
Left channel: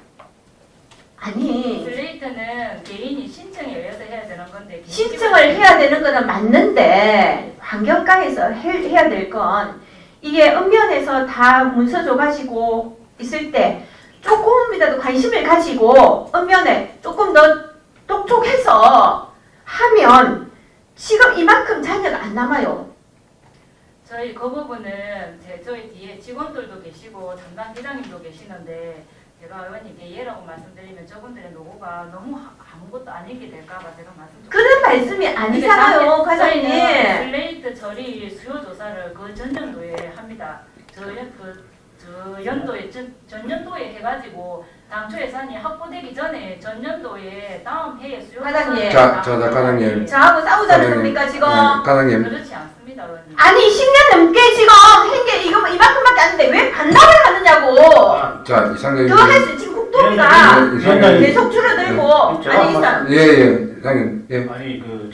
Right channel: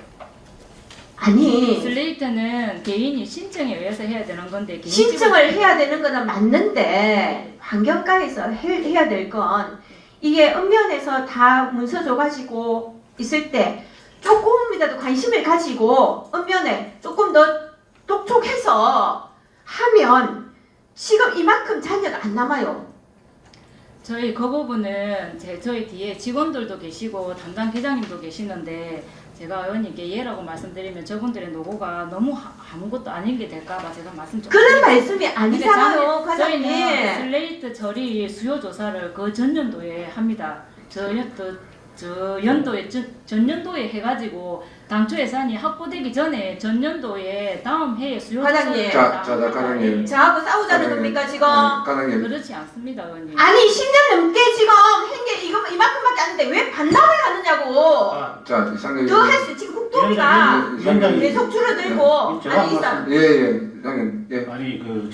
아니 슬레이트는 개인이 신청에 의해서 해야 되는 건데 개인 신청을 해야 되는 거는 맞는데 환경과에서 해야 될 건 이게 읍면에서 다 문서 줘가지고 있을 때 조금이라도 관심을 가지고 읍면에 조금 더 똑똑해서 하면 지금 이만큼 자녀가 안 남아요. 저희 그 부분은 저희 뒤에 직원들도 계시고 담당 기자님도 계시는데 제가 의원님께 예라고 말씀드리면 저분들의 노고가 너무 아무것도 아닌 게 될까봐 제가 말씀 좀 그런 말씀이 아니잖아요, 과장님. 저희는 슬레이트 처리 수요 조사를 그 전년도에 합니다. 저 전년도에 해가지고 당초 예산이 확보되기 전에 전년도에 다음 해에 수요 과장님. 조사를 과장님. 저하고 싸우자는 과장님. 겁니까 지금? 과장님. 그렇지 않습니다, 의원님. 아니 10년 넘게 지금 한 게 이만큼밖에 안 되는데 왜 반납을 하느냐고. 자, 이상적인. 그거 할 수 지금 국토비가 이상적인. 계속 줄어들고 제가 아니 있어. 예, 이상적인. 예. 아니 그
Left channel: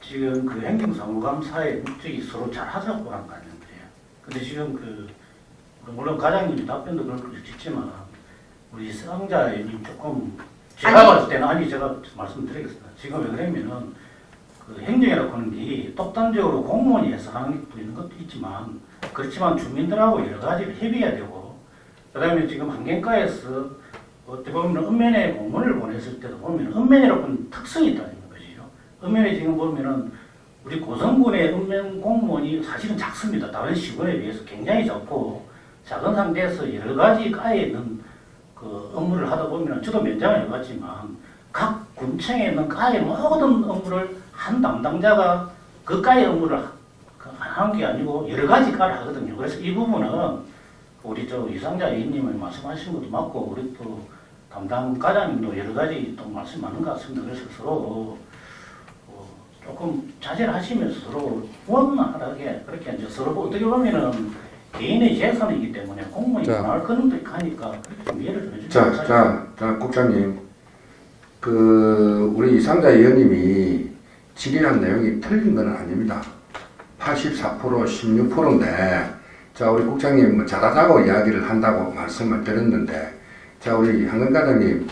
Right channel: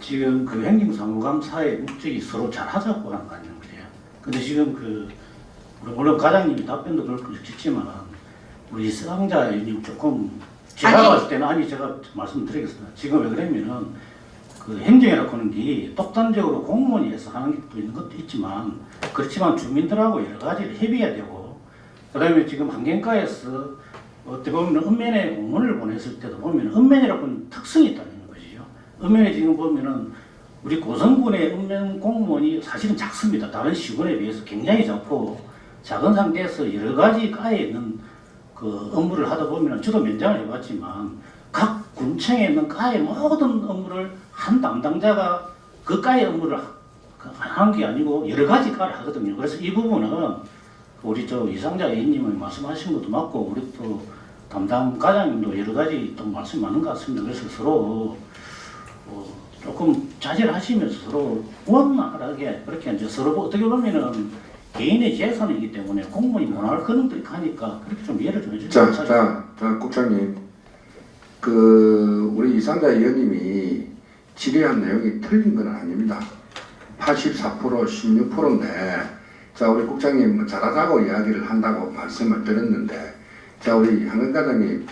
지금 그 행정사무감사의 목적이 서로 잘 하자고 하는 거 아니에요, 그래요? 근데 지금 물론 과장님이 답변도 그렇겠지만 우리 수상자님 조금 제가 아니. 봤을 때는 제가 말씀드리겠습니다. 지금 왜 그러면은 그 행정이라고 하는 게 독단적으로 공무원이 해서 하는 것도 있는 것도 있지만 그렇지만 주민들하고 여러 가지를 협의해야 되고 그다음에 지금 환경과에서 어떻게 보면 읍면에 공문을 보냈을 때도 보면 읍면이라고 하는 특성이 있다는 것이죠. 읍면에 지금 보면은 우리 고성군의 읍면 공무원이 사실은 작습니다. 다른 시군에 비해서 굉장히 작고 작은 상태에서 여러 가지 가에 있는 그 업무를 하다 보면 저도 면장을 해봤지만 각 군청에 있는 가의 모든 업무를 한 담당자가 그 가의 업무를 하는 게 아니고 여러 가지 가를 하거든요. 그래서 이 부분은 우리 이상자 A님이 말씀하신 것도 맞고 우리 또 담당 과장님도 여러 가지 또 말씀 맞는 것 같습니다. 그래서 서로 조금 자제를 하시면서 서로 원만하게 그렇게 이제 서로 어떻게 보면은 개인의 재산이기 때문에 공무원이 자. 문화를 그런 데 가니까 그렇게 좀 이해를 좀 해주세요. 자, 국장님. 우리 이상자 의원님이 질의한 내용이 틀린 건 아닙니다. 84%, 16%인데, 자, 우리 국장님 뭐 잘하자고 이야기를 한다고 말씀을 드렸는데, 자, 우리 한근 과장님,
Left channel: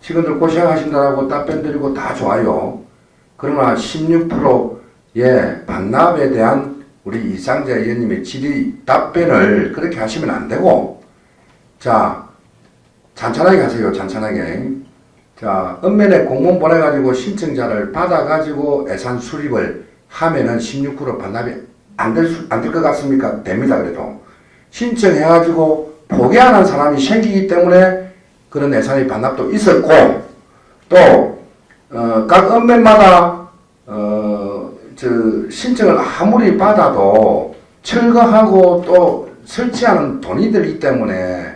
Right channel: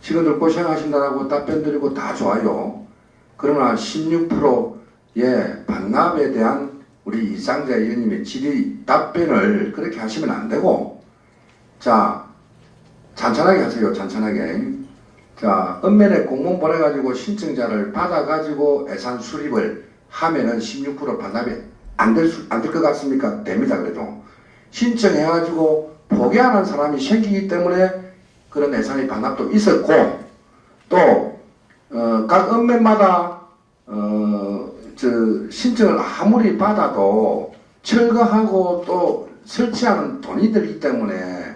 직원들 고생하신다라고 답변 드리고 다 좋아요. 그러나 16%의 반납에 대한 우리 이상자 의원님의 질의 답변을 그렇게 하시면 안 되고, 자, 잔잔하게 하세요, 잔잔하게. 자, 읍면에 공문 보내가지고 신청자를 받아가지고 예산 수립을 하면은 16% 반납이 안 될 것 같습니까? 됩니다, 그래도. 신청해가지고 포기 안 한 사람이 생기기 때문에 그런 예산의 반납도 있었고, 또, 각 읍면마다, 신청을 아무리 받아도 철거하고 또 설치하는 돈이 들기 때문에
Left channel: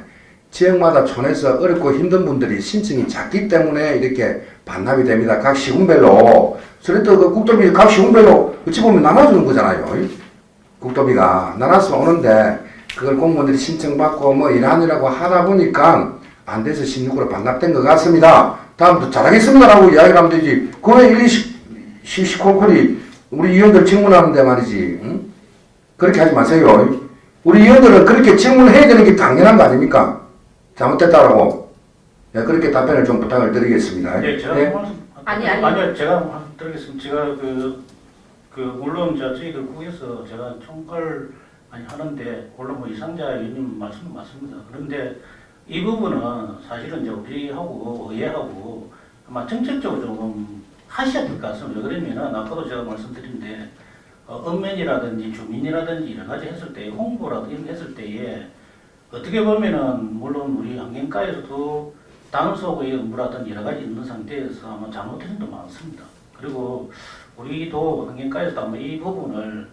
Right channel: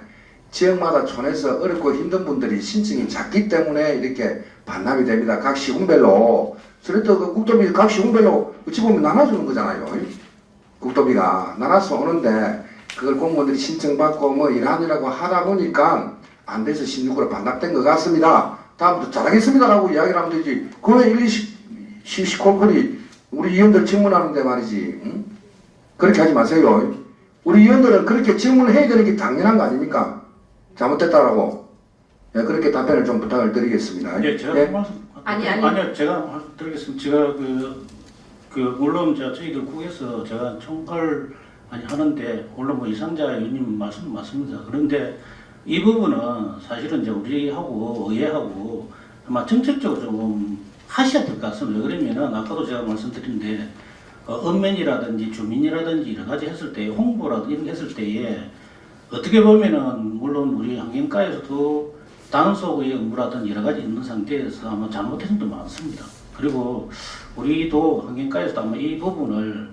지역마다 촌에서 어렵고 힘든 분들이 신청이 작기 때문에 이렇게 반납이 됩니다. 각 시군별로. 그래도 그 국도비 각 시군별로 어찌 보면 나눠주는 거잖아요. 국도비가 나눠서 오는데 그걸 공무원들이 신청받고 뭐 이러한이라고 하다 보니까 안 돼서 16% 반납된 것 같습니다. 다음부터 잘하겠습니다라고 이야기를 하면 되지. 그왜 시시콜콜이 우리 의원들 질문하는데 말이지. 응? 그렇게 하지 마세요. 우리 의원들은 그렇게 질문해야 되는 게 당연한 거 아닙니까? 잘못됐다라고. 네, 그렇게 답변을 좀 부탁을 드리겠습니다. 네, 제가 네. 아니요, 제가 드리겠습니다. 제가 물론 저희들 국에서 제가 총괄 많이 하는데 물론 뭐 이상자 의원님 말씀은 맞습니다. 그런데 이 부분은 사실은 이제 우리하고 의회하고 아마 정책적으로 좀 하셔야 될 것 같습니다. 왜 그러면은 아까도 제가 말씀드렸는데 읍면이라든지 주민이라든지 여러 가지 했을 때 홍보라든지 이런 게 했을 때에 어떻게 보면은 물론 우리 환경과에서도 단속의 업무라든지 여러 가지 있는 상태에서 아마 잘못된 점도 많습니다. 그리고 우리도 환경과에서도 아마 이 부분을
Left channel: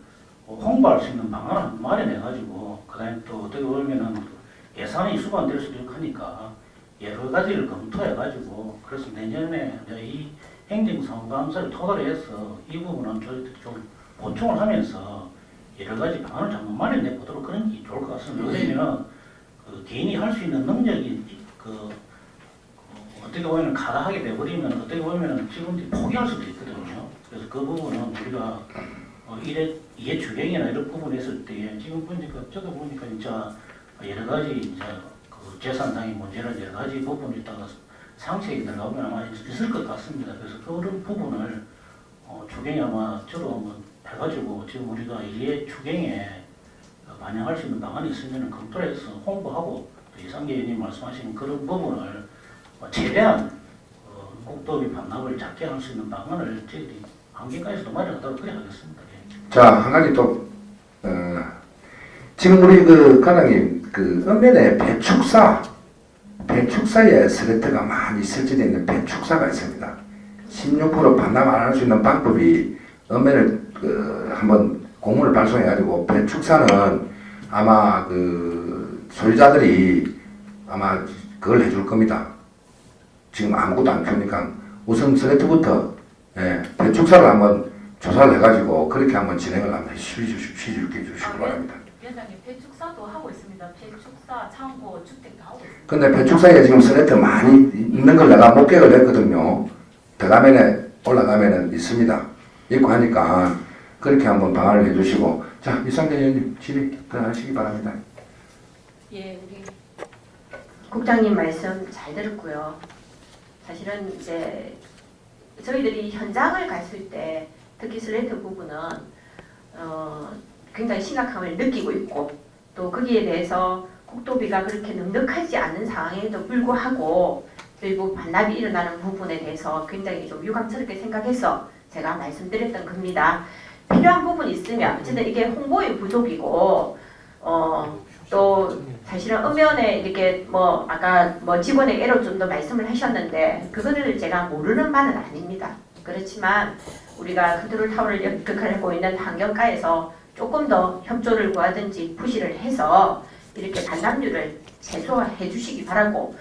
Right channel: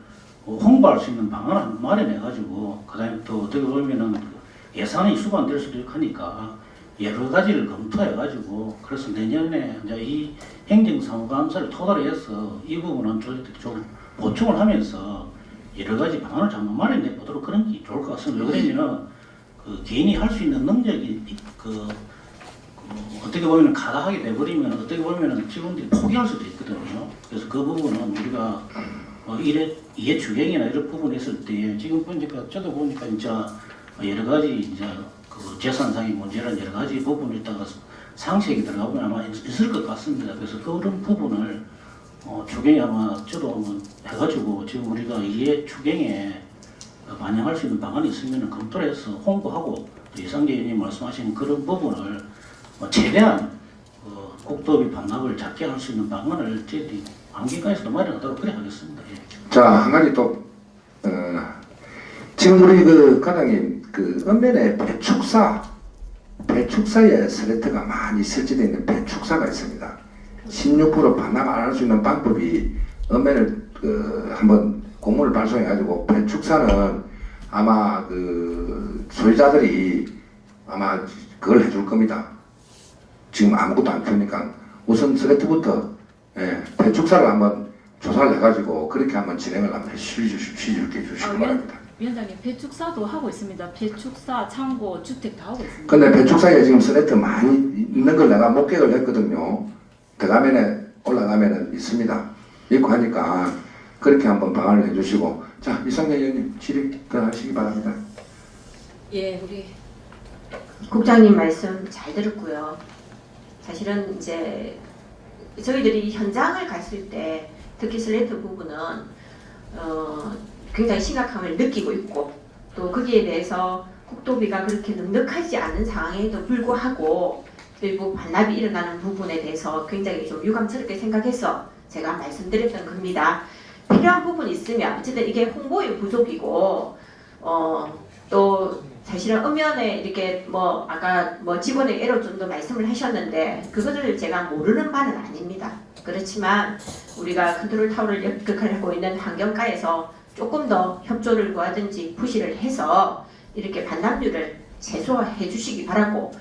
홍보할 수 있는 방안을 마련해가지고 그다음에 또 어떻게 보면은 예산이 수반될 수도 있고 하니까 여러 가지를 검토해가지고 그래서 내년에 이제 이 행정사무감사를 토대로 해서 이 부분은 저희들이 좀 보충을 하면서 여러 가지 방안을 한번 마련해 보도록 그런 게 좋을 것 같습니다. 왜냐면 그 개인이 할 수 있는 능력이 어떻게 보면 가다하게 돼버리면 어떻게 보면 직원들이 포기할 수도 있거든요. 그래서 그 부분은 우리가 이해 주경이나 이런 부분이 있을 때 지금 보니까 저도 보니까 진짜 여러 가지 이제 그 재산상의 문제나 여러 가지 부분이 있다가 상식이 들어가면 아마 있을 것 같습니다. 그래서 그런 부분을 추경에 아마 저도 한번 해가지고 지금 우리가 이해 추경에 반영할 수 있는 방안이 있으면 검토를 해서 홍보하고 이상계 의원님 말씀하신 그런 부분을 최대한 국도비 반납을 작게 할 수 있는 방안을 저희들이 환경과에서도 마련하도록 그래 하겠습니다. 예. 자, 한 가지 또, 지금 우리 과장님, 읍면에 배축사에 슬래트가 많이 설치되어 있는 배축사가 있습니다. 16% 반납 안 할 수 있는 방법이 읍면을 한번 공문을 발송해가지고 배축사는 아마 소유자들이 아마 그걸 해줄 겁니다. 지금 아무것도 안 키우니까 우선 슬래트부터 배축사를 한번 조사를 해가지고 그렇게 한번 진행을 한번 시주시기 바랍니다. 위원장님, 배축사도 하고 있습니다. 배축사, 창고, 주택 다 하고 있습니다. 근데 배축사에 지금 슬래트 많이 있는 걸 내가 목격을 했거든요. 대가면에 올라가면은 있습니다. 있고 하니까 그렇게 한번 방안을 해주시고, 자, 이상재 의원님 질의 들어가시기 바랍니다. 예, 우리 국장님 말씀 잘 들었고요. 사실은 이제 저희들이 현장을 갔을 때 특히 슬래트 부분은 굉장히 심각함을 느끼고 있고 또 거기에 대해서 국도비가 그렇게 넉넉하지 않은 상황에도 불구하고 그리고 반납이 일어나는 부분에 대해서 굉장히 좀 유감스럽게 생각해서 제가 말씀드렸던 겁니다. 필요한 부분이 있으면 어쨌든 이게 홍보의 부족이고 또 사실은 엄연에 이렇게 뭐 아까 뭐 직원에게로 좀 더 말씀을 하셨는데 그거를 제가 모르는 바는 아닙니다. 그렇지만 우리가 컨트롤 타워를 역할하고 있는 환경과에서 조금 더 협조를 구하든지 부시를 해서 이렇게 반납률을 최소화해 주시기 바라고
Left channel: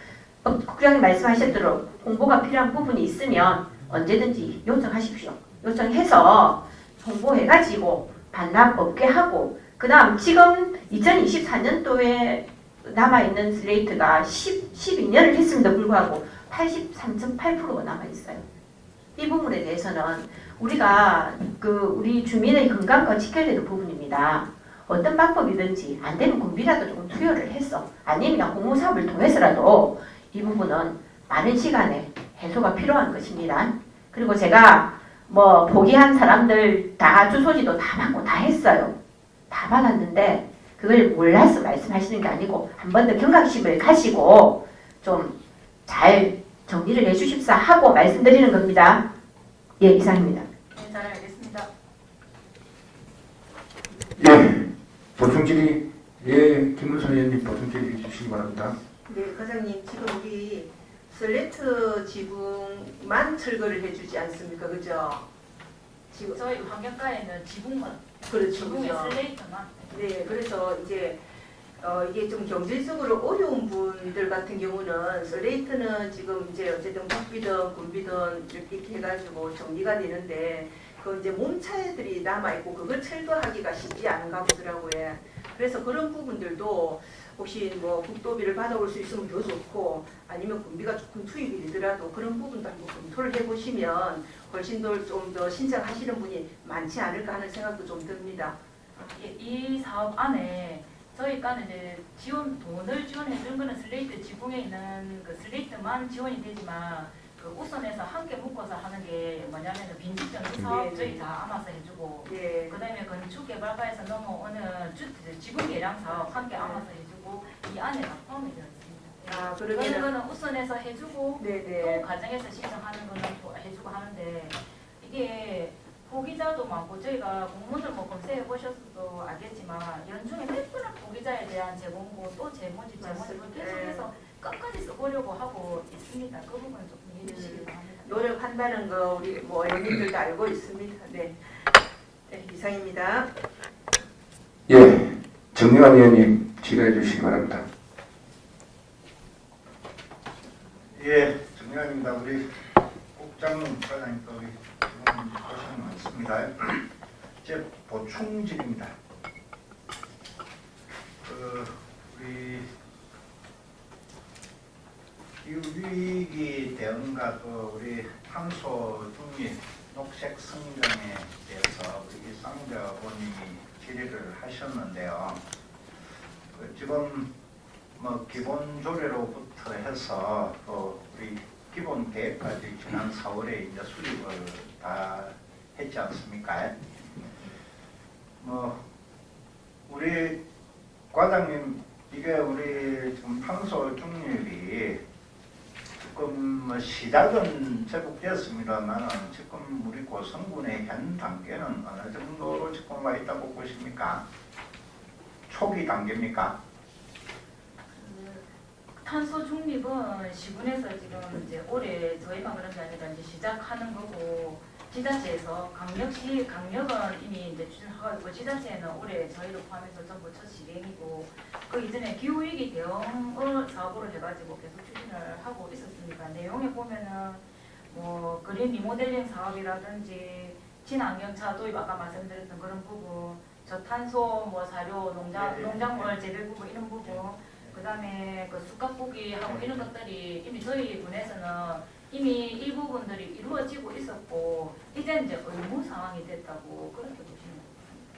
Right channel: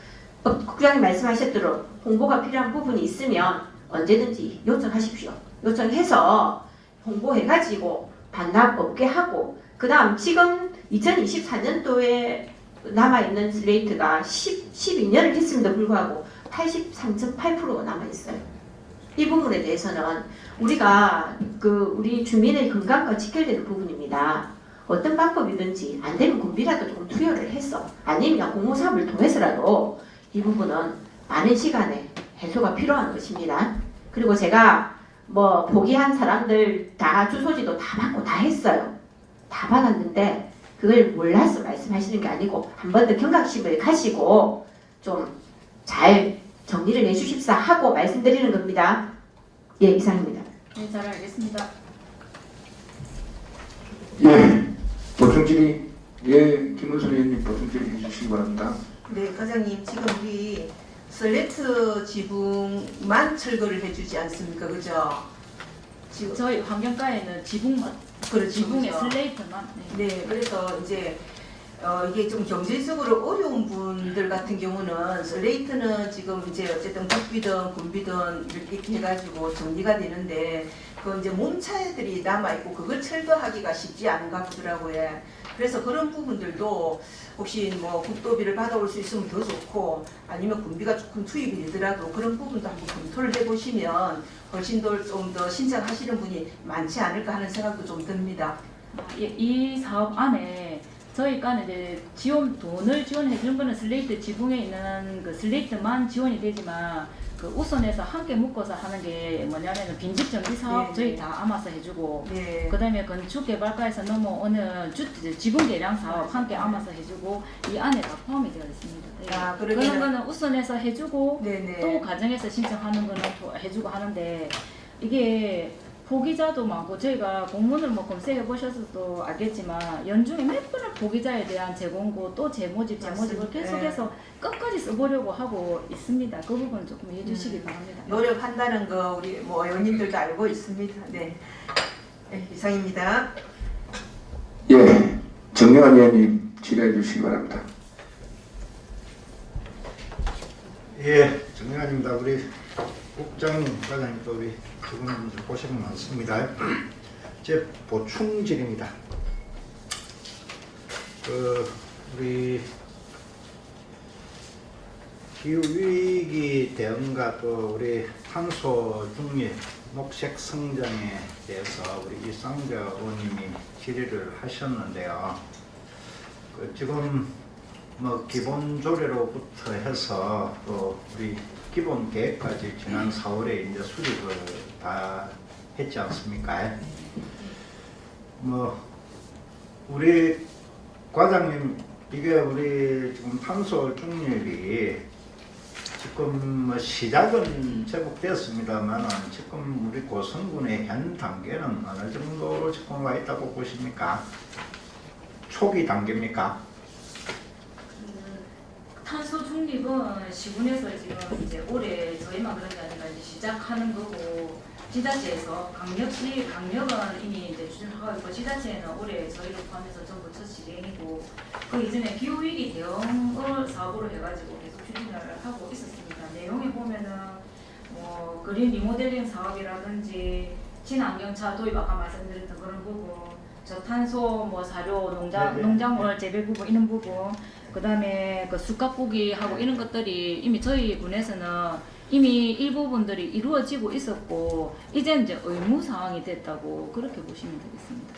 국장님 말씀하셨도록 홍보가 필요한 부분이 있으면 언제든지 요청하십시오. 요청해서 홍보해가지고 반납 없게 하고 그 다음 지금 2024년도에 남아있는 슬레이트가 12년을 했음에도 불구하고 83.8%가 남아있어요. 이 부분에 대해서는 우리가 우리 주민의 건강과 지켜야 되는 부분입니다. 어떤 방법이든지 안 되면 군비라도 조금 투여를 했어. 아니면 공모사업을 통해서라도 이 부분은 많은 시간에 해소가 필요한 것입니다. 그리고 제가 뭐 포기한 사람들 다 주소지도 다 받고 다 했어요. 다 받았는데 그걸 몰라서 말씀하시는 게 아니고 한 번 더 경각심을 가지고 좀 잘 정리를 해주십사 하고 말씀드리는 겁니다. 예, 이상입니다. 네, 잘 알겠습니다. 예, 보충 질의. 예, 김문선 의원님 보충 질의 해주시기 바랍니다. 네, 과장님 지금 우리 슬레이트 지붕만 철거를 해주지 않습니까, 그죠? 지금 저희 환경과에는 지붕만, 그렇죠, 지붕에 그죠? 슬레이트만. 네. 네, 그래서 이제 이게 좀 경제적으로 어려운 분들 같은 경우는 슬레이트는 지금 이제 어쨌든 국비든 군비든 이렇게 해가지고 정리가 되는데 그 이제 몸차들이 남아 있고 그걸 철거하기가 쉽지 않은가 보더라고요. 그래서 그런 부분들도 혹시 뭐 국도비를 받아올 수 있으면 더 좋고 아니면 군비가 조금 투입이 되더라도 그런 부분도 한번 검토를 해보시면 훨씬 더 좀 더 신청하시는 분이 많지 않을까 하는 생각도 좀 듭니다. 예, 이 사업 안에 저희가 이제 돈을 지원해 주는 거는 슬레이트 지붕에 있는 그 슬레이트만 지원이 되지만 그 우선해서 함께 묶어서 하는 게 뭐냐면 빈집 정비 사업 네, 저희 네. 다 알아서 해주고 네. 그다음에 건축 개발과에서 넘어오는 지붕 개량 사업 함께 알아서 해주고 이 안에 다 포함이 되어 있습니다. 네. 아, 그런 거는 우선해서 해주고 네네. 또 과정에서 신청하는 거는 또 해주고 하는데 이게 포기자도 많고 저희가 공문을 뭐 검색해 보셔서도 알겠지만 연중에 몇 번을 포기자에 대한 재공고 또 재모집을 맞습니다. 계속해서 끝까지 써보려고 하고 있습니다. 그 부분 조금 이해해 주시기 바랍니다. 노력한다는 거 우리 뭐 의원님들도 알고 있습니다. 네. 네, 이상입니다. 예, 정영환 의원님 질의해 주시기 바랍니다. 예, 정리아닙니다. 우리 국장님, 과장님도 우리 지금 고생 많습니다. 제 보충질입니다. 우리 기후위기 대응과 또 우리 탄소 중립, 녹색 성장에 대해서 우리 이상자 의원님이 질의를 하셨는데요. 지금 뭐 기본 조례로부터 해서 또 우리 기본 계획까지 지난 4월에 이제 수립을 다 했지 않습니까? 뭐 우리 과장님 이게 우리 지금 탄소 중립이 지금 뭐 시작은 제법 됐습니다만은 지금 우리 고성군의 현 단계는 어느 정도로 지금 와 있다고 보십니까? 초기 단계입니까? 탄소 중립은 시군에서 지금 이제 올해 저희만 그런 게 아니라 이제 시작하는 거고 지자체에서 강력은 이미 이제 추진하고 지자체는 올해 저희를 포함해서 전부 첫 실행이고 그 이전에 기후 위기 대응을 사업으로 해가지고 계속 추진을 하고 있었습니다. 내용에 보면은 뭐 그린 리모델링 사업이라든지 친환경차 도입 아까 말씀드렸던 그런 부분, 저탄소 뭐 사료 농작물 재배 부분 이런 부분. 그 다음에 그 수갑보기 하고 이런 것들이 이미 저희 군에서는 이미 일부분들이 이루어지고 있었고 이제 의무 사항이 됐다고 그렇게 보시면 되겠습니다.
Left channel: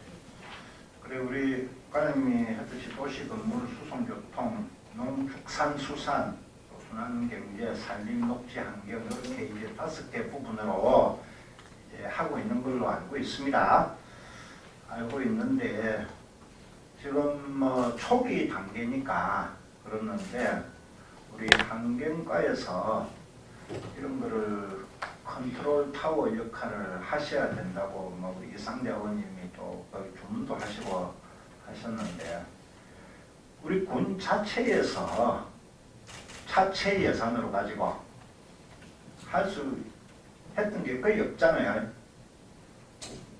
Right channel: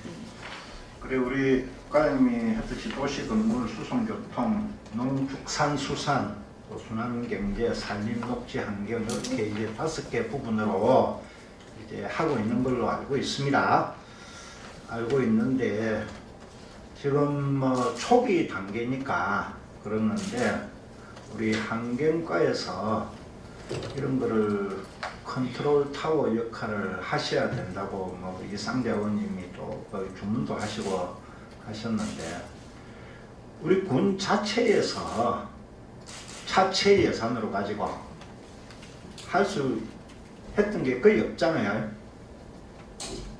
그래 우리 과장님이 했듯이 도시 건물 수송교통 농축산수산 또 순환경제 산림녹지 환경 이렇게 이제 5개 부분으로 이제 하고 있는 걸로 알고 있습니다. 알고 있는데 지금 뭐 초기 단계니까 그러는데 우리 환경과에서 이런 거를 컨트롤 타워 역할을 하셔야 된다고 뭐 이상재 의원님이 또그 주문도 하시고 하셨는데 우리 군 자체에서 자체 예산으로 가지고 할 수 했던 게 거의 없잖아요.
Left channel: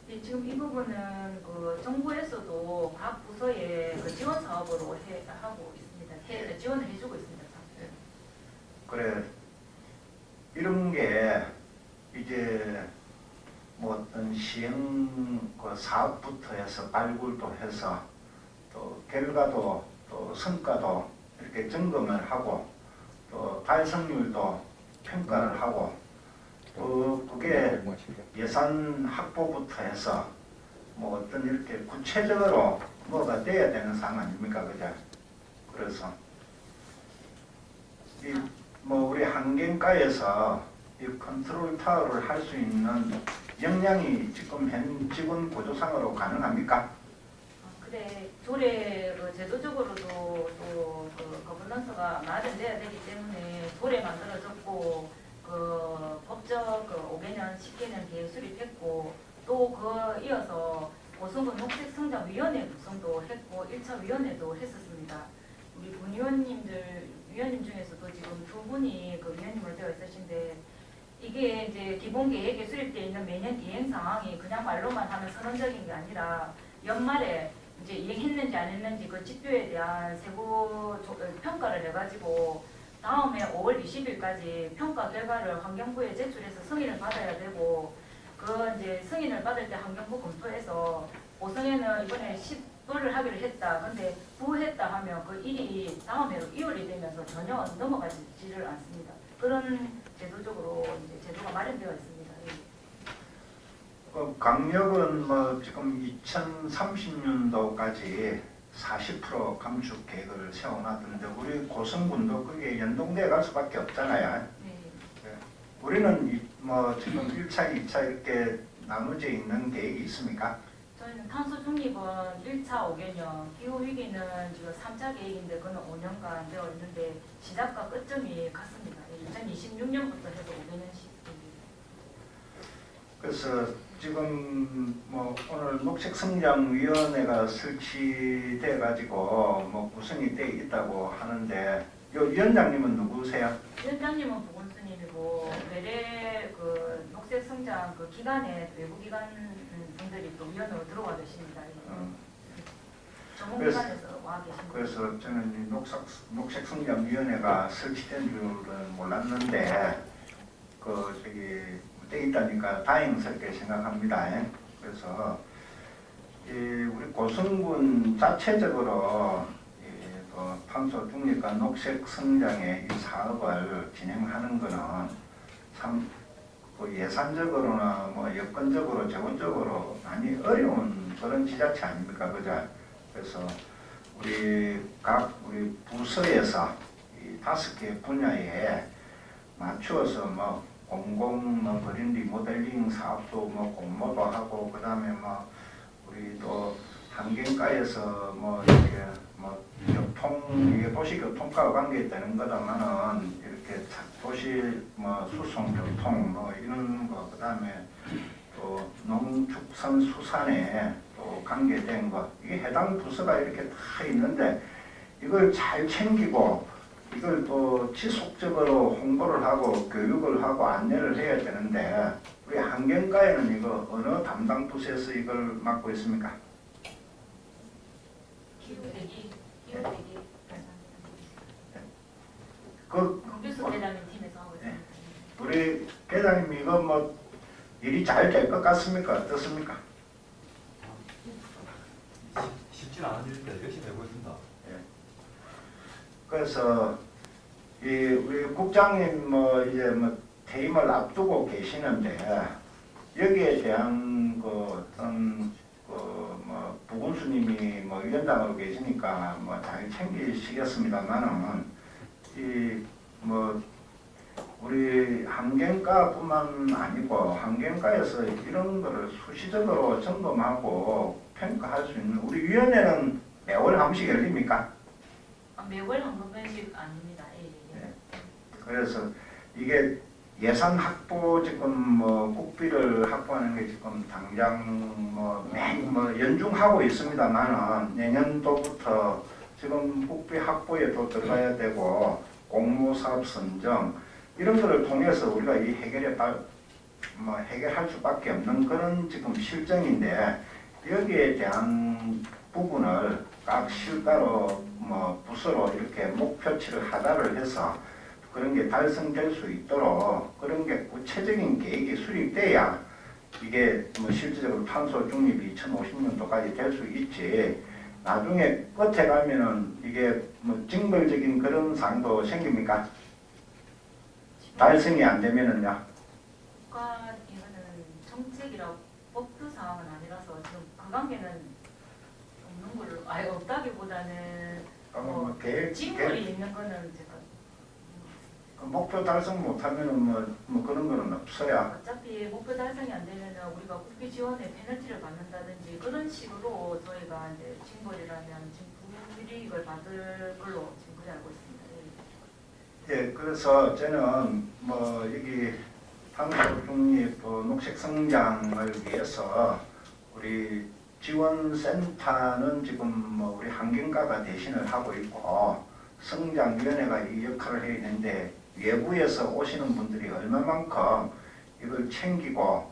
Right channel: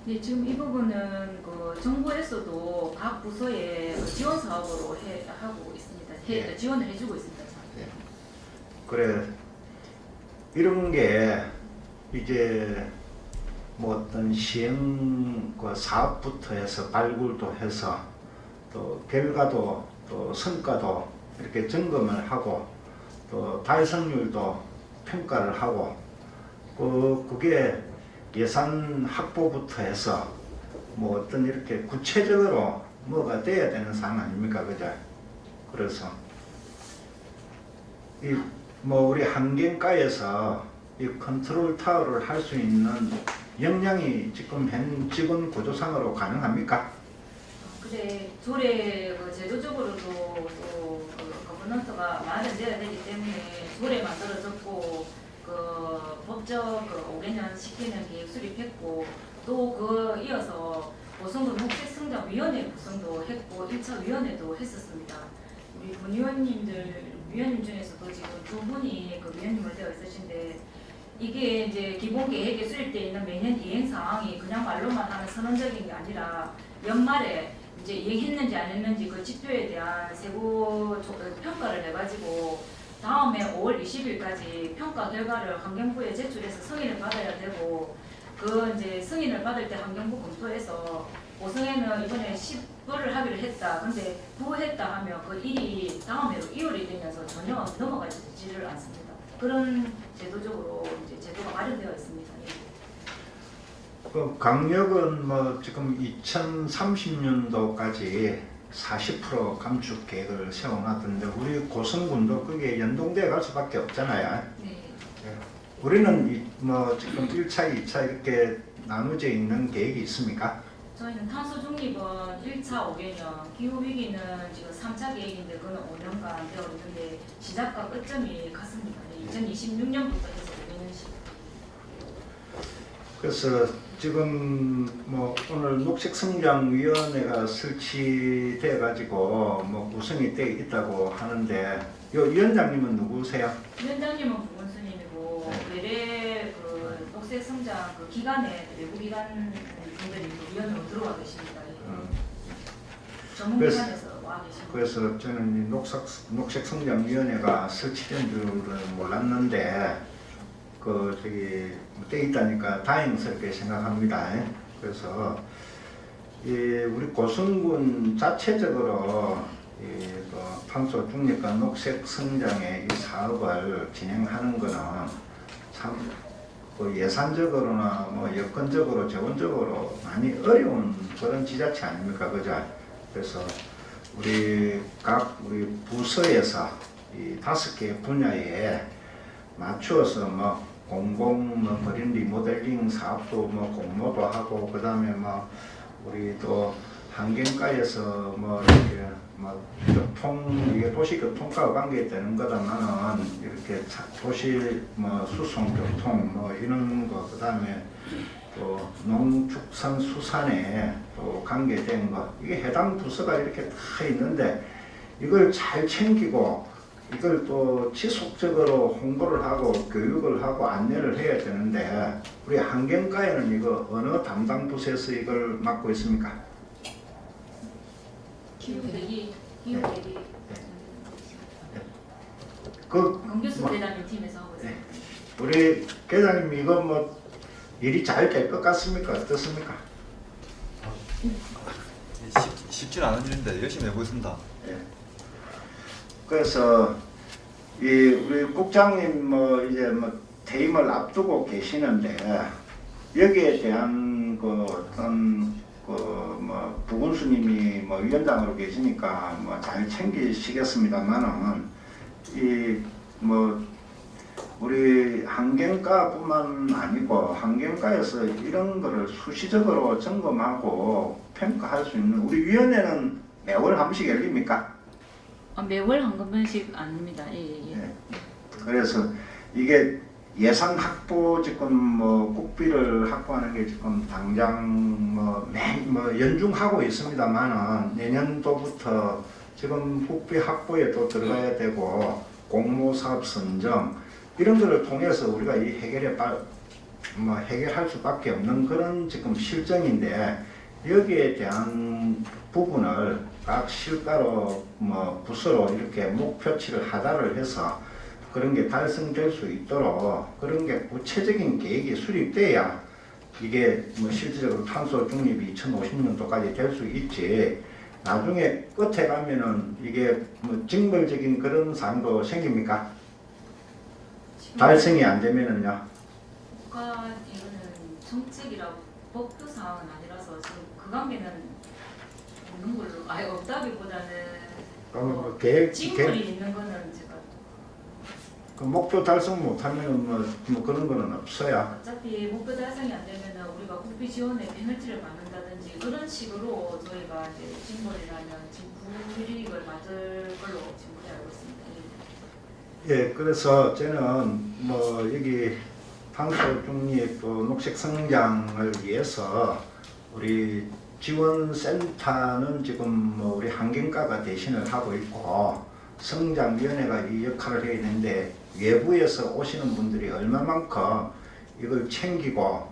예, 지금 이 부분은 그 정부에서도 각 부서에 그 지원 사업으로 하고 있습니다. 예. 지원을 해주고 있습니다. 그래 이런 게 이제 뭐 어떤 시행 그 사업부터 해서 발굴도 해서 또 결과도 또 성과도 이렇게 점검을 하고 또 달성률도 평가를 하고 그게 예산 확보부터 해서 뭐 어떤 이렇게 구체적으로 뭐가 돼야 되는 상황 아닙니까, 그죠? 그래서 이 뭐 우리 환경과에서 이 컨트롤 타워를 할 수 있는 역량이 지금 현 직원 구조상으로 가능합니까? 근데 조례 그 제도적으로도 또그 거버넌스가 마련돼야 되기 때문에 조례 만들어졌고 그 법적 그 5개년 시키는 계획 수립했고 또 그 이어서 보성도 녹색성장위원회 구성도 했고 1차 위원회도 했었습니다. 우리 군의원님들 위원님 중에서도 지금 두 분이 그 위원님으로 되어 있으신데 이게 이제 기본 계획에 수립되어 있는 매년 이행 사항이 그냥 말로만 하는 선언적인 게 아니라 연말에 이제 이행했는지 안 했는지 그 지표에 대한 세부 평가를 해가지고 다음에 5월 20일까지 평가 결과를 환경부에 제출해서 승인을 받아야 되고 그 이제 승인을 받을 때 환경부 검토해서 보성에는 이번에 10불을 하기로 했다. 근데 부했다 하면 그 일이 다음 해로 이월이 되면서 전혀 넘어가지를 않습니다. 그런 제도적으로 이제 제도가 마련되어 있습니다. 그 강력은 뭐 지금 2030년도까지 40% 감축 계획을 세워놨던데 우리 고성군도 그게 연동돼 갈 수밖에 없잖아요. 네. 우리는 뭐 지금 1차, 2차 이렇게 나눠져 있는 계획이 있습니까? 저희는 탄소 중립은 1차 5개년, 기후 위기는 지금 3차 계획인데 그는 5년간 되어 있는데 시작과 끝점이 같습니다. 2026년부터 해서 5년씩. 그래서 지금 뭐 오늘 녹색성장위원회가 설치돼 가지고 뭐 구성이 돼 있다고 하는데 요 위원장님은 누구세요? 위원장님은 부군수님이고 외래 그 녹색성장 그 기관에 외부 기관 분들이 위원으로 들어와 계십니다. 전문기관에서 와 계십니다. 그래서 저는 이 녹색성장위원회가 설치된 줄은 몰랐는데 그 저기 돼 있다니까 다행스럽게 생각합니다. 그래서 이 우리 고성군 자체적으로 그 탄소 중립과 녹색 성장의 이 사업을 진행하는 거는 참 그 예산적으로나 뭐 여건적으로 재원적으로 많이 어려운 그런 지자체 아닙니까, 그죠? 그래서 우리 부서에서 이 5개 분야에 맞추어서 뭐 공공 뭐 그린 리모델링 사업도 뭐 공모도 하고 그다음에 뭐 우리 또 환경과에서 뭐 이렇게 뭐 교통 이게 도시 교통과 관계되는 거다만은 이렇게 도시 뭐 수송 교통 뭐 이런 거 그다음에 또 농축산수산에 또 관계된 거 이게 해당 부서가 이렇게 다 있는데 이걸 잘 챙기고 이걸 또 지속적으로 홍보를 하고 교육을 하고 안내를 해야 되는데 우리 환경과에는 이거 어느 담당 부서에서 이걸 맡고 있습니까? 기후대리 그 검교수 뭐, 대장님 팀에서 하고 있습니다. 우리 계장님 이거 뭐 일이 잘 될 것 같습니까? 어떻습니까? 쉽지는 않은 일인데 열심히 해보겠습니다. 그래서 이 우리 국장님 뭐 이제 뭐 퇴임을 앞두고 계시는데 여기에 대한 그 어떤 그 뭐 부군수님이 뭐 위원장으로 계시니까 뭐 잘 챙기시겠습니다만은 이 뭐 우리 환경과뿐만 아니고 환경과에서 이런 거를 수시적으로 점검하고 평가할 수 있는 우리 위원회는 매월 한 번씩 열립니까? 매월 한 번씩 아닙니다. 예. 네. 그래서 이게 예산 확보 지금 뭐 국비를 확보하는 게 지금 당장 뭐 연중하고 있습니다만은 내년도부터 지금 국비 확보에 또 들어가야 되고 공모사업 선정 이런 거를 통해서 우리가 이 해결할 수밖에 없는 그런 지금 실정인데 여기에 대한 부분을 각 실가로 부서로 이렇게 목표치를 하달을 해서 그런 게 달성될 수 있도록 그런 게 구체적인 계획이 수립돼야 이게 실질적으로 탄소 중립이 2050년도까지 될 수 있지. 나중에 끝에 가면은 이게 징벌적인 그런 사항도 생깁니까? 달성이 안 되면은요. 국가 이거는 정책이라고 법도 사항은 아니라서 지금 그 관계는 없는 걸로 아예 없다기보다는 그러면 계획 징벌이 있는 거는 제가 그 목표 달성 못하면은 뭐 그런 거는 없어요. 어차피 목표 달성이 안 되면은 우리가 국비 지원에 페널티를 받는다든지 그런 식으로 저희가 이제 징벌이라면 지금 불이익을 받을 걸로 지금 그렇게 알고 있습니다. 예, 그래서 저는 여기 탄소 중립 녹색 성장을 위해서 우리 지원센터는 지금 우리 환경과가 대신을 하고 있고 성장위원회가 이 역할을 해야 되는데 외부에서 오시는 분들이 얼마만큼 이걸 챙기고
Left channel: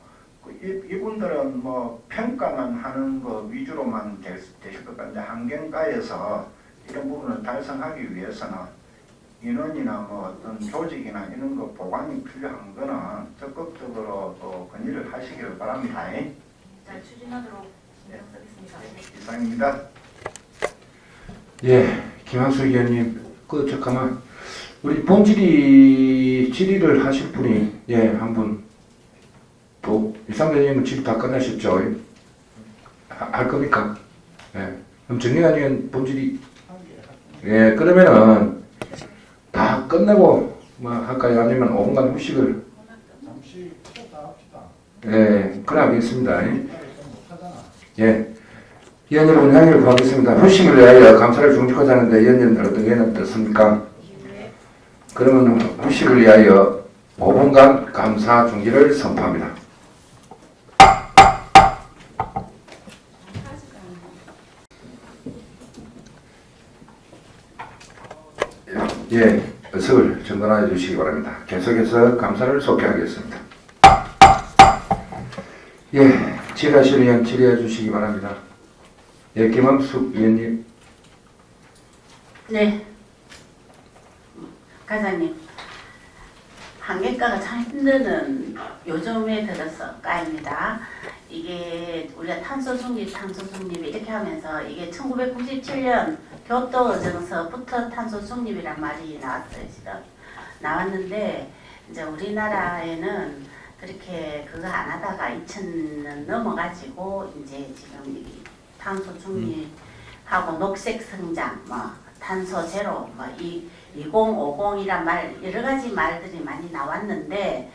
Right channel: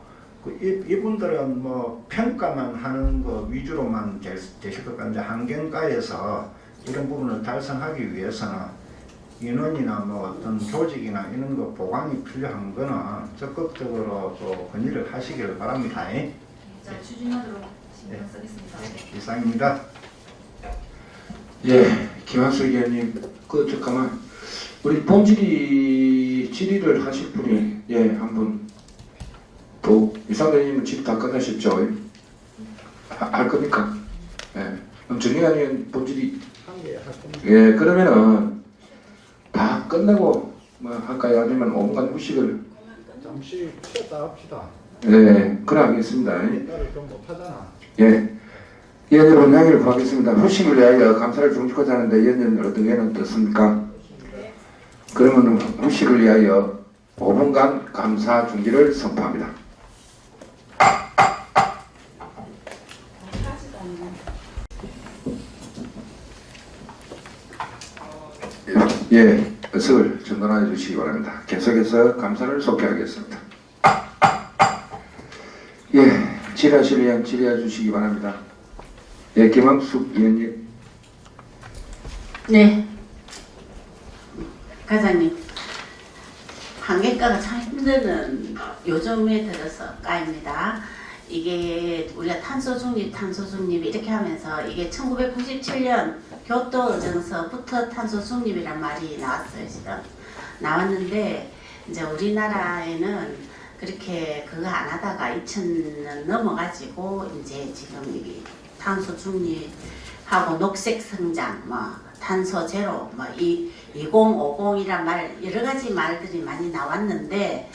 이분들은 평가만 하는 거 위주로만 되실 것 같은데 환경과에서 이런 부분을 달성하기 위해서는 인원이나 어떤 조직이나 이런 거 보강이 필요한 거는 적극적으로 또 건의를 하시기를 바랍니다. 잘 추진하도록 신경 쓰겠습니다. 이상입니다. 예, 김학수 의원님, 잠깐만 우리 본질의 질의를 하실 분이 한 분 또 이상배 의원님은 질의 다 끝나셨죠? 할 겁니까? 예, 그럼 정리가 된 본질이 그러면은 다 끝내고 할까요? 아니면 온갖 후식을 잠시 쉬었다 합시다. 그래 하겠습니다. 좀 못하잖아. 예. 위원 여러분 양해를 구하겠습니다. 후식을 위하여 감사를 중지하자 하는데 위원 여러분들 어떻게 어떻습니까? 그러면 후식을 위하여 5분간 감사 중지를 선포합니다. 예, 의석을 전달해 주시기 바랍니다. 계속해서 감사를 소개하겠습니다. 예, 질의하실 의원 질의해 주시기 바랍니다. 예, 김항숙 의원님. 네. 과장님, 환경과가 참 힘드는 요즘에 들어서 까입니다. 이게 우리가 탄소 중립 이렇게 하면서 이게 1997년 교토정서부터 탄소 중립이란 말이 나왔어요. 지금 나왔는데 이제 우리나라에는 그렇게 그거 안 하다가 2000년 넘어가지고 이제 지금 이 탄소 중립하고 녹색 성장, 탄소 제로, 2050이란 말 여러 가지 말들이 많이 나왔는데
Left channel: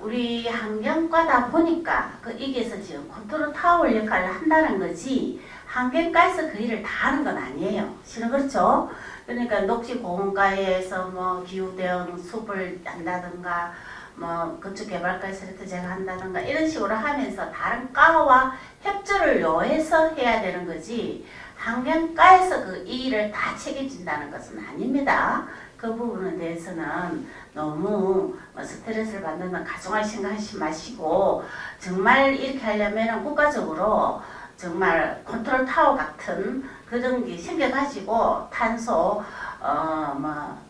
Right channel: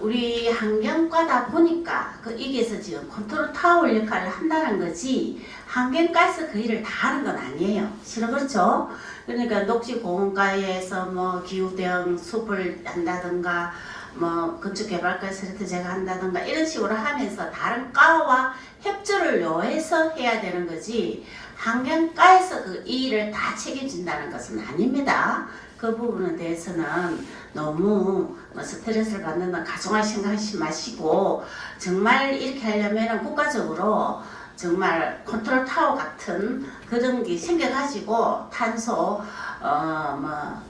우리 환경과다 보니까 이게서 지금 컨트롤 타워 역할을 한다는 거지 환경과에서 그 일을 다 하는 건 아니에요. 실은 그렇죠? 그러니까 녹지보건과에서 기후대응 숲을 한다든가 건축개발과에서 제가 한다든가 이런 식으로 하면서 다른 과와 협조를 요해서 해야 되는 거지 환경과에서 이 일을 다 책임진다는 것은 아닙니다. 그 부분에 대해서는 너무 스트레스를 받는 가정할 생각하지 마시고 정말 이렇게 하려면 국가적으로 정말 컨트롤 타워 같은 그런 게 생겨가지고 탄소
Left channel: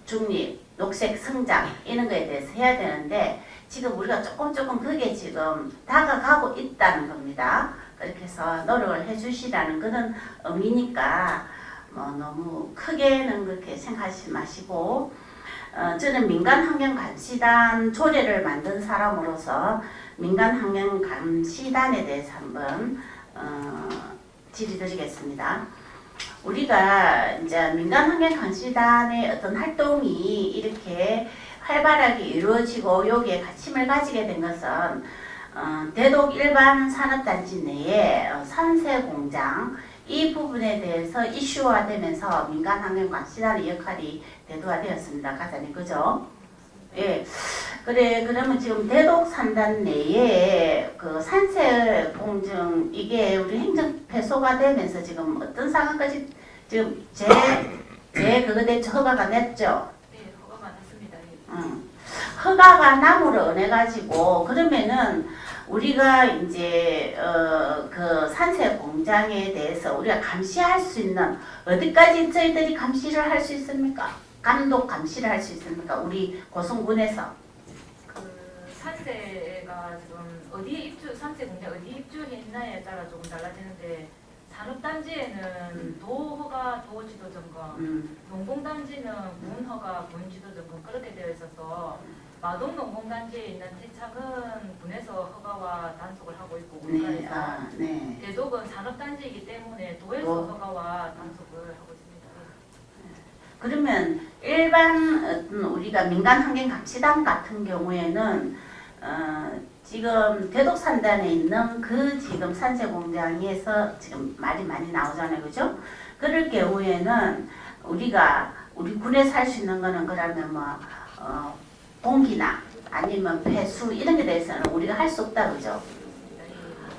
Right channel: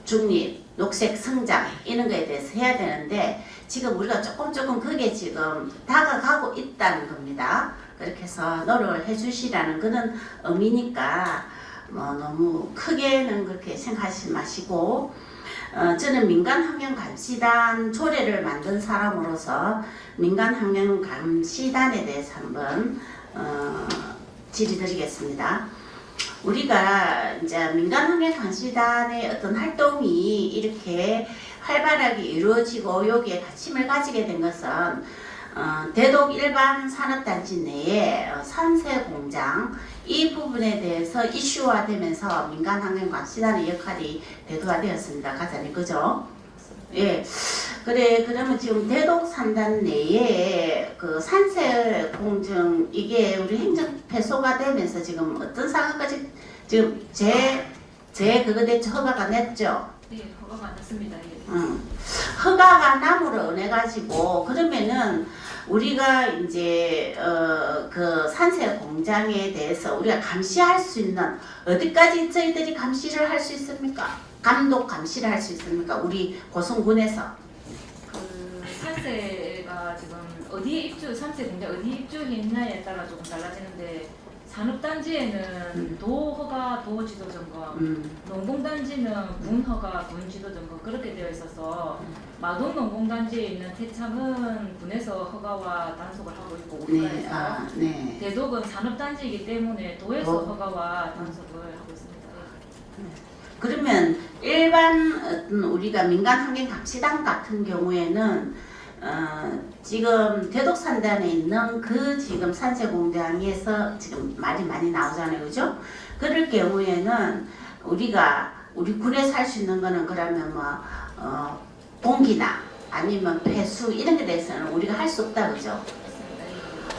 중립, 녹색 성장 이런 거에 대해서 해야 되는데 지금 우리가 조금 그게 지금 다가가고 있다는 겁니다. 그렇게 해서 노력을 해주시라는 그런 의미니까 너무 크게는 그렇게 생각하지 마시고 저는 민간환경감시단 조례를 만든 사람으로서 민간환경감시단에 대해서 한번 질의드리겠습니다. 우리가 이제 민간환경감시단의 어떤 활동이 이렇게 활발하게 이루어지고 여기에 관심을 가지게 된 것은 대독 일반 산업단지 내에 산세공장 이 부분에 대해서 이슈화되면서 민간환경감시단의 역할이 대두화되었습니다. 가자니 그죠? 예. 그래 그러면 지금 대독산단 내에 그 산세 공증 이게 우리 행정 폐소가 되면서 지금 어떤 상황까지 지금 제 그거 대체 허가가 냈죠? 네, 허가가 안 났습니다. 예. 허가가 남으로 인해 가지고 그러면은 우리가 이제 그 산세 공장에 대해서 우리가 감시할 수 있는 어디까지 저희들이 감시를 할 수 있습니까? 감독 감시를 할 수 있습니까? 우리 고성군에서. 그 산세가 지금 어디 입주, 산세 공장 어디 입주했냐에 따라 조금 달라지는데 산업단지에는 도 허가, 도 지도 점검, 농공단지는 군 허가, 군 지도 점검 그렇게 되어 있어서 마동 농공단지에 있는 태창은 군에서 허가와 단속을 하고 있고 네, 우리가에서 네. 대독은 산업단지이기 때문에 도에서 허가와 단속을 하고 있습니다. 그러면 일반 어떤 우리가 민간환경감시단 같은 경우에는 지금 대독산단에 있는 그 지금 산세 공장에서 지금 말이 많이 나오잖아요, 그죠? 그럴 경우에는 우리 군에서 할 수 있는 거는 그러면 뭐 공기나 아니면 폐수 이런 게 대해서는 우리가 할 수 없다, 그죠?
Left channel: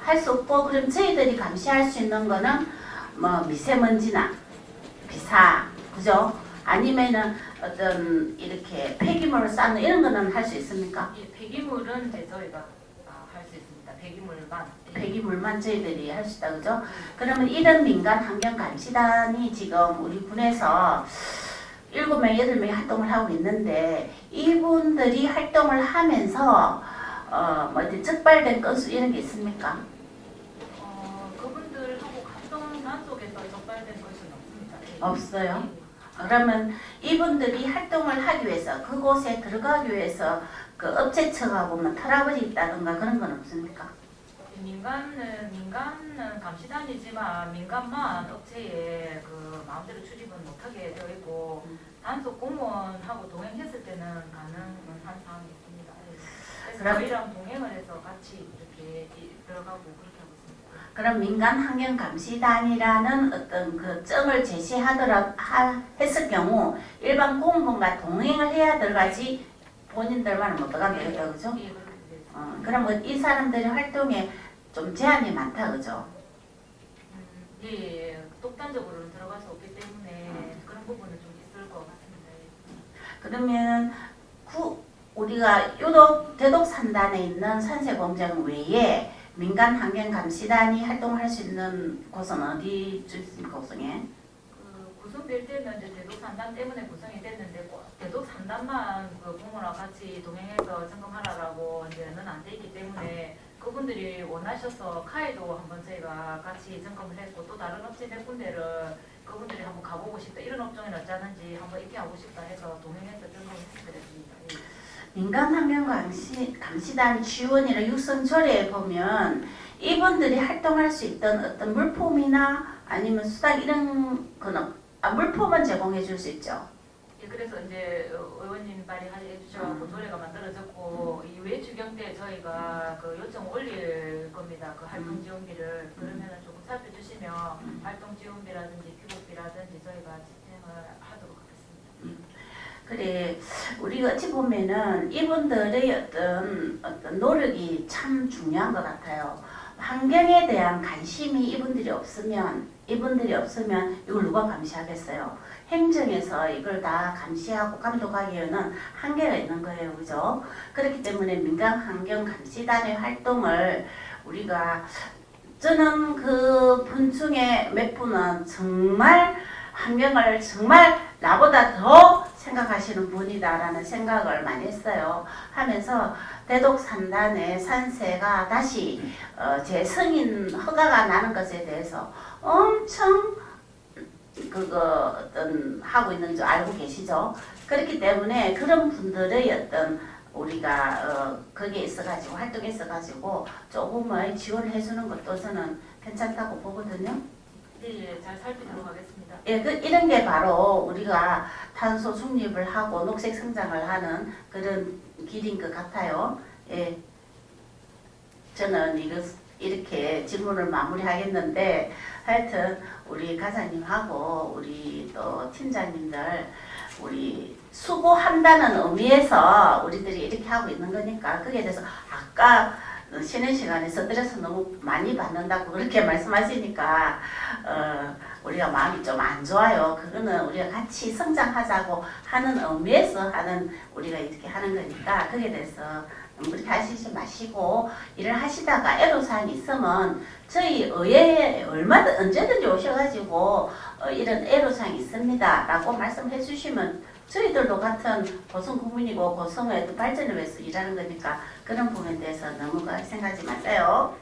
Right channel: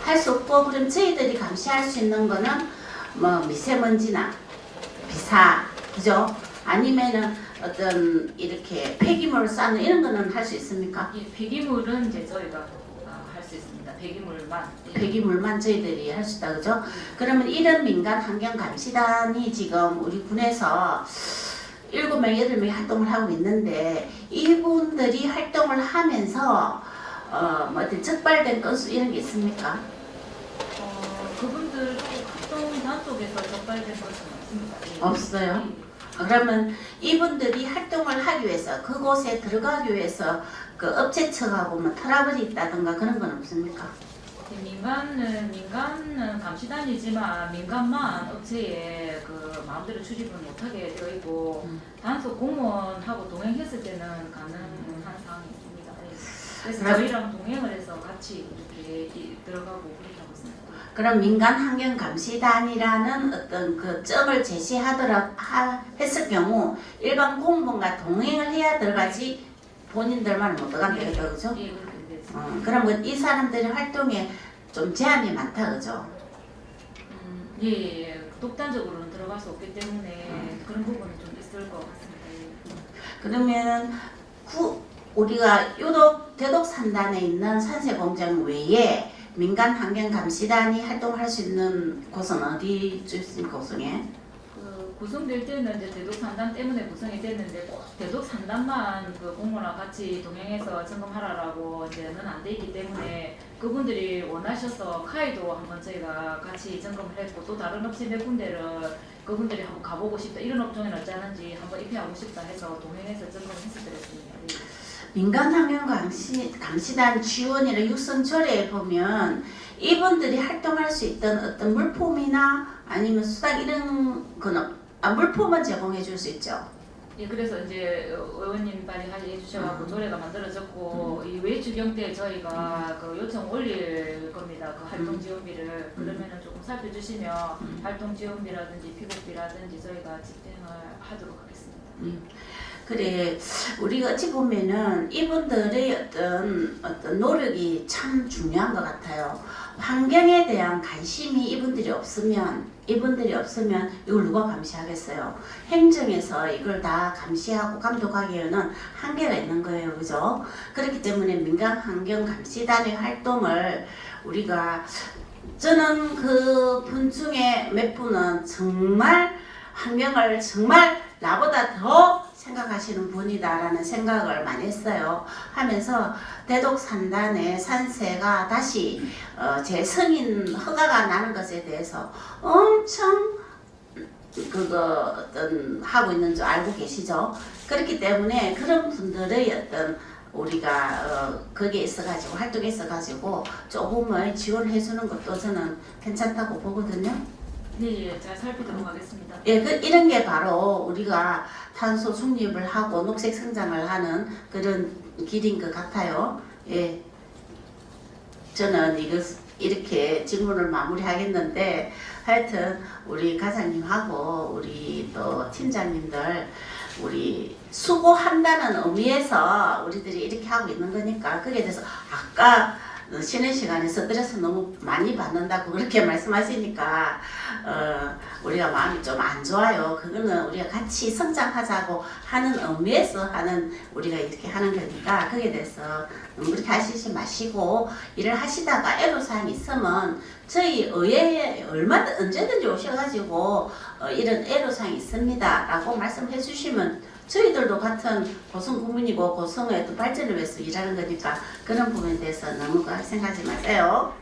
할 수 없고 그럼 저희들이 감시할 수 있는 거는 뭐 미세먼지나 비사, 그죠? 아니면은 어떤 이렇게 폐기물을 쌓는 이런 거는 할 수 있습니까? 예, 폐기물은 이제 저희가 할 수 있습니다. 폐기물만. 예. 폐기물만 저희들이 할 수 있다, 그죠? 그러면 이런 민간 환경 감시단이 지금 우리 군에서 7명, 8명이 활동을 하고 있는데 이분들이 활동을 하면서 뭐 어떤 적발된 건수 이런 게 있습니까? 그분들하고 합동 단속에서 적발된 것은 없습니다. 예. 없어요? 예. 그러면 이분들이 활동을 하기 위해서 그곳에 들어가기 위해서 그 업체 측하고 뭐 트러블이 있다든가 그런 건 없습니까? 민간은 감시단이지만 민간만 업체에 그 마음대로 출입은 못하게 되어 있고 단속 공무원하고 동행했을 때는 가능한 사항이 있습니다. 그래서 저희랑 동행을 해서 같이 이렇게 들어가고 그렇게 하고 있습니다. 그럼 민간환경감시단이라는 어떤 그 점을 했을 경우 일반 공무원과 동행을 해야 들어가지 본인들만은 못 들어가게 되죠, 그죠? 예, 그렇게 되어 있습니다. 그러면 이 사람들의 활동에 좀 제한이 많다, 그죠? 예, 독단적으로는 들어갈 수 없기 때문에 그런 부분은 좀 있을 것 같습니다. 그러면 우리가 유독 대독산단에 있는 산세공장 외에 민간환경감시단이 활동할 수 있는 곳은 어디 있습니까, 고성에? 구성될 때는 이제 대독산단 때문에 구성이 됐는데 꼭 대독산단만 그 공무원과 같이 동행해서 점검하라고 이제는 안 돼 있기 때문에 그분들이 원하셔서 카이도 한번 저희가 같이 점검을 했고 또 다른 업체 몇 군데를 그분들이 한번 가보고 싶다 이런 업종에 어쩌는지 한번 입회하고 싶다 해서 동행해서 점검을 했을 때였습니다. 민간환경감시단 지원이나 육선조례에 보면 이분들이 활동할 수 있던 어떤 물품이나 아니면 수당 이런 거는 물품은 제공해 줄 수 있죠. 예, 그래서 이제 의원님 빨리 해주셔서 조례가 만들어졌고 이 외주경 때 저희가 그 요청 올릴 겁니다. 그 활동 지원비를 그러면은 조금 살펴주시면 활동 지원비라든지 피복비라든지 저희가 집행을 하도록 하겠습니다. 그래 우리가 어찌 보면은 이분들의 어떤 노력이 참 중요한 것 같아요. 환경에 대한 관심이 이분들이 없으면 이걸 누가 감시하겠어요? 행정에서 이걸 다 감시하고 감독하기에는 한계가 있는 거예요, 그죠? 그렇기 때문에 민간환경감시단의 활동을 우리가 저는 그 분 중에 몇 분은 정말 환경을 정말 나보다 더 생각하시는 분이다라는 생각을 많이 했어요. 하면서 대독산단의 산세가 다시 재승인 허가가 나는 것에 대해서 엄청 하고 있는 줄 알고 계시죠? 그렇기 때문에 그런 분들의 어떤 우리가 거기에 있어가지고 활동에 있어가지고 조금의 지원을 해주는 것도 저는 괜찮다고 보거든요. 네, 잘 살피도록 하겠습니다. 예, 이런 게 바로 우리가 탄소 중립을 하고 녹색 성장을 하는 그런 길인 것 같아요. 예, 저는 이렇게 질문을 마무리하겠는데 하여튼 우리 과장님하고 우리 또 팀장님들 우리 수고한다는 의미에서 우리들이 이렇게 하고 있는 거니까 그에 대해서 아까 쉬는 시간에 스트레스 너무 많이 받는다고 그렇게 말씀하시니까 우리가 마음이 좀 안 좋아요. 그거는 우리가 같이 성장하자고 하는 의미에서 하는 우리가 이렇게 하는 거니까 거기에 대해서 너무 그렇게 하시지 마시고 일을 하시다가 애로사항이 있으면 저희 의회에 얼마든 언제든지 오셔가지고 이런 애로사항이 있습니다 라고 말씀해 주시면 저희들도 같은 고성 국민이고 고성의 또 발전을 위해서 일하는 거니까 그런 부분에 대해서 너무 생각하지 마세요.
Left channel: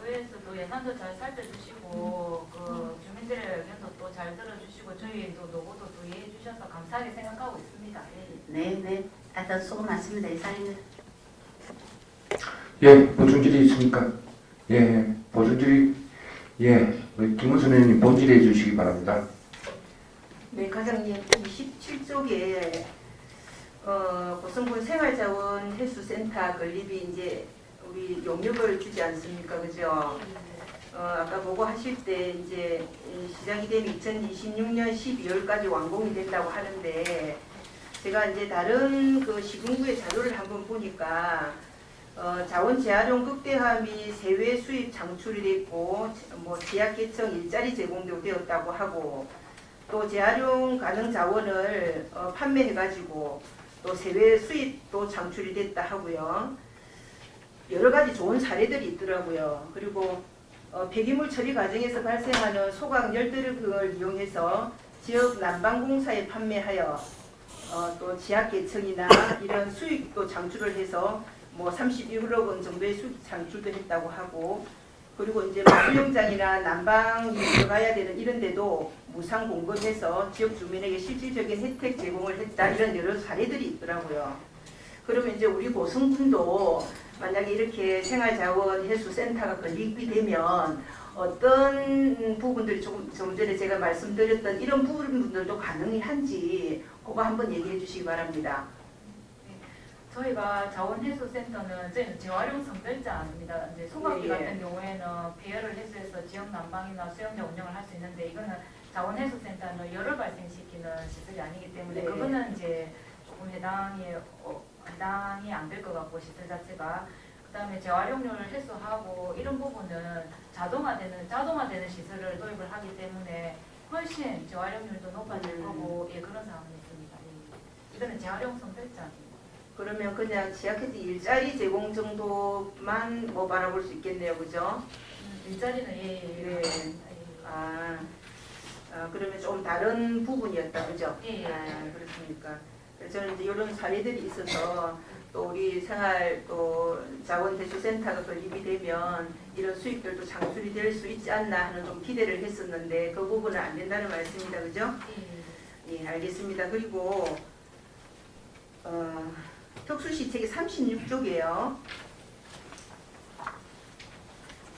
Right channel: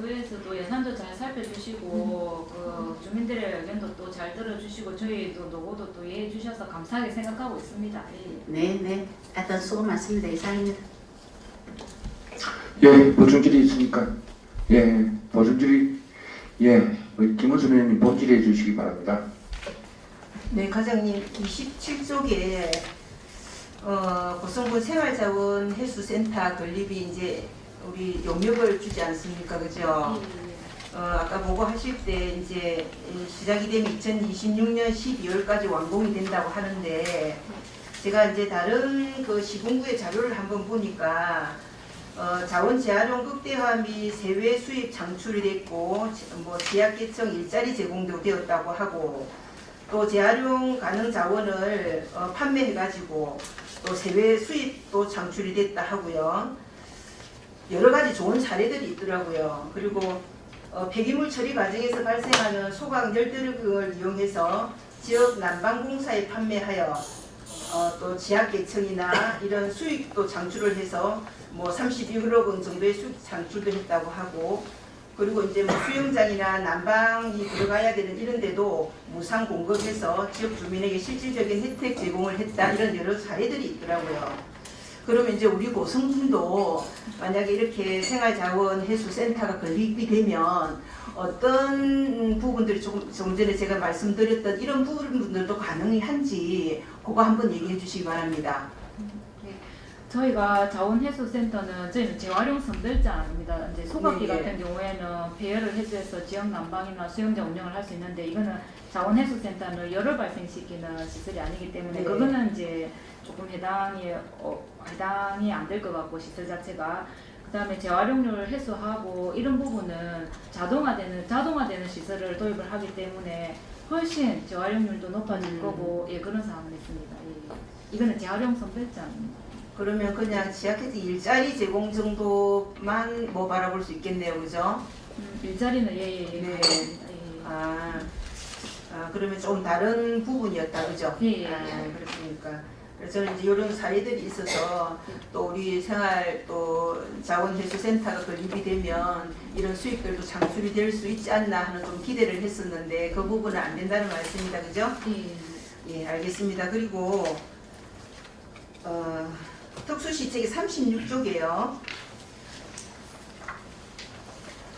의회에서도 예산도 잘 살펴주시고 그 주민들의 의견도 또 잘 들어주시고 저희도 노고도 또 이해해 주셔서 감사하게 생각하고 있습니다. 예. 네네. 하여튼 수고 많습니다. 이상입니다. 예, 보충 질의 있습니까? 예, 보충 질의, 예, 우리 김원선 의원님 본질해 주시기 바랍니다. 네, 과장님 27쪽에 고성군 생활자원 해수센터 건립이 이제 우리 용역을 주지 않습니까, 그죠? 아까 보고하실 때 이제 시작이 되면 2026년 12월까지 완공이 된다고 하는데 제가 이제 다른 그 시군구의 자료를 한번 보니까 자원 재활용 극대화 및 세외 수입 창출이 됐고 뭐 지역 계층 일자리 제공도 되었다고 하고 또 재활용 가능 자원을 판매해가지고 또 세외 수입도 창출이 됐다 하고요. 여러 가지 좋은 사례들이 있더라고요. 그리고 폐기물 처리 과정에서 발생하는 소각 열드력을 이용해서 지역 난방공사에 판매하여 또 지하계층이나 이런 수익도 창출을 해서 뭐 31억 원 정도의 수익 창출도 했다고 하고 그리고 이제 뭐 수영장이나 난방이 들어가야 되는 이런 데도 무상 공급해서 지역 주민에게 실질적인 혜택 제공을 했다 이런 여러 사례들이 있더라고요. 그러면 이제 우리 고성군도 만약에 이렇게 생활자원 해수센터가 건립이 되면 어떤 부분들이 조금 전에 제가 말씀드렸던 이런 부분들도 가능한지 그거 한번 얘기해 주시기 바랍니다. 저희가 자원해수센터는 저희는 재활용 선별자입니다. 이제 소각기 네, 예. 같은 경우에는 배열을 해수해서 지역 난방이나 수영장 운영을 할 수 있는데 이거는 자원해수센터는 열을 발생시키는 시설이 아니기 때문에 네. 그거는 이제 조금 해당이 안 될 것 같고 시설 자체가 그다음에 재활용률을 해소하고 이런 부분은 자동화되는 시설을 도입을 하기 때문에 훨씬 재활용률도 높아질 거고 예 그런 사항은 있습니다. 예. 이거는 재활용 선별자입니다. 그러면 그냥 지하계층 일자리 제공 정도만 뭐 바라볼 수 있겠네요, 그죠? 일자리는 예. 네. 예. 아, 그러면 좀 다른 부분이었다, 그죠? 예. 그렇습니까? 그래서 저는 이제 이런 사례들이 있어서 또 우리 생활 또 자원해수센터가 건립이 되면 이런 수익들도 창출이 될 수 있지 않나 하는 좀 기대를 했었는데 그 부분은 안 된다는 말씀입니다, 그죠? 예. 예, 알겠습니다. 그리고 특수시책의 36쪽이에요.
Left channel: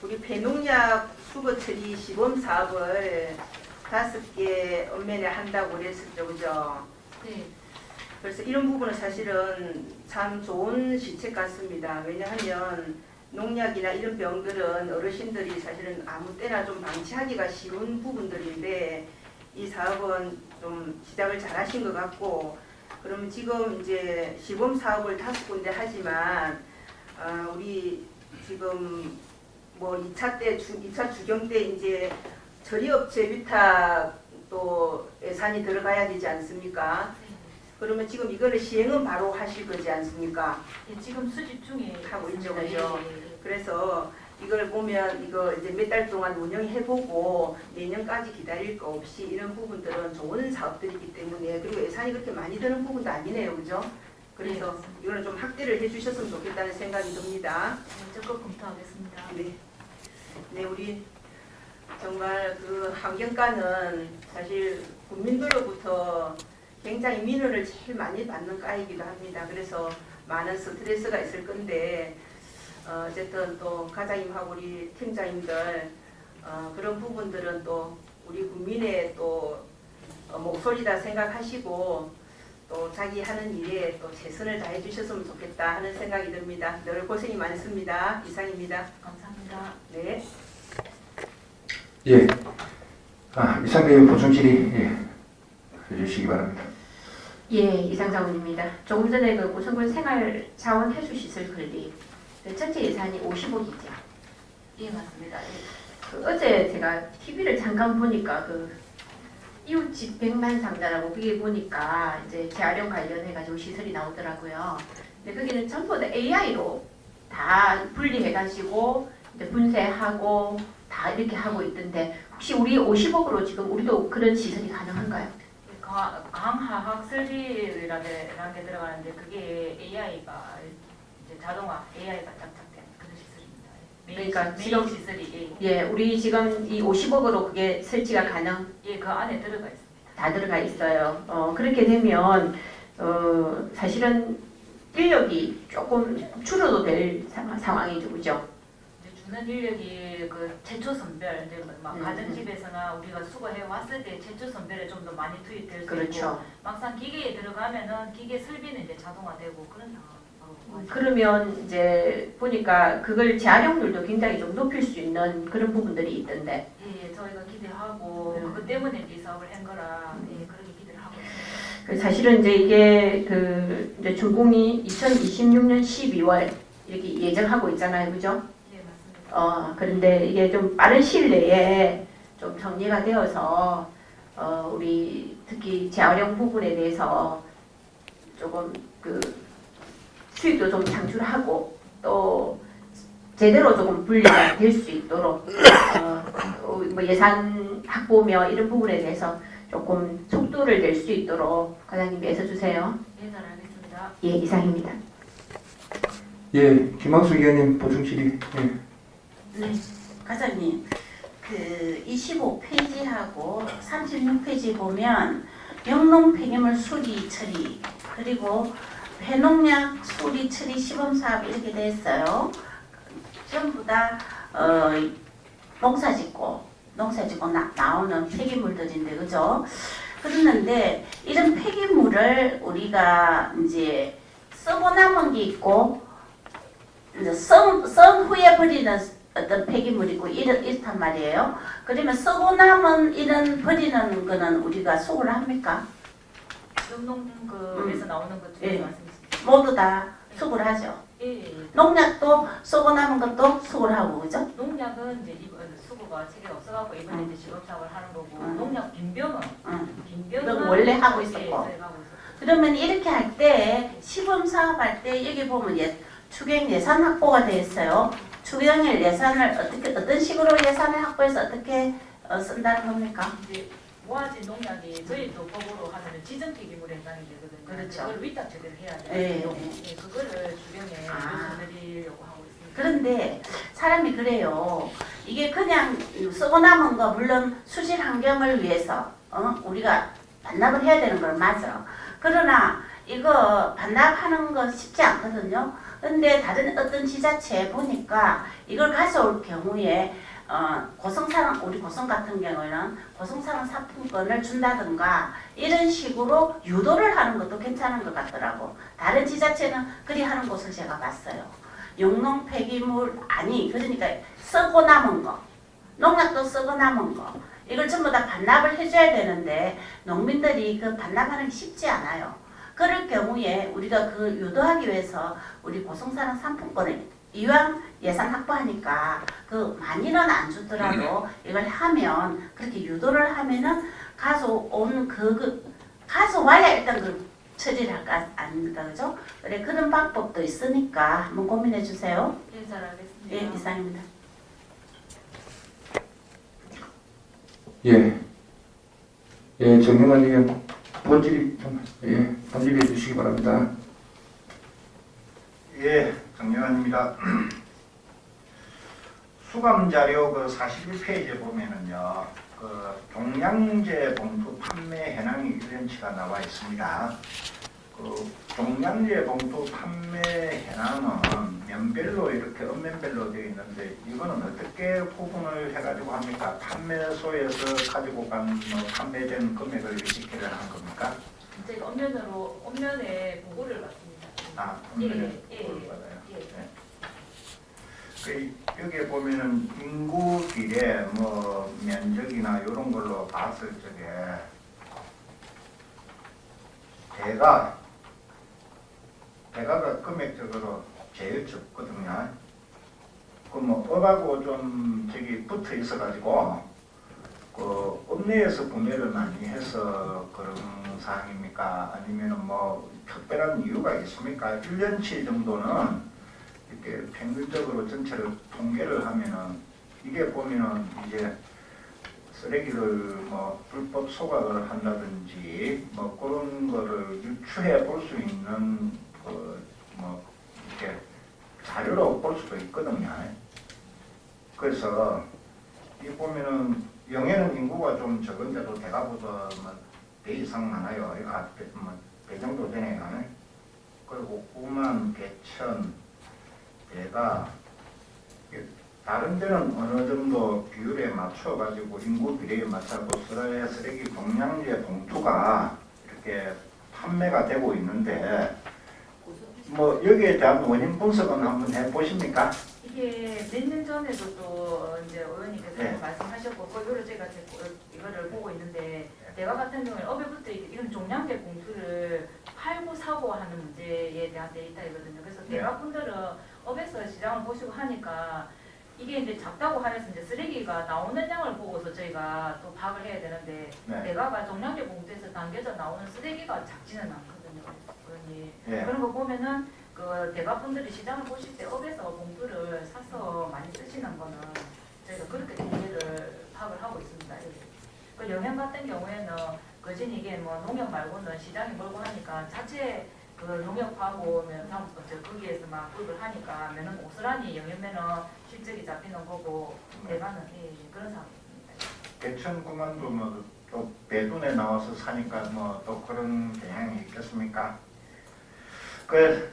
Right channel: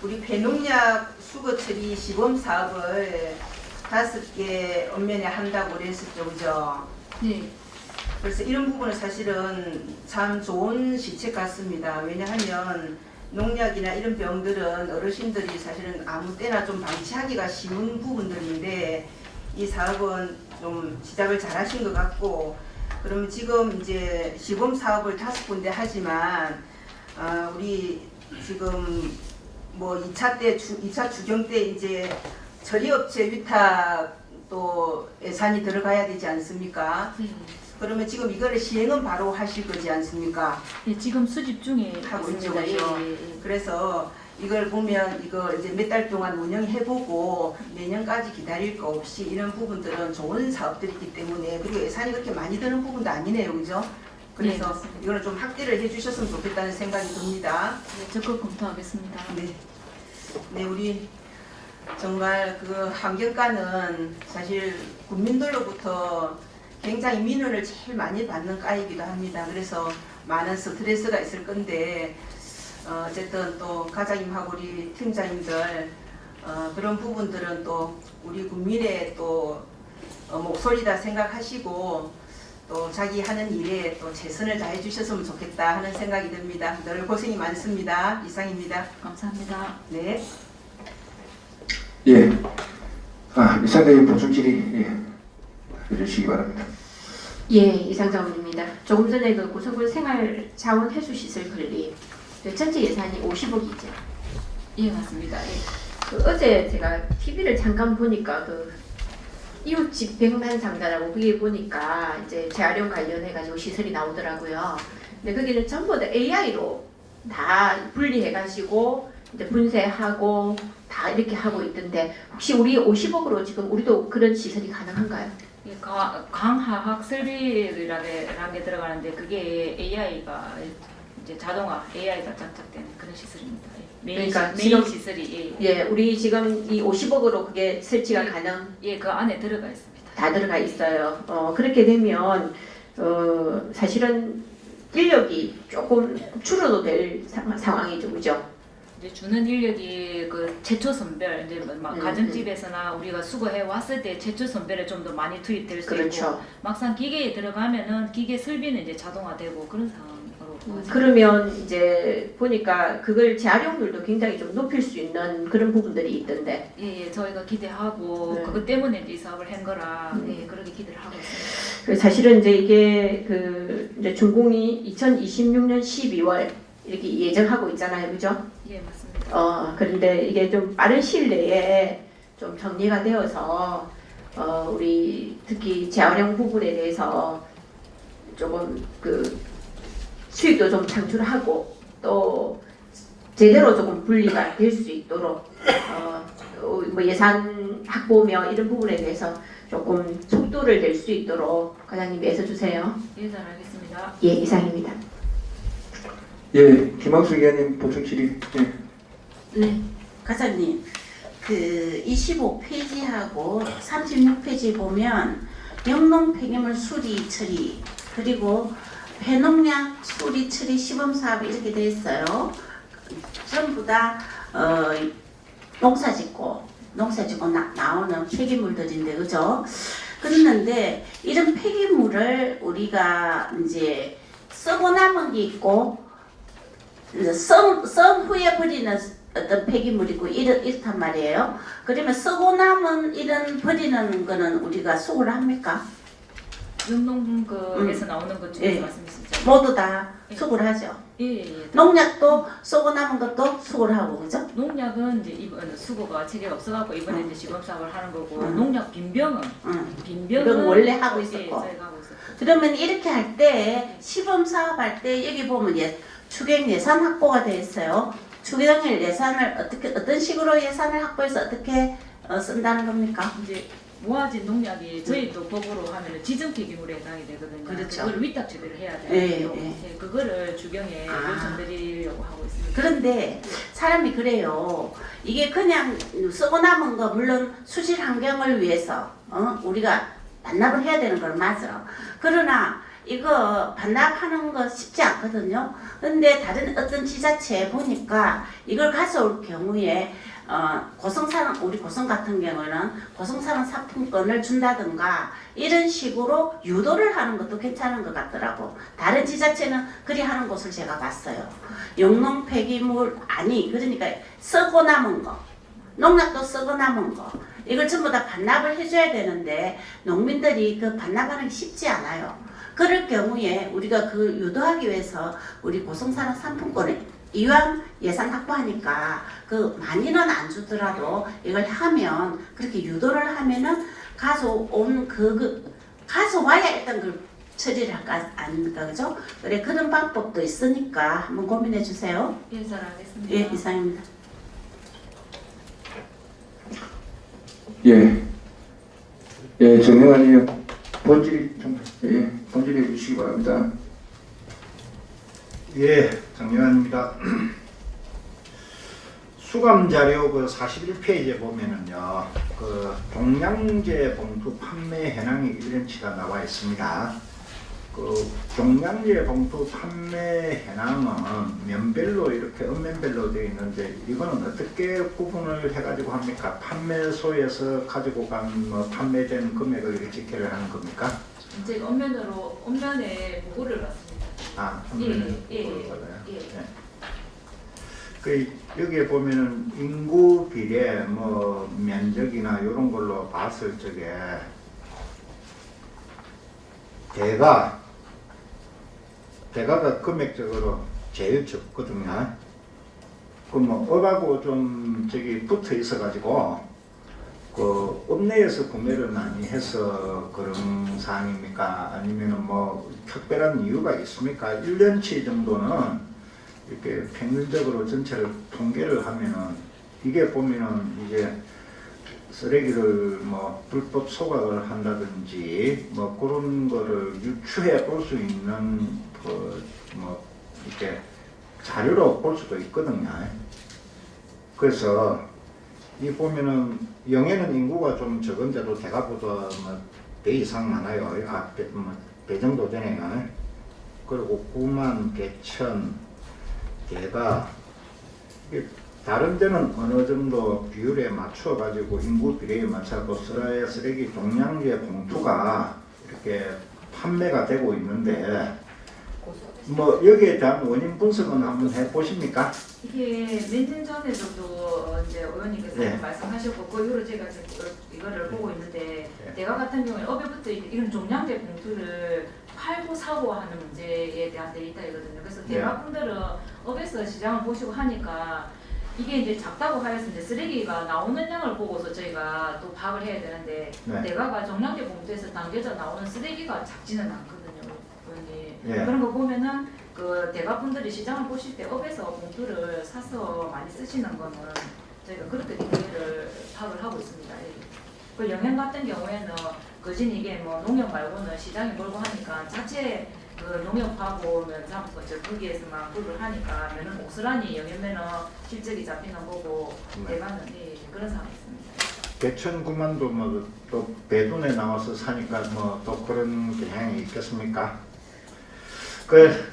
우리 폐농약 수거 처리 시범 사업을 5개 읍면에 한다고 그랬었죠, 그죠? 네. 그래서 이런 부분은 사실은 참 좋은 시책 같습니다. 왜냐하면 농약이나 이런 병들은 어르신들이 사실은 아무 때나 좀 방치하기가 쉬운 부분들인데 이 사업은 좀 시작을 잘 하신 것 같고 그러면 지금 이제 시범 사업을 5군데 하지만 우리 지금 뭐 2차 추경 때 이제 처리업체 위탁 또 예산이 들어가야 되지 않습니까? 네. 그러면 지금 이거를 시행은 바로 하실 거지 않습니까? 예, 지금 수집 중에 하고 있죠, 있습니다. 그죠? 예, 예, 예. 그래서 이걸 보면 이거 이제 몇 달 동안 운영해보고 내년까지 기다릴 거 없이 이런 부분들은 좋은 사업들이기 때문에 그리고 예산이 그렇게 많이 드는 부분도 아니네요, 그죠? 그래서 네, 맞습니다. 이거는 좀 확대를 해주셨으면 좋겠다는 생각이 듭니다. 네, 적극 검토하겠습니다. 네, 네 우리 정말 그 환경과는 사실 국민들로부터 굉장히 민원을 제일 많이 받는 과이기도 합니다. 그래서 많은 스트레스가 있을 건데 어쨌든 또 과장님하고 우리 팀장님들 그런 부분들은 또 우리 국민의 또 목소리다 생각하시고 또 자기 하는 일에 또 최선을 다해 주셨으면 좋겠다 하는 생각이 듭니다. 늘 고생이 많습니다. 이상입니다. 감사합니다. 네. 예. 이상대님 보충 질의 해주시기 바랍니다. 예, 이상자원입니다. 조금 전에 그 고성군 생활자원 해수시설 건립 전체 예산이 50억이죠. 예, 맞습니다. 예. 그 어제 제가 TV를 잠깐 보니까 그 이웃집 백만상자라고 그게 보니까 이제 재활용 관련해가지고 시설이 나오더라고요. 근데 거기는 전부 다 AI로 다 분리해가지고 이제 분쇄하고 다 이렇게 하고 있던데 혹시 우리 50억으로 지금 우리도 그런 시설이 가능한가요? 예, 강화학 설비라는 게 들어가는데 그게 AI가 이제 자동화 AI가 장착된 그런 시설입니다. 그러니까 메인 지금- 시설이 예, 우리 지금 이 50억으로 그게 설치가 가능 그 안에 들어가 있습니다. 다 들어가 있어요. 그렇게 되면 사실은 인력이 조금 줄어도 될 상황이죠, 그죠? 이제 주는 인력이 그 최초 선별 이제 막 네, 가정집에서나 우리가 수거해 왔을 때 최초 선별에 좀 더 많이 투입될 수 있고 그렇죠. 막상 기계에 들어가면은 기계 설비는 이제 자동화되고 그런 상황으로 가죠. 그러면 이제 보니까 그걸 재활용률도 굉장히 좀 높일 수 있는 그런 부분들이 있던데. 예, 저희가 기대하고 네. 그것 때문에 이제 이 사업을 한 거라 음. 예, 그렇게 기대를 하고 있습니다. 그 사실은 이제 이게 그 이제 준공이 2026년 12월 이렇게 예정하고 있잖아요, 그죠? 예, 맞습니다. 그런데 이게 좀 빠른 시일 내에 좀 정리가 되어서 우리 특히 재활용 부분에 대해서 조금 그 수익도 좀 창출하고 또 제대로 조금 분리가 될 수 있도록 뭐 예산 확보며 이런 부분에 대해서 조금 속도를 낼 수 있도록 과장님이 애써주세요. 예, 잘 알겠습니다. 예, 이상입니다. 예, 김학수 의원님 보충 질의. 예. 네, 과장님, 그 25페이지하고 36페이지 보면 영농 폐기물 수리 처리 그리고 폐농약 수리 처리 시범 사업 이렇게 돼 있어요. 전부 다 농사짓고 나오는 폐기물들인데 그죠? 그랬는데 이런 폐기물을 우리가 이제 쓰고 남은 게 있고 이제 썬 후에 버리는 어떤 폐기물이고 이렇단 말이에요. 그러면 쓰고 남은 이런 버리는 거는 우리가 수거를 합니까? 영농에서 나오는 것 중에서 예. 말씀이시죠? 모두 다 수거를 하죠. 예, 예. 농약도 쓰고 남은 것도 수거를 하고 그죠? 농약은 이제 이번 수거가 체계가 없어갖고 이번에 이제 시범 사업을 하는 거고 음. 농약 빈병은 이건 원래 하고 있었고. 예, 저희가 하고 있었고. 그러면 이렇게 할 때 시범 사업할 때 여기 보면 추경 예산 확보가 되어 있어요. 추경 예산을 어떤 식으로 예산을 확보해서 어떻게 쓴다는 겁니까? 이제 모아진 농약이 저희도 법으로 하면 지정 폐기물에 해당이 되거든요. 그렇죠. 그걸 위탁 처리를 해야 예, 돼요. 예. 예, 그거를 주경에 아. 요청드리려고 하고 있습니다. 그런데 사람이 그래요. 이게 그냥 쓰고 남은 거 물론 수질 환경을 위해서 우리가 반납을 해야 되는 건 맞아. 그러나 이거 반납하는 거 쉽지 않거든요. 근데 다른 어떤 지자체에 보니까 이걸 가져올 경우에 우리 고성 같은 경우는 고성산업 상품권을 준다든가 이런 식으로 유도를 하는 것도 괜찮은 것 같더라고. 다른 지자체는 그리 하는 곳을 제가 봤어요. 영농 폐기물 그러니까 쓰고 남은 거, 농약도 쓰고 남은 거 이걸 전부 다 반납을 해줘야 되는데 농민들이 그 반납하는 게 쉽지 않아요. 그럴 경우에 우리가 그 유도하기 위해서 우리 고성산업 상품권을 이왕 예산 확보하니까 그 많이는 안 주더라도 이걸 하면 그렇게 유도를 하면은 가져와야 일단 그 처리를 할까 아닙니까 그죠? 그래 그런 방법도 있으니까 한번 고민해 주세요. 예, 잘 알겠습니다. 예, 이상입니다. 예, 정명환 의원 본질의 좀 본질해 주시기 바랍니다. 예, 정명환입니다. 수감 자료 그 41페이지에 보면은요, 그 종량제 봉투 판매 현황이 1년치가 나와 있습니다. 그 그 종량제 봉투 판매 현황은 면별로 이렇게 읍면별로 되어 있는데 이거는 어떻게 구분을 해가지고 합니까? 판매소에서 가지고 간 뭐 판매된 금액을 이렇게 집계를 하는 겁니까? 이제 엄면에 보고를 받습니다. 아, 판매는 예, 그걸 받아요. 예. 네. 그 여기에 보면은 인구 비례 뭐 면적이나 이런 걸로 봤을 적에 대가가 금액적으로 제일 적거든요. 그 뭐 업하고 좀 저기 붙어 있어가지고 그 읍내에서 구매를 많이 해서 그런 사항입니까? 아니면은 뭐 특별한 이유가 있습니까? 1년치 정도는 이렇게 평균적으로 전체를 통계를 하면은 이게 보면은 이제 쓰레기를 뭐 불법 소각을 한다든지 뭐 그런 거를 유추해 볼 수 있는 그 뭐 이렇게 자료로 볼 수도 있거든요. 그래서 이 보면은 영해는 인구가 좀 적은데도 대가보다 배 이상 많아요. 배 정도 되네요. 그리고 9만 개천 대가 다른 데는 어느 정도 비율에 맞춰 가지고 인구 비례에 맞춰서 쓰레기 종량제 봉투가 이렇게 판매가 되고 있는데 뭐 여기에 대한 원인 분석은 한번 해보십니까? 이게 몇 년 전에도 또 이제 의원님께서 네. 말씀하셨고 그 이후로 제가 이거를 보고 있는데 네. 내가 같은 경우에 업에부터 이런 종량제 봉투를 팔고 사고 하는 문제에 대한 데이터이거든요. 그래서 네. 대가분들은 업에서 시장을 보시고 하니까 이게 이제 작다고 하여서 이제 쓰레기가 나오는 양을 보고서 저희가 또 파악을 해야 되는데 네. 대가가 종량제 봉투에서 담겨져 나오는 쓰레기가 작지는 않거든요. 네. 그런 거 보면은 그 대가분들이 시장을 보실 때 업에서 봉투를 사서 많이 쓰시는 거는 저희가 그렇게 데이터를 파악을 하고 있습니다. 예. 그 영양 같은 경우에는 거진 이게 뭐 농협 말고는 시장이 멀고 하니까 자체 그 농협하고 면상 거기에서만 구입을 하니까 면은 옥스라니 영양면은 실적이 잡히는 거고 네. 대가는 예, 그런 상황이 있습니다. 개천 9만도 뭐 또 배돈에 나와서 사니까 뭐 또 그런 경향이 있겠습니까?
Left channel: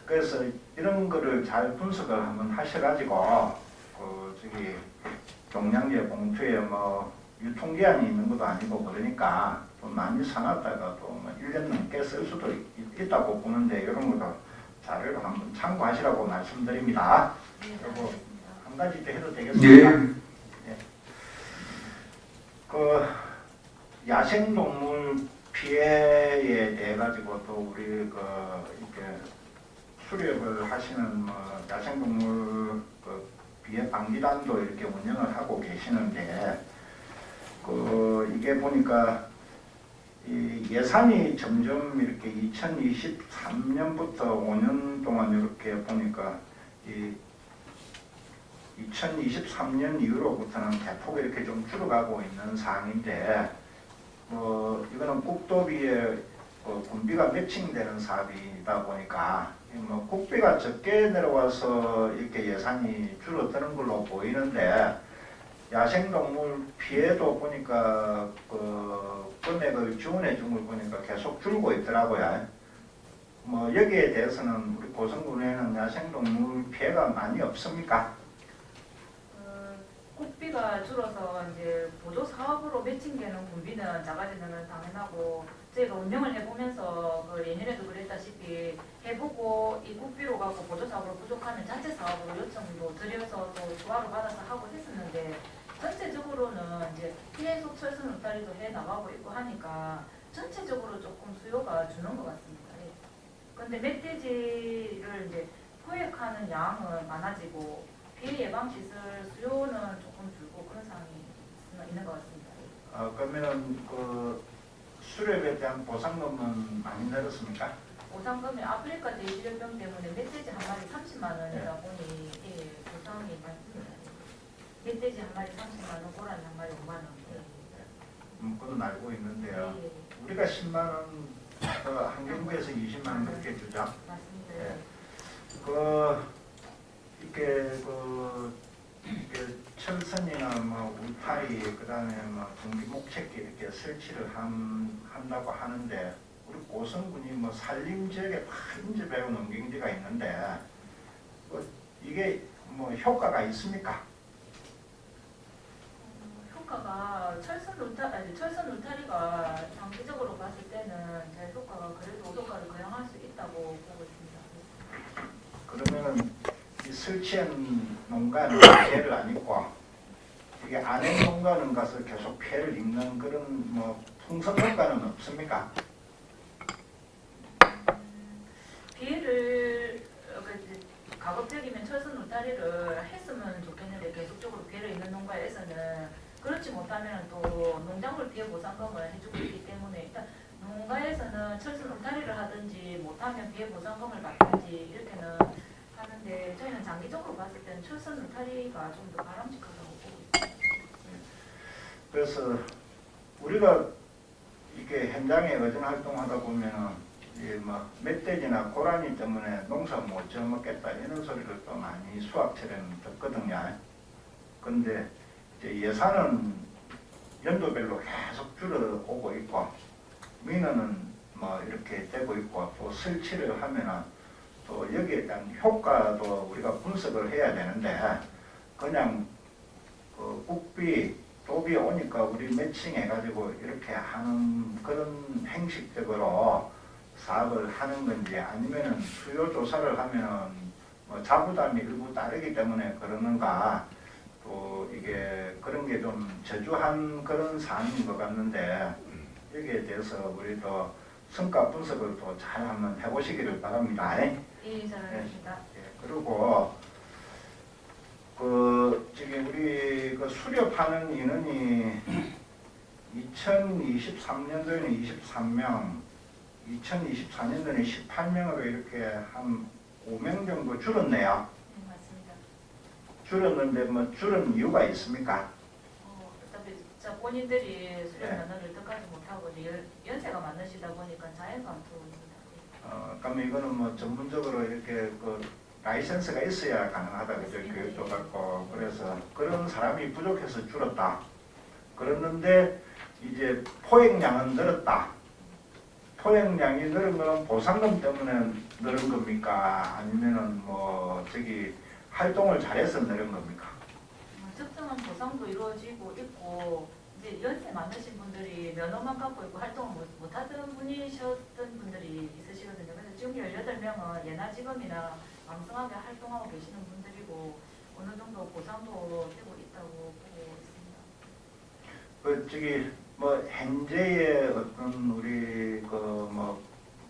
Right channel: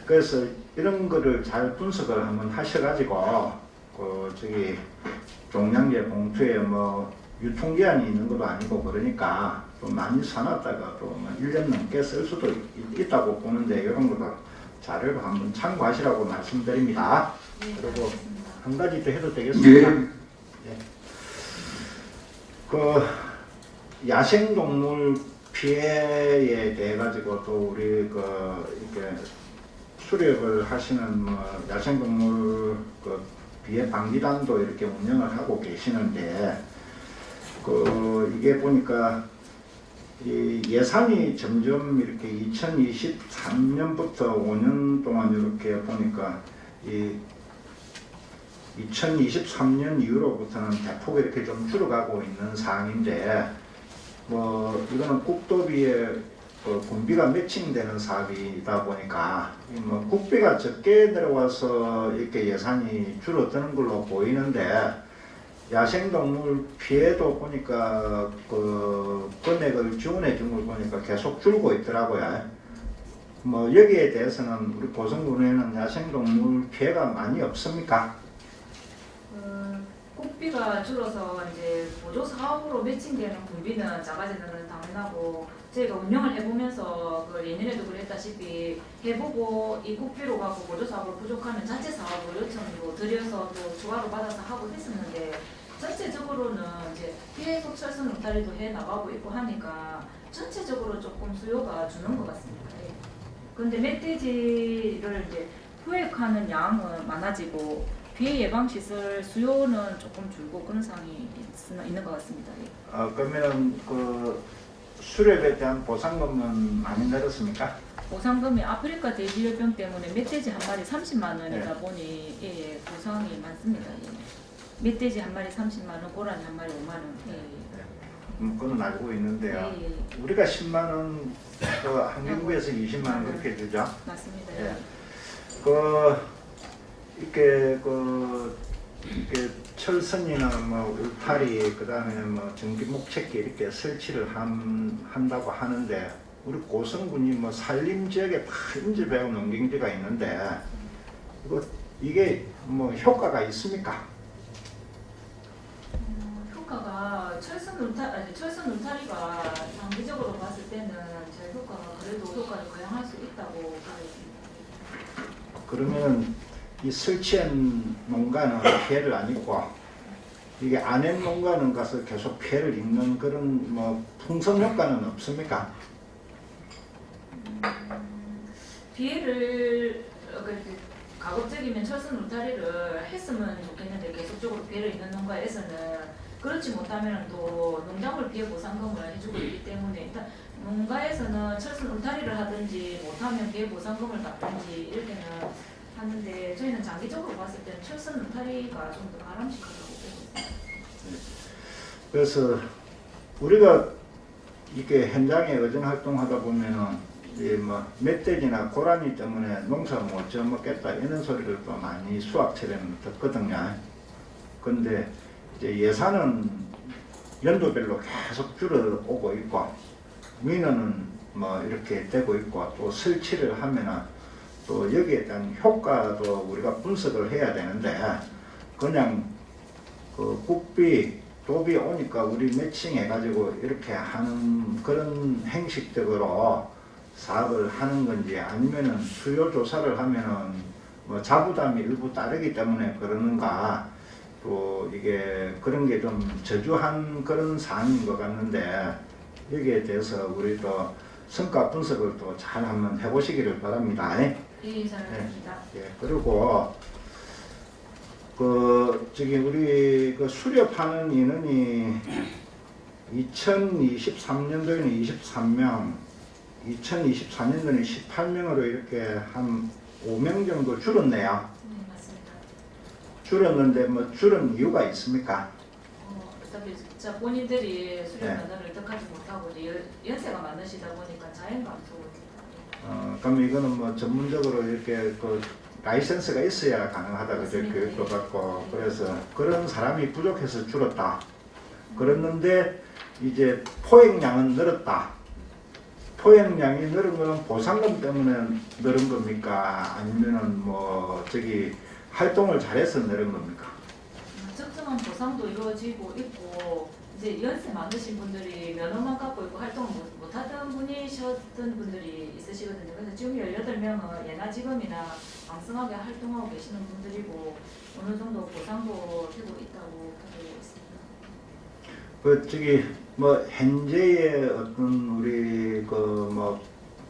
그래서 이런 거를 잘 분석을 한번 하셔가지고 저기 종량제 봉투에 뭐 유통기한이 있는 것도 아니고 그러니까 또 많이 사놨다가 또뭐 1년 넘게 쓸 수도 있다고 보는데 이런 것도 자료로 한번 참고하시라고 말씀드립니다. 예, 그리고 알겠습니다. 한 가지 더 해도 되겠습니까? 예. 그 야생동물 피해에 대해 가지고 또 우리 이렇게 수렵을 하시는 뭐 야생동물 그 피해 방지단도 이렇게 운영을 하고 계시는데 이게 보니까 이 예산이 점점 이렇게 2023년부터 5년 동안 이렇게 보니까 이 2023년 이후로부터는 대폭 이렇게 좀 줄어가고 있는 상황인데 뭐 이거는 국도비에 군비가 매칭되는 사업이다 보니까 뭐 국비가 적게 내려와서 이렇게 예산이 줄어드는 걸로 보이는데 야생동물 피해도 보니까 그 금액을 지원해 준 걸 보니까 계속 줄고 있더라고요. 뭐 여기에 대해서는 우리 고성군에는 야생동물 피해가 많이 없습니까? 국비가 줄어서 이제 보조 사업으로 매칭되는 군비는 작아지는 건 당연하고 저희가 운영을 해보면서 그 예년에도 그랬다시피 해보고 이 국비로 갖고 보조 사업으로 부족하면 자체 사업으로 요청도 드려서 또 추가로 받아서 하고 했었는데 전체적으로는 이제 피해 속철선 울타리도 해 나가고 있고 하니까 전체적으로 조금 수요가 주는 것 같습니다. 예. 그런데 멧돼지를 이제 포획하는 양은 많아지고 피해 예방 시설 수요는 조금 줄고 그런 상황이 있는 것 같습니다. 예. 그러면은 그 수렵에 대한 보상금은 많이 늘었습니까? 보상금이 아프리카 대기열병 때문에 멧돼지 한 마리 30만 원이다 네. 보니 예, 보상이 많습니다. 예. 멧돼지 한 마리 30만 원, 고라니 한 마리 5만 원. 예. 그건 알고 있는데요. 예, 예. 우리가 10만 원, 그 한경구에서 20만 원 그렇게 주죠. 맞습니다. 예. 이렇게 철선이나 뭐 울타리 그다음에 뭐 전기 목책기 이렇게 설치를 한다고 하는데 우리 고성군이 뭐 산림 지역에 다 인접해온 농경지가 있는데 이게 뭐 효과가 있습니까? 효과가 철선 울타리가 장기적으로 봤을 때는 제 효과가 그래도 효과를 거행할 수 있다고 보겠습니다. 그러면 이 설치한 농가는 피해를 안 입고 이게 안 한 농가는 가서 계속 피해를 입는 그런 뭐 풍선 효과는 없습니까? 피해를 가급적이면 철선 울타리를 했으면 좋겠는데 계속적으로 피해를 입는 농가에서는 그렇지 못하면 또 농작물 피해 보상금을 해주고 있기 때문에 일단 농가에서는 철선 울타리를 하든지 못하면 피해 보상금을 받든지 이렇게는 하는데 저희는 장기적으로 봤을 때는 철선 울타리가 좀 더 바람직하다고 보고 있습니다. 그래서 우리가 이렇게 현장에 의전 활동하다 보면은 뭐 멧돼지나 고라니 때문에 농사 못 지어먹겠다 이런 소리를 또 많이 수확철에는 듣거든요. 근데 이제 예산은 연도별로 계속 줄어오고 있고 민원은 뭐 이렇게 되고 있고 또 설치를 하면은 또 여기에 대한 효과도 우리가 분석을 해야 되는데 그냥 그 국비 도비 오니까 우리 매칭해가지고 이렇게 하는 그런 행식적으로 사업을 하는 건지 아니면은 수요 조사를 하면은 뭐 자부담이 일부 따르기 때문에 그러는가 또 이게 그런 게 좀 저주한 그런 사안인 것 같는데 여기에 대해서 우리 또 성과 분석을 또 잘 한번 해보시기를 바랍니다. 예, 잘 알겠습니다. 예, 그리고 저기 우리 수렵하는 인원이 2023년도에는 23명, 2024년도에는 18명으로 이렇게 한 5명 정도 줄었네요. 네, 맞습니다. 줄었는데 뭐 줄은 이유가 있습니까? 어차피 진짜 본인들이 수련 네. 면허를 득하지 못하고 이제 연세가 많으시다 보니까 자연감투 그럼 이거는 뭐 전문적으로 이렇게 라이센스가 있어야 가능하다 그죠? 맞습니다. 교육도 받고 그래서 그런 사람이 부족해서 줄었다. 그랬는데 이제 포획량은 늘었다. 포획량이 늘은 거는 보상금 때문에 늘은 겁니까? 아니면은 뭐 저기 활동을 잘해서 늘은 겁니까? 적정한 보상도 이루어지고 있고 이제 연세 많으신 분들이 면허만 갖고 있고 활동을 못하던 분이셨던 분들이 있으시거든요. 그래서 지금 18명은 예나지검이나 왕성하게 활동하고 계시는 분들이고 어느 정도 보상도 되고 있다고 보고 있습니다. 저기 뭐 현재의 어떤 우리 뭐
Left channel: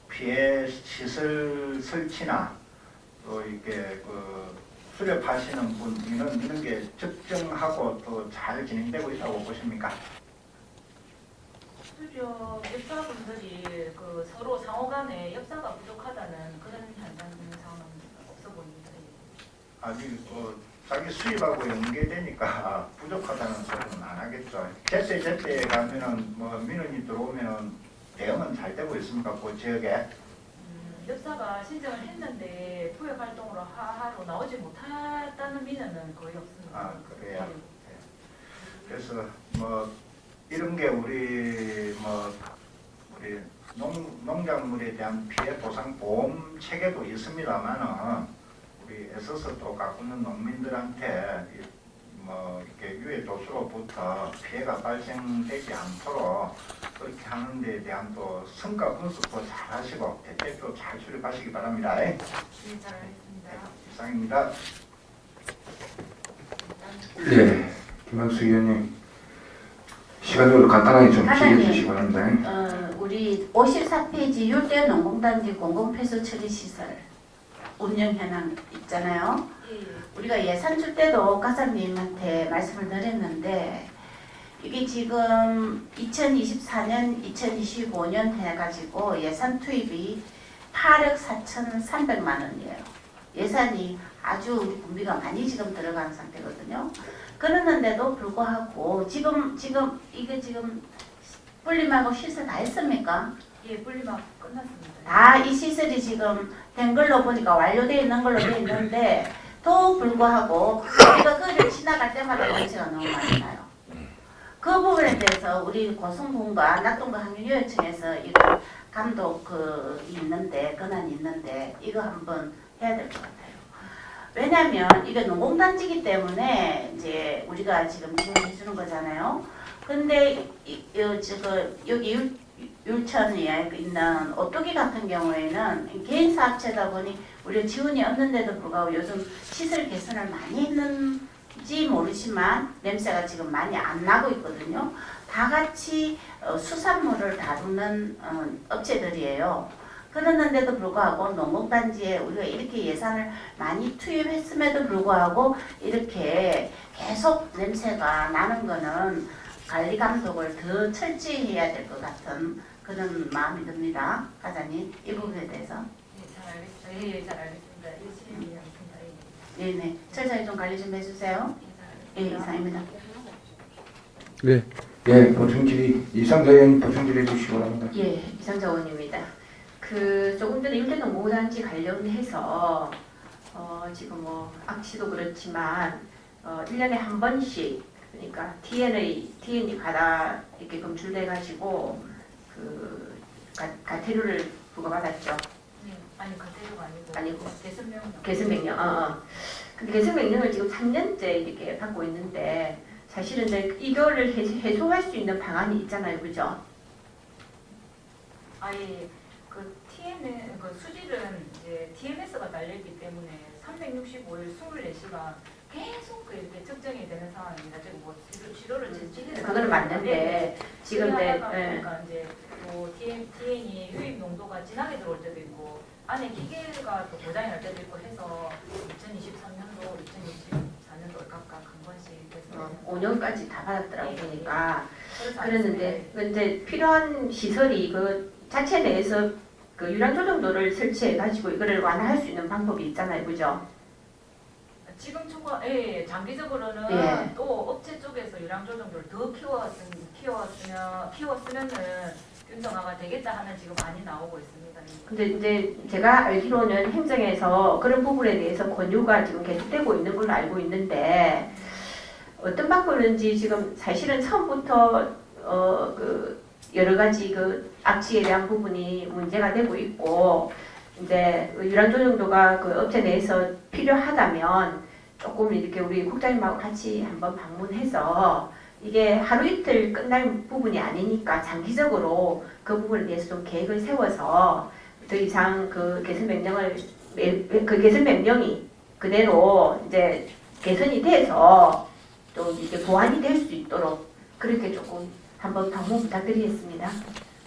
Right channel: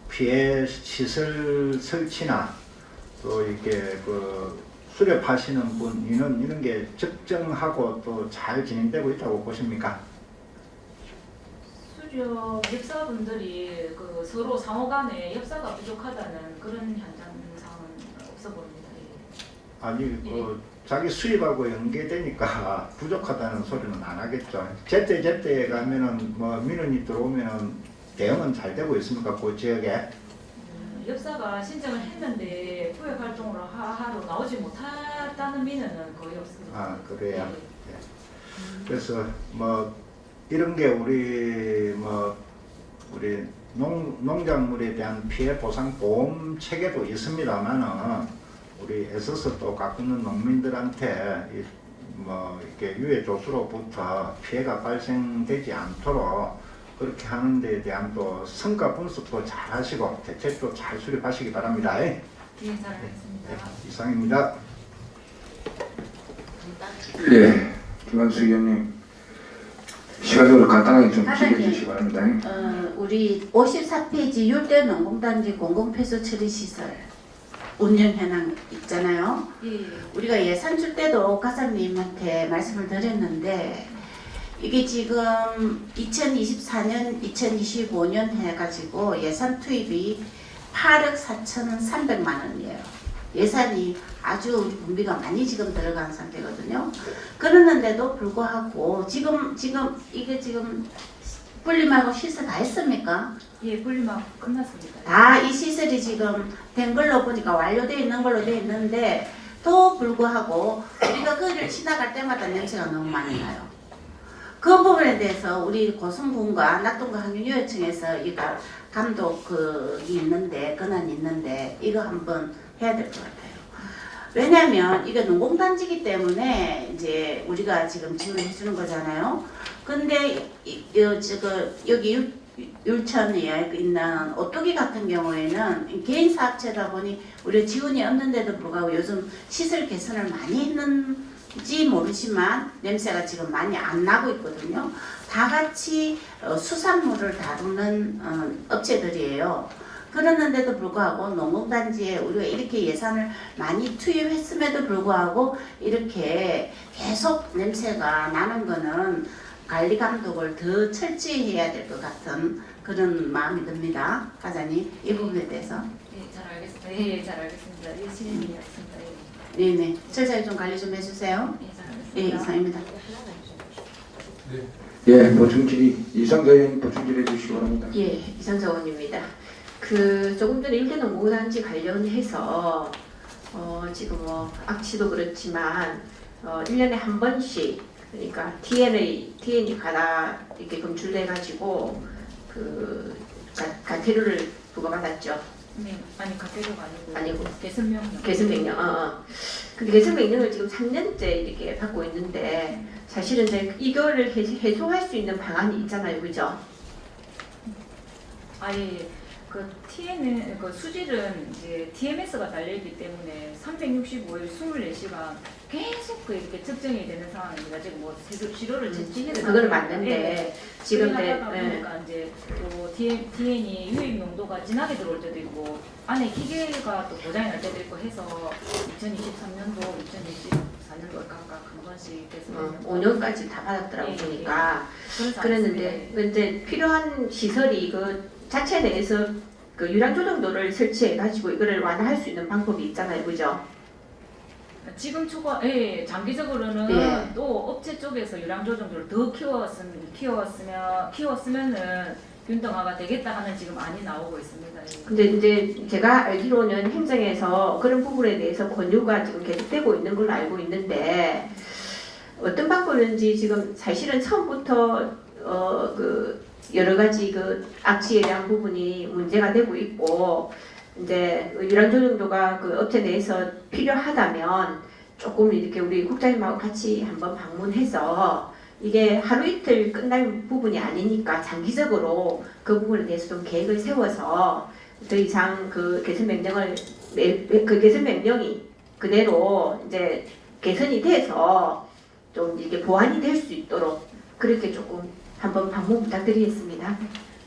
피해 시설 설치나 또 이렇게 수렵하시는 분 이런 게 적정하고 또 잘 진행되고 있다고 보십니까? 수렵 엽사분들이 서로 상호간에 엽사가 부족하다는 그런 현상은 없어 보입니다. 아니 자기 수입하고 연계되니까 부족하다는 소리는 안 하겠죠. 제때 가면은 뭐 민원이 들어오면은 대응은 잘 되고 있습니까? 그 지역에? 엽사가 신청을 했는데 포획 활동으로 하러 나오지 못했다는 민원은 거의 없습니다. 아 그래요. 그래서 뭐 이런 게 우리 농작물에 대한 피해 보상 보험 체계도 있습니다만은 우리 애써서 또 가꾸는 농민들한테 이렇게 유해 조수로부터 피해가 발생되지 않도록 그렇게 하는 데에 대한 또 성과 분석도 잘 하시고 대책도 잘 수립하시기 바랍니다. 예, 잘 알겠습니다. 이상입니다. 예, 김한수 의원님 시간적으로 간단하게 좀 사장님. 기회해 주시기 바랍니다. 우리 54페이지 율대 농공단지 공공폐수 처리시설 운영 현황 있잖아요. 예, 우리가 예산 줄 때도 과장님한테 말씀을 드렸는데 이게 지금 2024년, 2025년 해가지고 예산 투입이 8억 4,300만 원이에요. 예산이 아주 분비가 많이 지금 들어간 상태거든요. 그러는데도 불구하고 지금 분림하고 시설 다 했습니까? 예, 분리막 끝났습니다. 다 이 시설이 지금 된 걸로 보니까 완료되어 있는 걸로 되어 있는데 또 불구하고 우리가 그를 지나갈 때마다 냄새가 너무 많이 나요. 그 부분에 대해서 우리 고성군과 낙동강 환경유해청에서 이거 감독 있는데 권한이 있는데 이거 한번 해야 될 것 같아요. 왜냐하면 이게 농공단지기 때문에 이제 우리가 지금 지원해 주는 거잖아요. 근데 여기 율천에 있는 오뚜기 같은 경우에는 개인 사업체다 보니 우리가 지원이 없는데도 불구하고 요즘 시설 개선을 많이 했는지 모르지만 냄새가 지금 많이 안 나고 있거든요. 다 같이 수산물을 다루는 업체들이에요. 그러는데도 불구하고 농공단지에 우리가 이렇게 예산을 많이 투입했음에도 불구하고 이렇게 계속 냄새가 나는 거는 관리 감독을 더 철저히 해야 될 것 같은 그런 마음이 듭니다. 과장님, 이 부분에 대해서. 예, 잘 알겠습니다. 예, 잘 알겠습니다. 예, 실행이 있습니다. 예, 네네. 철저히 좀 관리 좀 해주세요. 예, 잘 예, 알겠습니다. 이상입니다. 네. 예, 보충질의 이상자 의원 보충질의 주시기 바랍니다. 예, 이상자 의원입니다. 조금 전에 일대농고단지 관련해서 지금 악취도 그렇지만 1년에 한 번씩 그러니까 DN이 가다 이렇게 검출돼가지고 가태료를 부과받았죠. 네, 아니 가태료가 아니고 아니고 개선명령. 개선명령. 근데 개선명령을 지금 3년째 이렇게 받고 있는데 사실은 이제 이거를 해소할 수 있는 방안이 있잖아요, 그죠? 아예 그 TM은 그 수질은 이제 TMS가 달려있기 때문에 365일 24시간 계속 이렇게 측정이 되는 상황입니다. 지금 뭐 시료를 진행해서 그거는 맞는데 지금 하다 보니까 이제 또 DN이 유입 농도가 진하게 들어올 때도 있고 안에 기계가 또 고장이 날 때도 있고 해서 2023년도, 2024년도 각각 한 번씩 계속 5년까지 다 받았더라고 예, 보니까. 그래서 그랬는데 근데 필요한 시설이 자체 내에서 유량 조정도를 설치해 가지고 이거를 완화할 수 있는 방법이 있잖아요, 그죠? 지금 장기적으로는 예. 또 업체 쪽에서 유량 조정도를 더 키웠으면은 균등화가 되겠다 하는 지금 많이 나오고 있습니다. 근데 이제 제가 알기로는 행정에서 그런 부분에 대해서 권유가 지금 계속되고 있는 걸로 알고 있는데 어떤 방법인지 지금 사실은 처음부터 여러 가지 악취에 대한 부분이 문제가 되고 있고 이제 유량 조정도가 업체 내에서 필요하다면 조금 이렇게 우리 국장님하고 같이 한번 방문해서 이게 하루 이틀 끝날 부분이 아니니까 장기적으로 그 부분에 대해서 좀 계획을 세워서 더 이상 개선 명령이 그대로 이제 개선이 돼서 좀 이게 보완이 될 수 있도록 그렇게 조금 한번 방문 부탁드리겠습니다.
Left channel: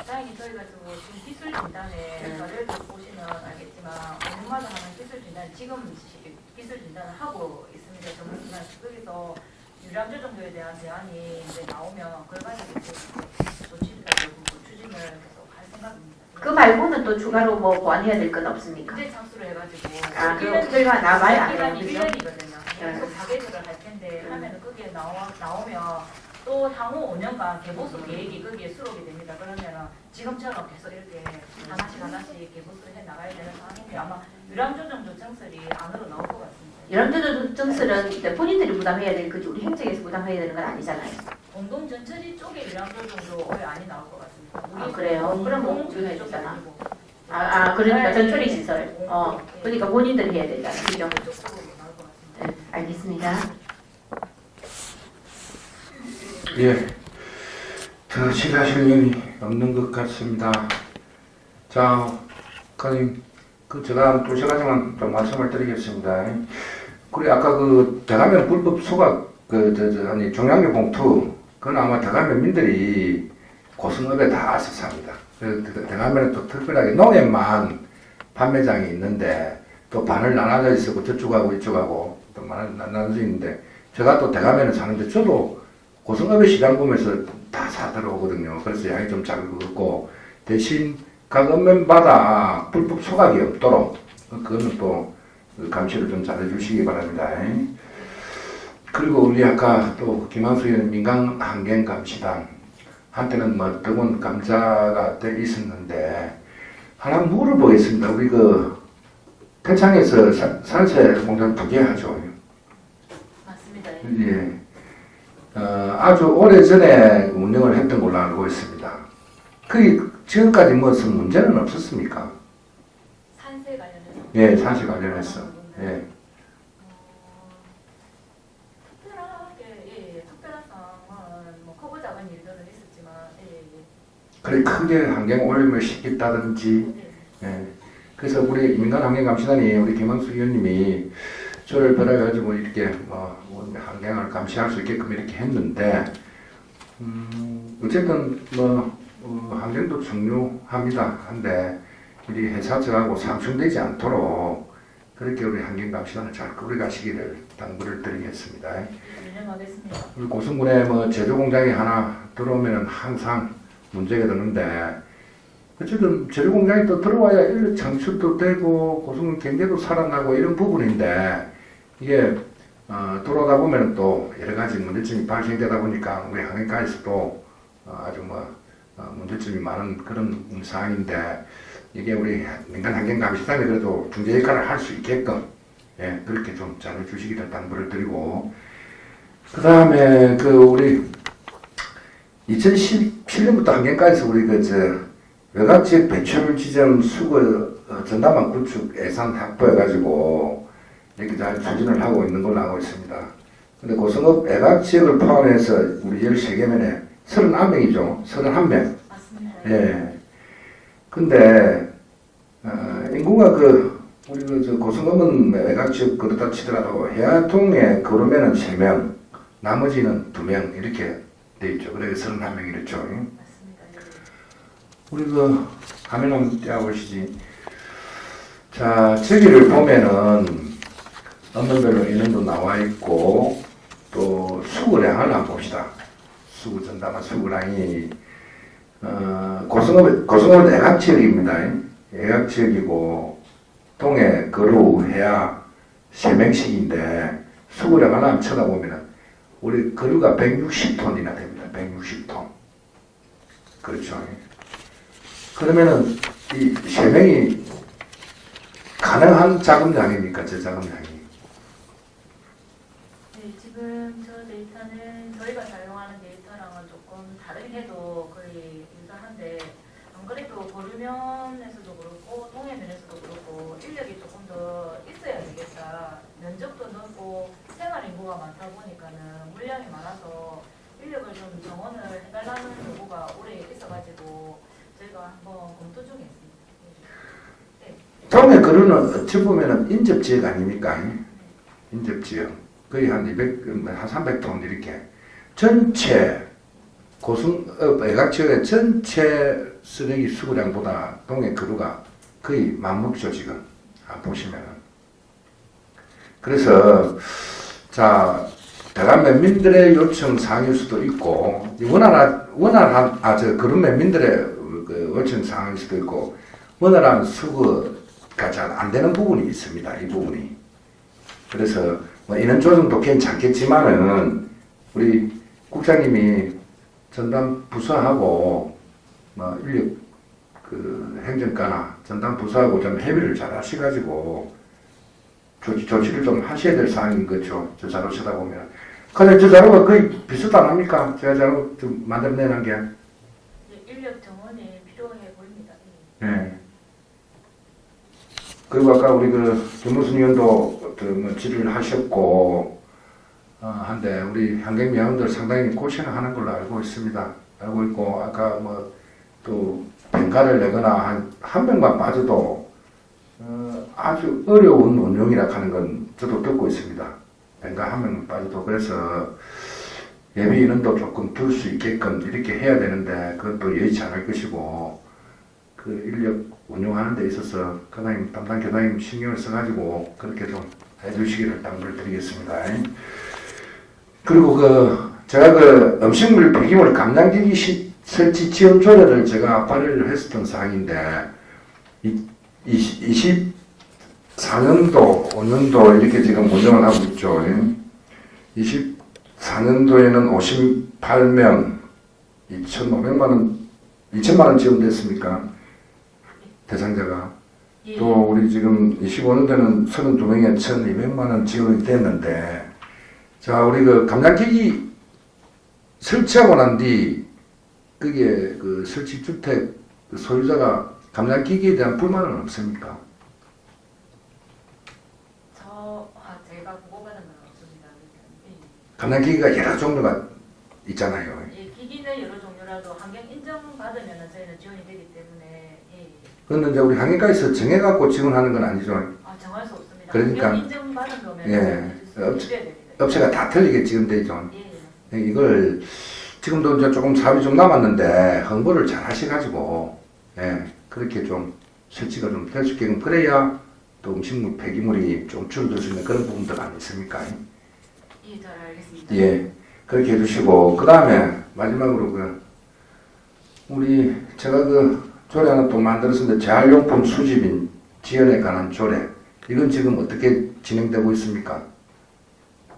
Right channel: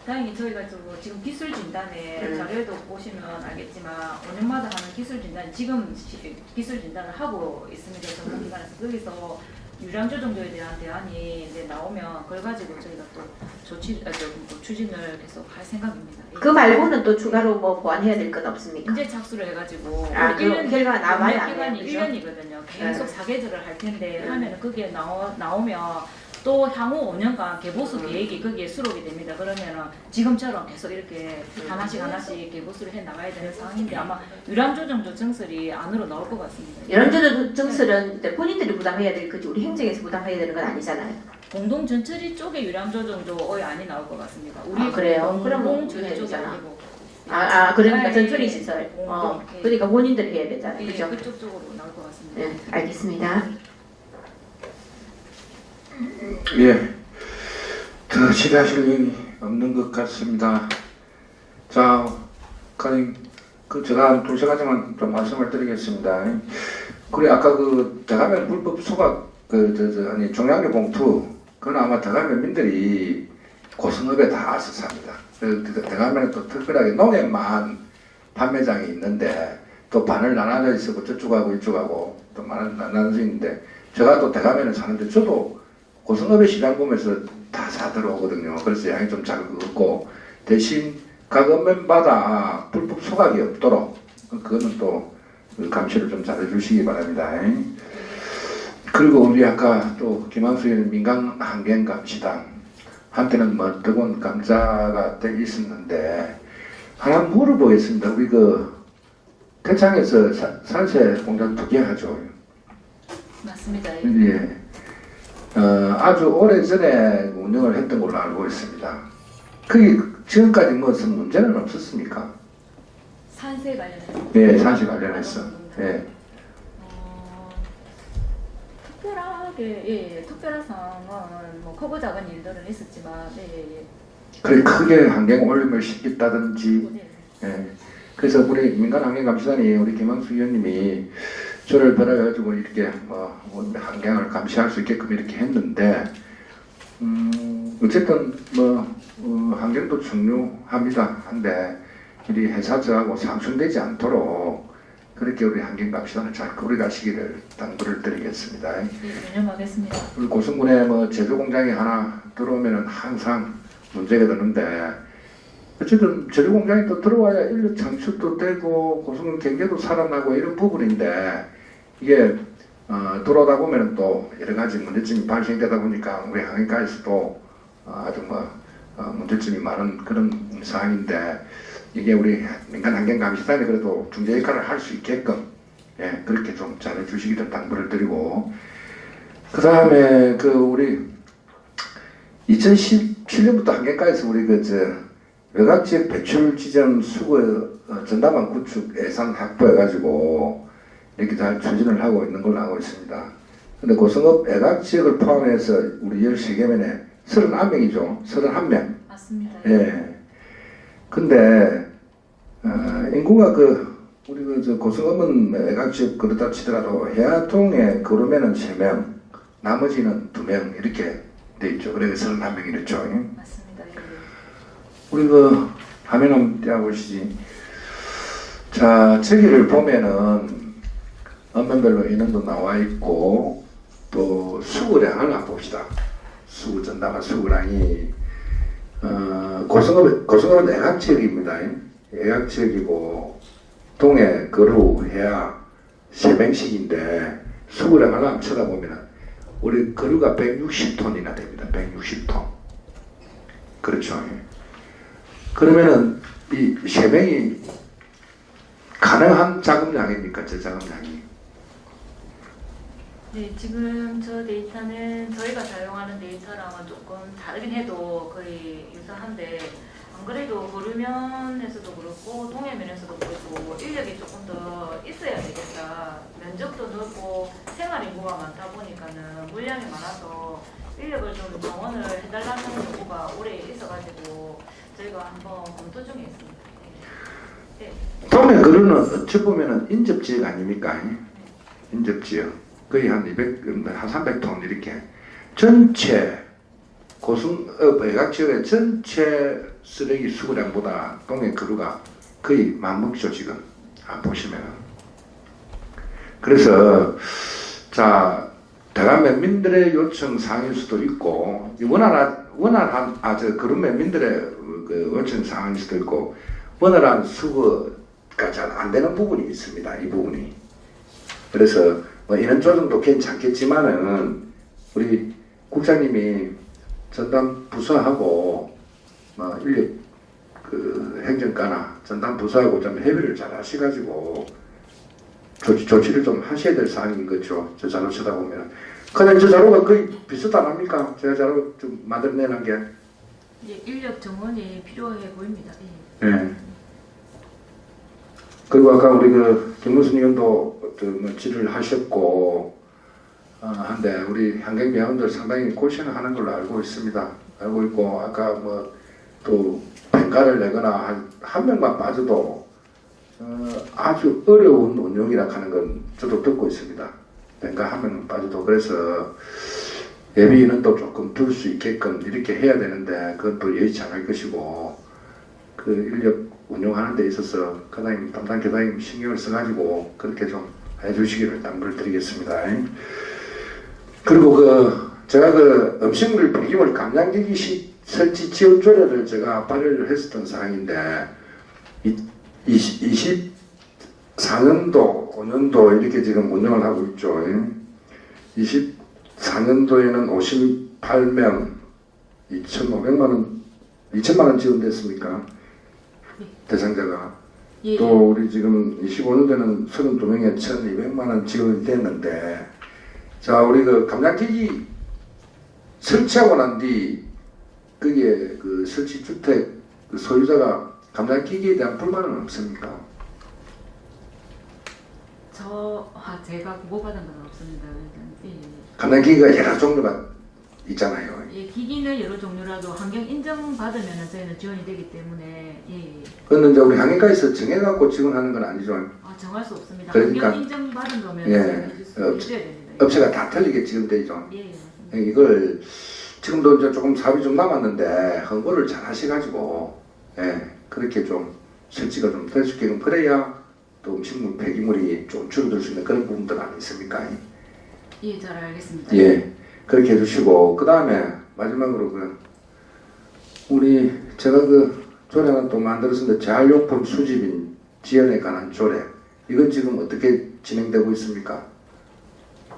다행히 저희가 지금 기술 진단에 자료에도 보시면 알겠지만 5년마다 하는 기술 진단 지금 기술 진단을 하고 있습니다. 전문기관에서 거기서 유량 조정도에 대한 제안이 이제 나오면 그걸 가지고 추진을 계속 할 생각입니다. 그 말고는 또 추가로 보완해야 될 건 없습니까? 문제 착수를 해가지고 그 결과 남아야 안 기간이 되죠? 1년이거든요. 계속 사계절을 할 텐데 하면 그게 나오면 또 향후 5년간 개보수 계획이 거기에 수록이 됩니다. 그러면 지금처럼 계속 이렇게 하나씩 개보수를 해 나가야 되는 상황인데 아마 유량 조정도 증설이 안으로 나올 것 같습니다. 이런저런 증설은 일단 본인들이 부담해야 될 거지 우리 행정에서 부담해야 되는 건 아니잖아요. 공동 전처리 쪽에 유량 조정도 안이 나올 것 같습니다. 우리 그래요? 그럼 공동 우리가 전처리 쪽이 해주잖아. 아니고 그러니까 전처리 시설. 네. 그러니까 본인들이 해야 되잖아요. 그죠? 그쪽 쪽으로 나올 것 같습니다. 네, 알겠습니다. 예, 더 질의하실 내용이 없는 것 같습니다. 자, 과장님, 제가 2가지만 좀 말씀을 드리겠습니다. 그래, 아까 대가면 불법 소각, 종량제 봉투, 그건 아마 대가면민들이 고성읍에 다 와서 삽니다. 대가면에 또 특별하게 농협만 판매장이 있는데, 또 반을 나눠져 있고, 저쪽하고 이쪽하고, 또 나눠져 있는데, 제가 또 대가면에 사는데, 저도 고성읍의 시장금에서 다 사들어오거든요. 그래서 양이 좀 작고 대신 각 읍면마다 불법 소각이 없도록 그거는 또 감시를 좀 잘해 주시기 바랍니다. 그리고 우리 아까 또 김한수 의원 민간환경감시단 한때는 더군 감사가 돼 있었는데 하나 물어보겠습니다. 우리 태창에서 산세 공장 2개 하죠. 맞습니다. 예. 아주 오래전에 운영을 했던 걸로 알고 있습니다. 그 지금까지 무슨 문제는 없었습니까? 산세 관련해서. 예, 산시 관련해서. 예. 특별하게 특별한 상황은 뭐 크고 작은 일들은 있었지만 그래 크게 환경 오염을 시켰다든지. 예. 그래서 우리 민간환경감시단이 우리 김항수 의원님이 저를 벌여가지고 이렇게 환경을 감시할 수 있게끔 이렇게 했는데 어쨌든 환경도 중요합니다. 한데 우리 회사저하고 상충되지 않도록 그렇게 우리 환경감시단을 잘 꾸려가시기를 당부를 드리겠습니다. 유념하겠습니다. 우리 고성군에 제조공장이 하나 들어오면 항상 문제가 되는데 어쨌든 제조공장이 또 들어와야 인력 창출도 되고 고성군 경제도 살아나고 이런 부분인데 이게 들어오다 보면 또 여러 가지 문제점이 발생되다 보니까 우리 환경과에서도 아주 문제점이 많은 그런 상황인데 이게 우리 민간환경감시단이 그래도 중재 역할을 할 수 있게끔 그렇게 좀 잘해주시기를 당부를 드리고 그 다음에 우리 2017년부터 환경과에서 우리 외곽지역 배출 지점 수거 전담한 구축 예산 확보해가지고 이렇게 잘 추진을 하고 있는 걸로 알고 있습니다. 근데 고성읍 외곽지역을 포함해서 우리 13개면에 31명이죠. 31명. 맞습니다. 예. 근데 인구가 우리 고성읍은 외곽지역 그렇다 치더라도 해안통에 걸으면은 3명, 나머지는 2명 이렇게 돼 있죠. 그래서 31명 이랬죠. 맞습니다. 우리 화면 한번 띄워보시지. 자, 저기를 보면은 언론별로 인원도 나와 있고 또 수거량을 한번 봅시다. 전담한 수거량이 고성읍 외곽지역입니다. 외곽지역이고 동해, 거루, 해야 3명씩인데 수거량 하나 쳐다보면 우리 거루가 160톤이나 됩니다. 160톤. 그렇죠. 그러면은 이 3명이 가능한 자금량입니까? 제 자금량이? 네, 지금 저 데이터는 저희가 사용하는 데이터랑은 조금 다르긴 해도 거의 유사한데 안 그래도 거류면에서도 그렇고 동해면에서도 그렇고 인력이 조금 더 있어야 되겠다. 면적도 넓고 생활 인구가 많다 보니까는 물량이 많아서 인력을 좀 정원을 해달라는 요구가 오래 있어가지고 저희가 한번 검토 중에 있습니다. 네. 동해 거루는 어찌 보면은 인접지역 아닙니까? 인접지역. 거의 한 300톤 이렇게 전체 고성읍 외곽지역의 전체 쓰레기 수거량보다 동해 거루가 거의 맞먹죠 지금 안 보시면은. 그래서 자 대관 면민들의 요청 사항일 수도 있고 원활한 거루 면민들의 요청 사항일 수도 있고 원활한 수거가 잘 안 되는 부분이 있습니다. 이 부분이. 그래서 인원 조정도 괜찮겠지만은 우리 국장님이 전담 부서하고 인력 행정과나 전담 부서하고 좀 협의를 잘 하셔가지고 조치를 좀 하셔야 될 사항인 거죠. 저 자료 쓰다 보면. 근데 저 자료가 거의 비슷 안 합니까? 제가 자료 좀 만들어내는 게. 예, 인력 정원이 필요해 보입니다. 예. 그리고 아까 우리 김무순 의원도 질의를 하셨고 한데 우리 환경위원들 상당히 고생을 하는 걸로 알고 있습니다. 알고 있고 아까 또 평가를 내거나 한 명만 빠져도 아주 어려운 운영이라 하는 건 저도 듣고 있습니다. 평가 한 명만 빠져도. 그래서 예비 인원도 조금 둘 수 있게끔 이렇게 해야 되는데 그건 또 여의치 않을 것이고 인력 운영하는 데 있어서 담당 교장님 신경을 써가지고 그렇게 좀 해주시기를 당부를 드리겠습니다. 그리고 제가 음식물 폐기물 감량기기 설치 지원 조례를 제가 발의를 했었던 사항인데 24년도, 5년도 이렇게 지금 운영을 하고 있죠. 24년도에는 58명, 2천만 원 지원됐습니까? 대상자가. 예. 또 우리 지금 25년도에는 32명에 1,200만 원 지원이 됐는데 자 우리 감량기기 설치하고 난 뒤 그게 그 설치 주택 그 소유자가 감당 기기에 대한 불만은 없습니까? 제가 보고받은 건 없습니다. 예. 감당 기기가 여러 종류가 있잖아요. 예, 기기는 여러 종류라도 환경 인정 받으면 저희는 지원이 되기 때문에 예. 그런데 이제 우리 환경과에서 정해갖고 지원하는 건 아니죠. 정할 수 없습니다. 그러니까, 환경 인정 받은 거면 예, 해줘야 됩니다. 업체가 다 틀리게 지금 되죠. 예, 맞습니다. 이걸 지금도 이제 조금 사업이 좀 남았는데 홍보를 잘 하셔가지고 그렇게 좀 설치가 좀 될 수 있게끔 그래야 또 음식물 폐기물이 좀 줄어들 수 있는 그런 부분들 아니습니까? 예, 잘 알겠습니다. 예, 그렇게 해주시고 그 다음에 마지막으로 그 우리 제가 그 조례 하나 또 만들었는데 재활용품 수집인 지원에 관한 조례 이건 지금 어떻게 진행되고 있습니까?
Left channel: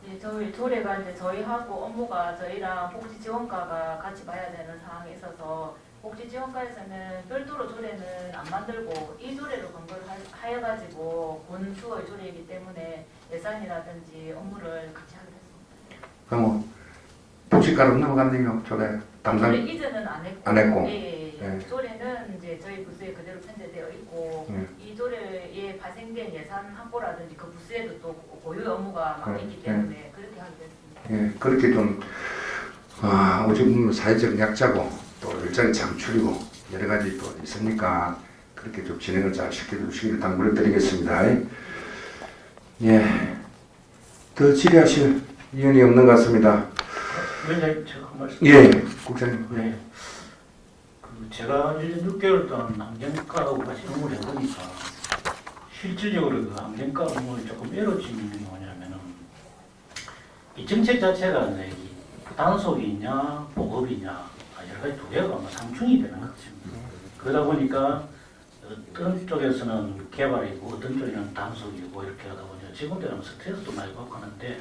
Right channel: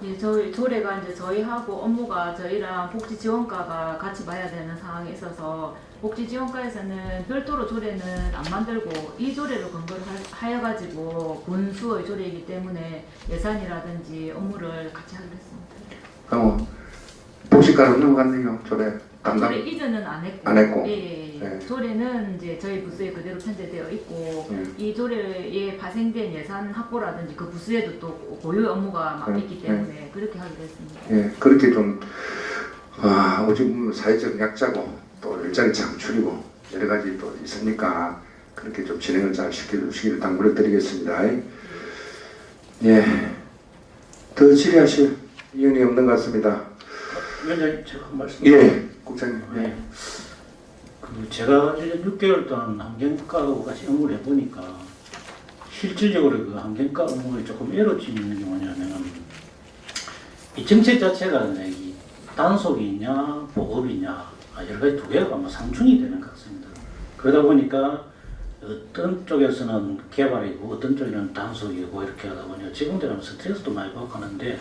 예, 저희 조례가 이제 저희하고 업무가 저희랑 복지지원과가 같이 봐야 되는 상황이 있어서 복지지원과에서는 별도로 조례는 안 만들고 이 조례를 근거로 하여가지고 본수의 조례이기 때문에 예산이라든지 업무를 같이 하기로 했습니다. 그럼 복지과로 넘어갔네요. 조례 담당 조례 이전은 안 했고. 예. 예. 조례는 이제 저희 부서에 그대로 편제되어 있고 예. 이 조례에 발생된 예산 확보라든지 그 부서에도 또 고유 업무가 맡겼기 예. 때문에 그렇게 하게 됐습니다. 예, 그렇게 좀 어찌 보면 사회적 약자고 또 일자리 창출이고 여러 가지 또 있으니까 그렇게 좀 진행을 잘 시켜주시기를 당부드리겠습니다. 예, 더 질의하실 이유는 없는 것 같습니다. 위원장님 제가 한 말씀. 예, 국장님. 네. 그 제가 1년 6개월 동안 환경과하고 같이 업무를 해보니까 실질적으로 그 환경과 업무에 조금 에러짐이 있는 게 뭐냐면은 이 정책 자체가 이제 이 단속이냐 보급이냐 여러 가지 두 개가 뭐 상충이 되는 것 같습니다. 그러다 보니까 어떤 쪽에서는 개발이고 어떤 쪽에는 단속이고 이렇게 하다 보니까 직원들은 스트레스도 많이 받고 하는데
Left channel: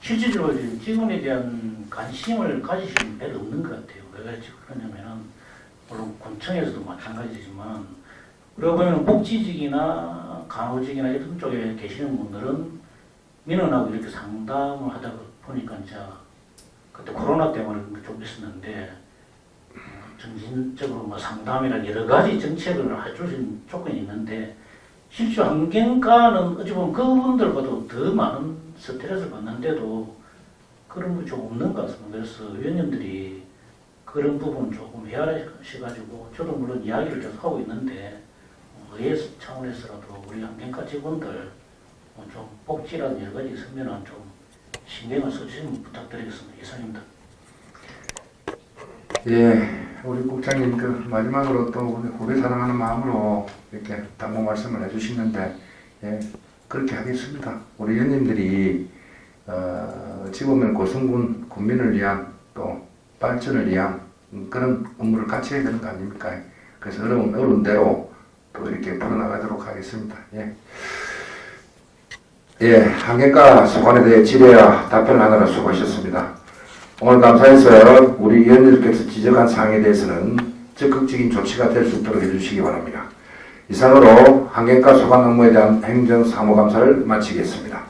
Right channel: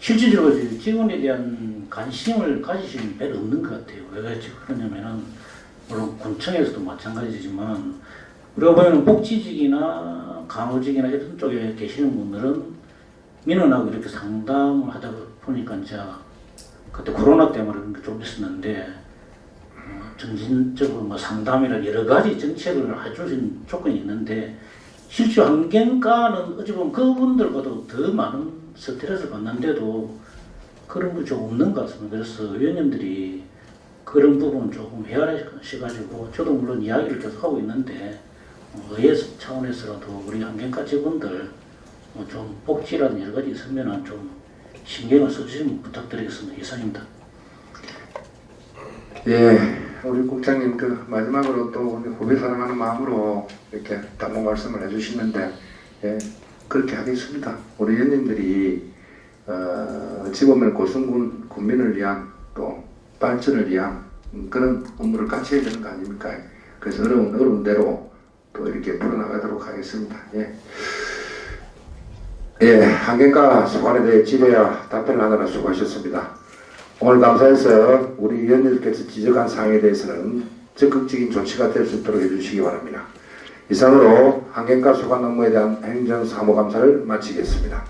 실질적으로 직원에 대한 관심을 가지시는 별로 없는 것 같아요. 왜 그러냐면은 물론 군청에서도 마찬가지지만 우리가 보면 복지직이나 간호직이나 이런 쪽에 계시는 분들은 민원하고 이렇게 상담을 하다 보니까 이제 그때 코로나 때문에 좀 있었는데 점진적으로 뭐 상담이나 여러 가지 정책을 해주신 조건이 있는데 실제 환경과는 어찌 보면 그분들보다 더 많은 스트레스를 받는데도 그런 게 좀 없는 것 같습니다. 그래서 위원님들이 그런 부분 조금 헤아리셔가지고 저도 물론 이야기를 계속 하고 있는데 의회 차원에서라도 우리 환경과 직원들 좀 복지라든 여러 가지 있으면 좀 신경을 써주시면 부탁드리겠습니다. 이상입니다. 예, 우리 국장님 그 마지막으로 또 우리 후배 사랑하는 마음으로 이렇게 당부 말씀을 해주시는데 예, 그렇게 하겠습니다. 우리 의원님들이 어찌 보면 고성군 군민을 위한 또 발전을 위한 그런 업무를 같이 해야 되는 거 아닙니까? 그래서 어려운 대로 또 이렇게 풀어나가도록 하겠습니다. 예. 예, 환경과 소관에 대해 질의와 답변하느라 수고하셨습니다. 오늘 감사해서 우리 위원님께서 지적한 사항에 대해서는 적극적인 조치가 될 수 있도록 해주시기 바랍니다. 이상으로 환경과 소관 업무에 대한 행정사무감사를 마치겠습니다.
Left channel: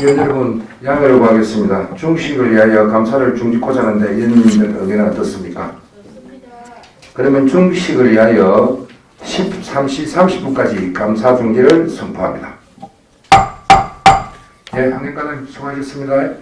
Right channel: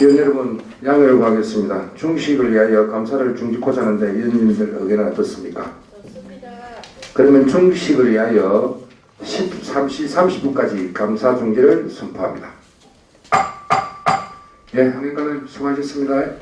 위원 여러분, 양해를 구하겠습니다. 중식을 위하여 감사를 중지코자 하는데 위원님들 의견은 어떻습니까? 그러면 중식을 위하여 13시 30분까지 감사 중지를 선포합니다. 예, 환경과장님 수고하셨습니다.